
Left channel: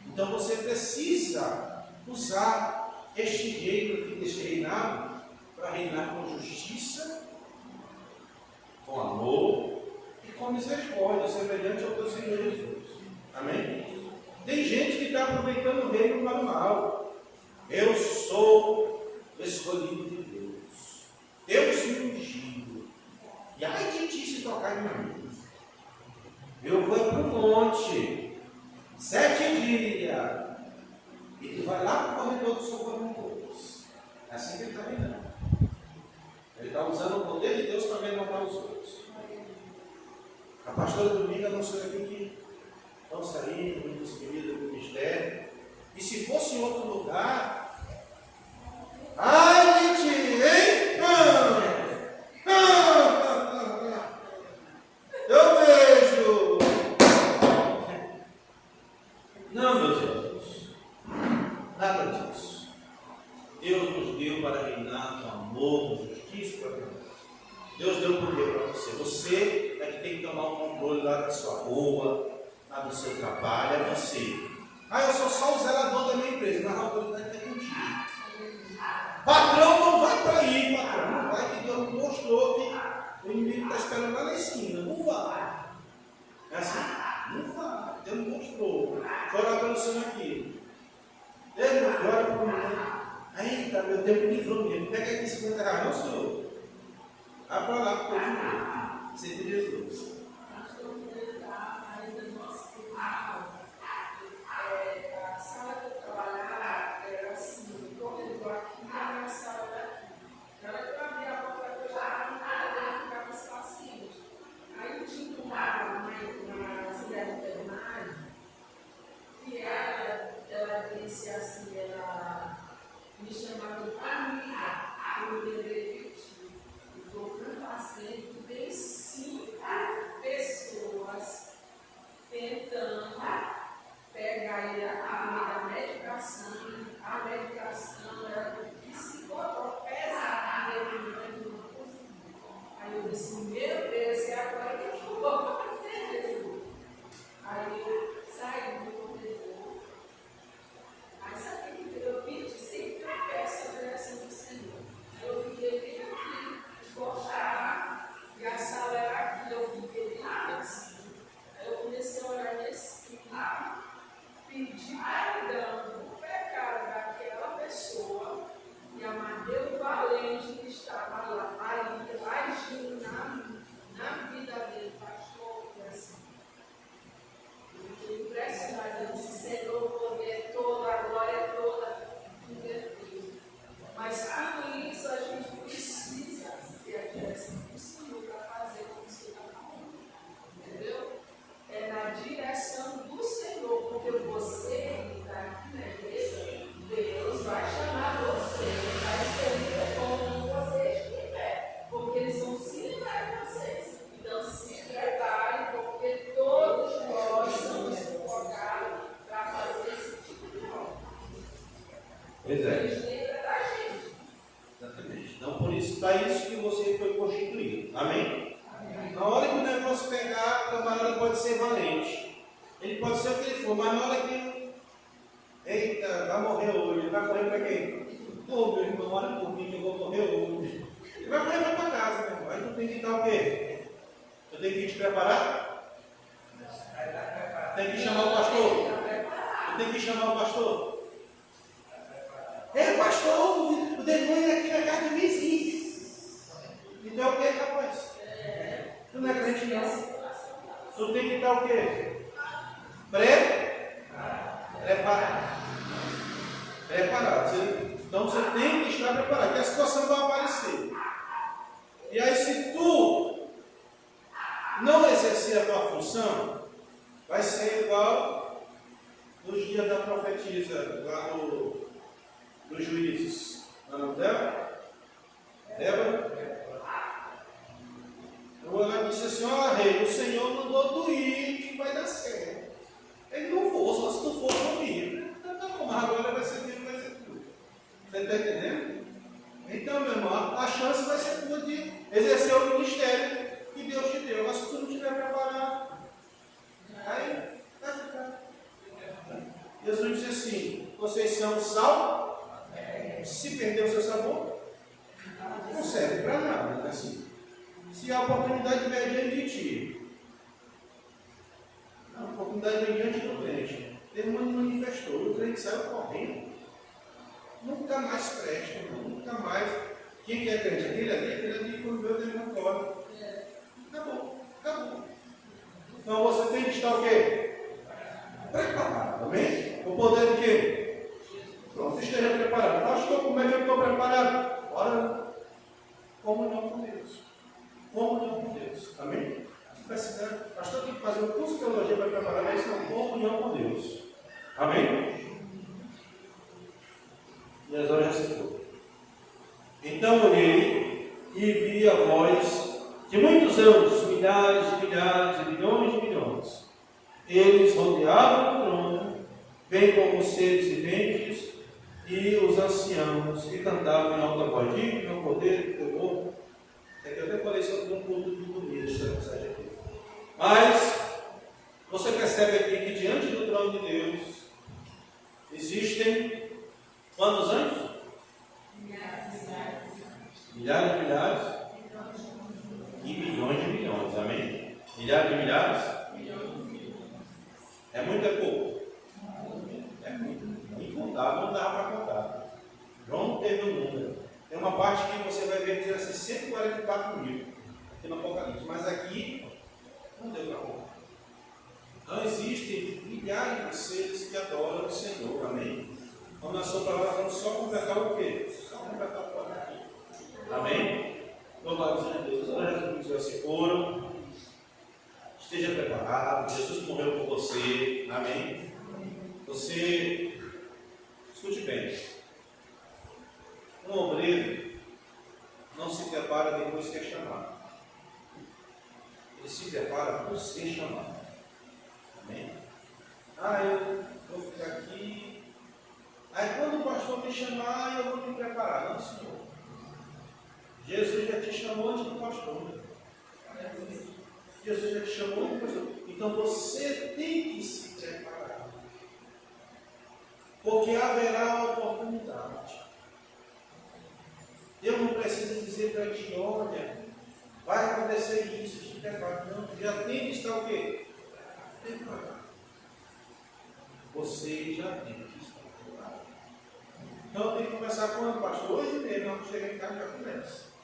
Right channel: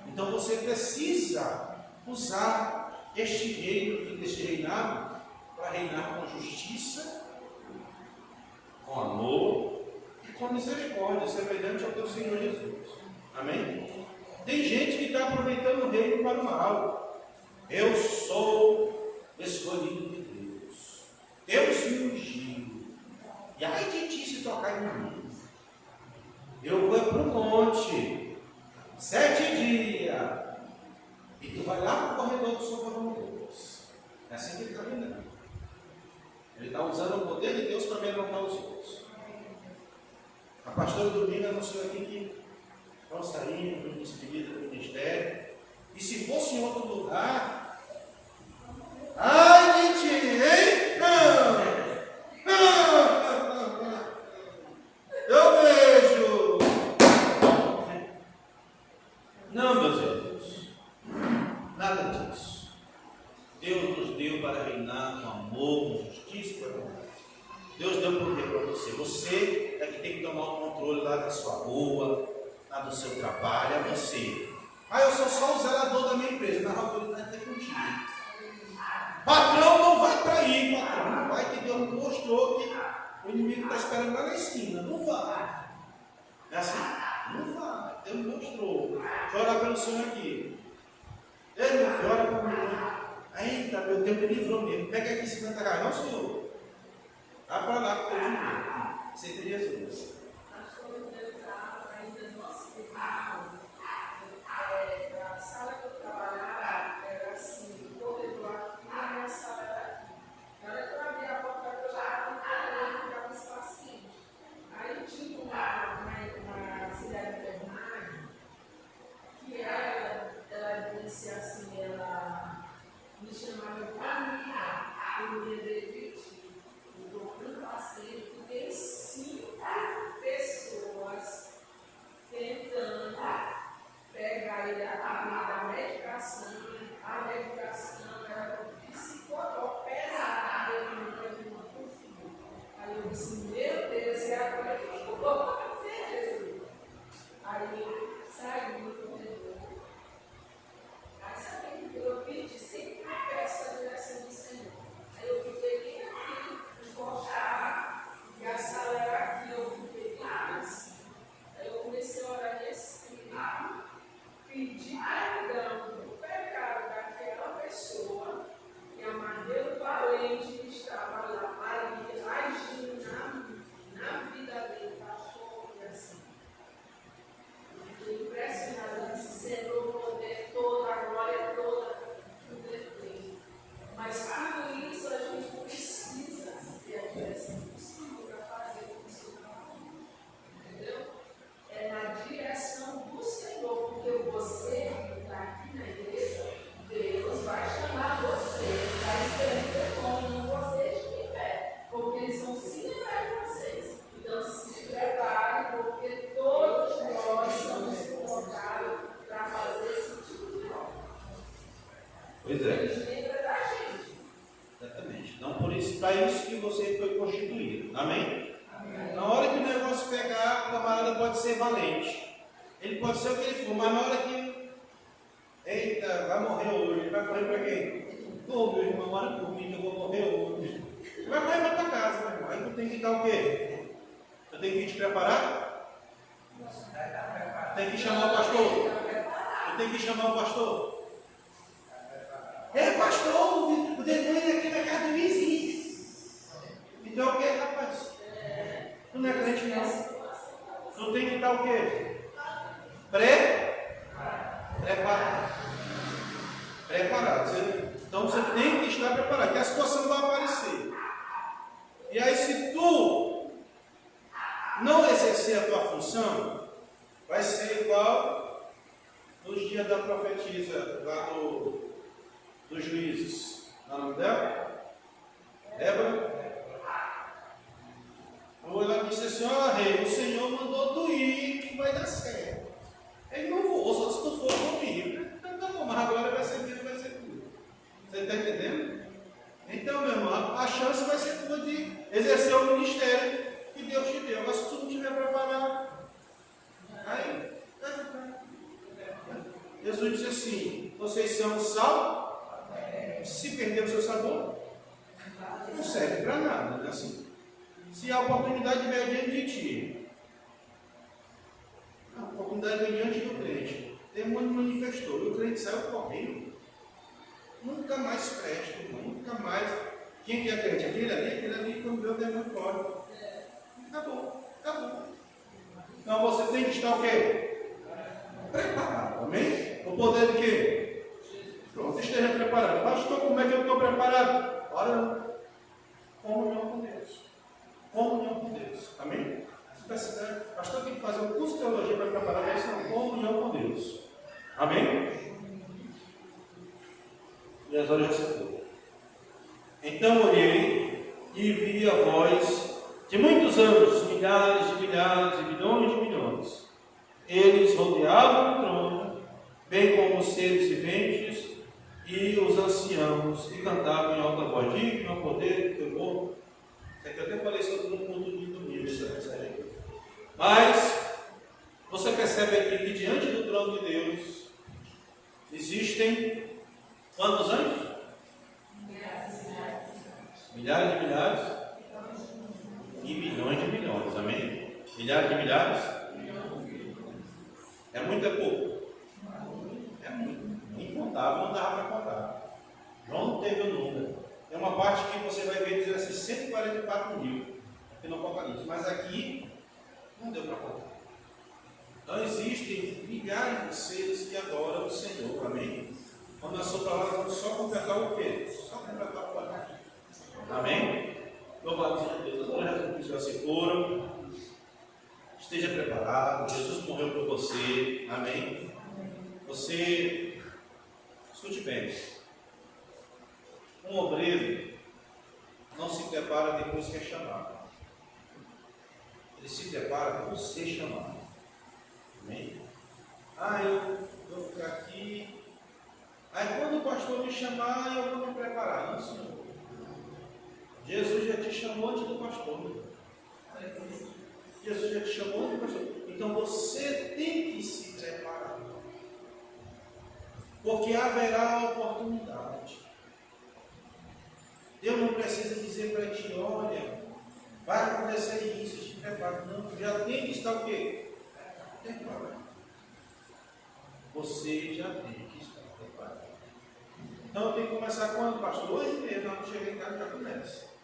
Então você precisa usar este reino, este reinado, para reinar com justiça, com amor e com misericórdia, semelhante ao teu Senhor Jesus. Amém? Tem gente que está aproveitando o reino para o mal. Eu sou escolhido de Deus. Deus me ungiu. E ai de ti se tocar em mim. Eu vou para o monte, 7 dias, e tu vai lá para o corredor do socorro de Deus. É assim que ele está reinando. Ele está usando o poder de Deus para levantar os outros. A pastora Dominga anunciou aqui que estão saindo do despedida do ministério. E se fosse em outro lugar, ai de ti, hein? Eu vejo. Não, meus irmãos, nada disso. Deus nos deu para reinar com amor, com justiça e com verdade. Deus deu poder para você. Você é que tem que tomar o controle lá da sua rua, lá do seu trabalho, é você. Eu sou só o zelador da minha empresa, mas a autoridade está contigo. Patrão não vai para aí, patrão não vai, que Deus mostrou que o inimigo está esperando lá na esquina. Não vai. É assim? Não vai. Deus mostrou. Vou orar pelo Senhor aqui. Deus me ora por mim. Ainda, meu Deus, me livrou mesmo. Pega aqui 50 reais. Não, Senhor. Vai para lá com o teu dinheiro. Seja Jesus. A sala que eu trabalhava era assim, o corredor aqui e a minha sala era aqui. Na hora que eu abri a porta, eu já estava no corredor e ficava os pacientes. Aí tinha uma auxiliar de enfermagem que ela disse assim, ela me chamava de família, eu me lembrei de ti. Eu estou com um paciente que tem 5 disse, para isso que você foi constituído. Amém? Na hora que o negócio pegar, o camarada pode ser valente. Ele pode ser o que ele for, mas na hora que... Eita, vai morrer hoje. Ele vai correr para quem? Ô, meu irmão, ora por mim que eu vou morrer hoje. Ele vai correr para casa, meu irmão. Aí tu tem que estar o quê? Tu tem que te preparar? Tem que chamar o pastor? Tu tem que chamar o pastor? Pastor, o demônio é aqui na casa do vizinho. Então é o que, rapaz? Tu não é crente, não. Tu tem que estar o quê? Preparado. Então você tem que estar preparado, que a situação vai aparecer. E aí, se tu não exercer a tua função, vai ser igual nos dias da profetisa, lá dos juízes. Não é o nome dela? Débora? Ou ela disse assim: ó, rei, o Senhor mandou tu ir, que vai dar certo. Ele não vou, só se tu for comigo. Então tá bom, mas agora vai ser Deus, vai ser tudo. Você está entendendo? Então, meu irmão, a chance vai ser tua de exercer o ministério que Deus te deu. Mas se tu não estiver preparado, aí vai ficar. Jesus disse assim: vocês são sal. Se perder o seu sabor, não serve para nada. Assim, se a oportunidade vier diante de ti, a oportunidade vem diante do crente, o demônio manifestou, e o crente saiu correndo, nunca mais presta, irmão, nunca mais. Quem que é crente? Aquele ali, quando vê o demônio corre. Acabou. Então você tem que estar o quê? Preparado, amém? O poder de quê? Pronto, esteja preparado. Pastor, como é que eu estou preparado? Ora, comunhão com Deus. Comunhão com Deus. Amém? Pastor, tem que fazer um curso de teologia para preparar, mas isso não, comunhão com Deus. Amém? E as horas já se foram. Então olhei e vi a voz de muitos anjos, milhares de milhares, de milhões de milhões. Eles rodeavam o trono, bem como os seres viventes e os anciãos, e cantavam em alta voz: digno é o poder e o temor. Isso aqui eu até falei sobre um culto de domingo, essa mensagem aqui. Mas você percebe aqui que diante do trono de Deus existem quantos anjos? Milhares de milhares e milhões de milhões, amém? Milhares de milhares? É muito, é pouco? É muito, incontável, não dava para contar. João não teve o número. Tem uma parte que você vai ver dizer assim, 144 mil, aqui no Apocalipse, mas aqui não deu para contar. Então existem milhares de seres que adoram o Senhor, amém? Quando nós somos para lá, vamos só completar o quê? Só completar o quadro. Amém? Louvado seja Deus. Agora já se foram. Esteja preparado. Jesus morreu por você. Amém? Você, escute bem. Um obreiro não se prepara depois que é chamado. Ele se prepara por ser chamado. Amém? Eu vou ficar aqui. Aí quando o pastor me chamar, eu vou me preparar. Não, Senhor. Jesus já te chamou antes do pastor. Jesus já te chamou antes do pastor. Então você tem que se preparar. Porque haverá oportunidade. Deus não precisa dizer para ti: olha, vai acontecer isso, te prepara. Não, já tem que estar o quê? Preparado. Você já tem que estar preparado. Então tem que começar quando, pastor? Hoje mesmo, quando chegar em casa já começa.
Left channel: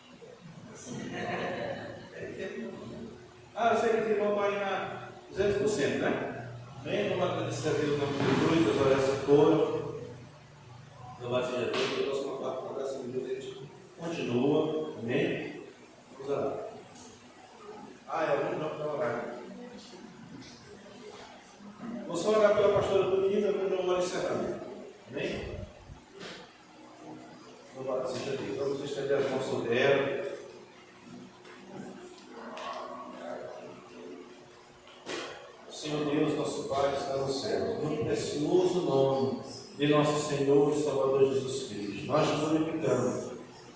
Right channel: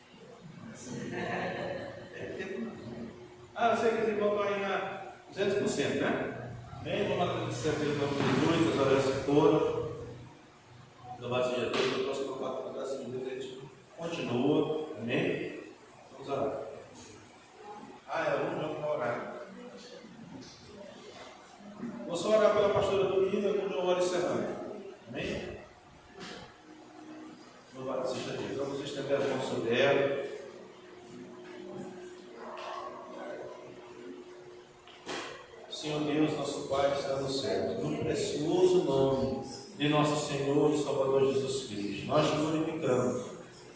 Eu sei que os irmãos vão aí na 200%, né? Bem, vamos agradecer a Deus pelo Jesus, as horas se foram. Louvado seja Deus, o próximo quarto, com a graça de Deus, a gente continua. Amém? Vamos orar. Algum jogo para orar. Vou só orar pela pastora Domingo, algum jogo hora encerrando. Amém? Louvado seja Deus. Vamos estender as mãos sobre ela. Senhor Deus, nosso Pai que está nos céus, no precioso nome de nosso Senhor e Salvador Jesus Cristo, nós te glorificamos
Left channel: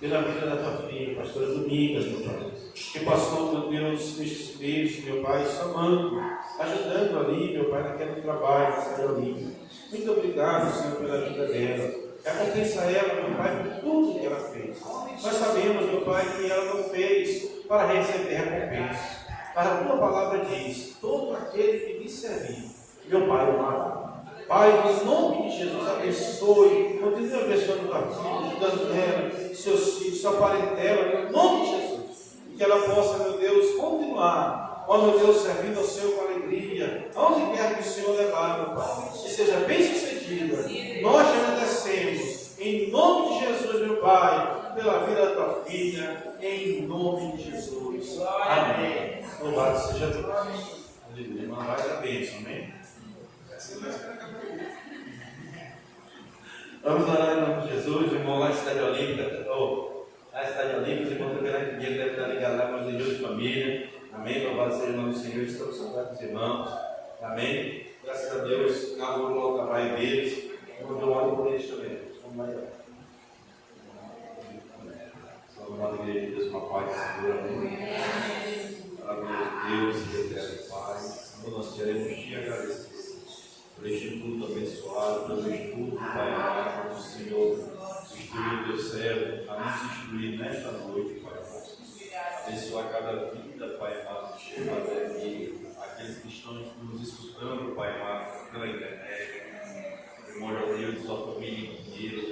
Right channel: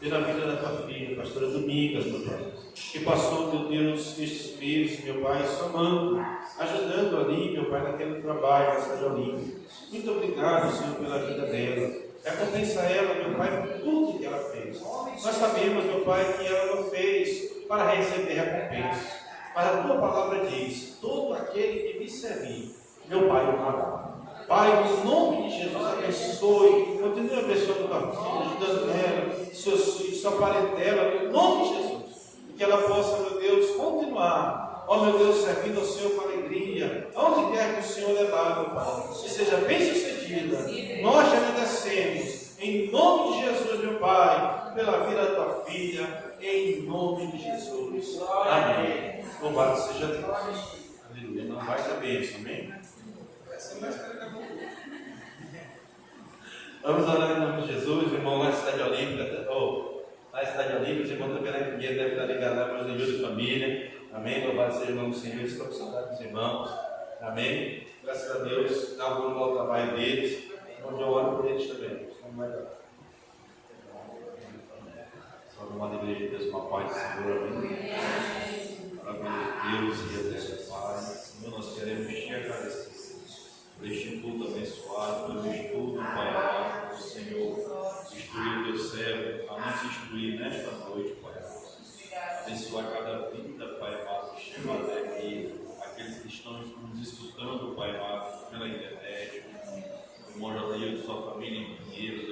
pela vida da tua filha, pastora Domingas, meu Pai, que passou, meu Deus, nestes meses, meu Pai, somando, ajudando ali, meu Pai, naquele trabalho, na cidade olímpica. Muito obrigado, Senhor, pela vida dela. Recompensa ela, meu Pai, por tudo que ela fez. Nós sabemos, meu Pai, que ela não fez para receber recompensa. Mas a tua palavra diz: todo aquele que me servir, meu Pai o amará. Pai, no nome de Jesus, abençoe, continue abençoando tua filha, ajudando ela, seus filhos, sua parentela, no nome de Jesus. E que ela possa, meu Deus, continuar, ó meu Deus, servindo ao Senhor com alegria, aonde quer que o Senhor levar, meu Pai, que seja bem sucedida. Nós te agradecemos, em nome de Jesus, meu Pai, pela vida da tua filha, em nome de Jesus. Amém. Louvado seja Deus. Aleluia. Irmã, vai dar bênção, amém? Vamos orar em nome de Jesus, irmão, lá na Cidade Olímpica, lá na Cidade Olímpica, irmão, também na igreja deve estar ligado lá para os irmãos de família, amém? Louvado seja o nome do Senhor, estamos com saudade dos irmãos, amém? Graças a Deus, inaugurou o trabalho deles, onde eu oro por eles também, vamos lá. Salve a igreja de Deus, uma paz de Senhor, amém? Maravilha de Deus e eterno Pai, Senhor, nós queremos te agradecer por este culto abençoado, pelo estudo, Pai amado, do Senhor, instruir o teu servo, a nos instruir nesta noite, Pai amado. Abençoar cada vida, Pai amado, que chega até aqui, aqueles que estão nos escutando, Pai amado, pela internet, o irmão José e sua família inteira,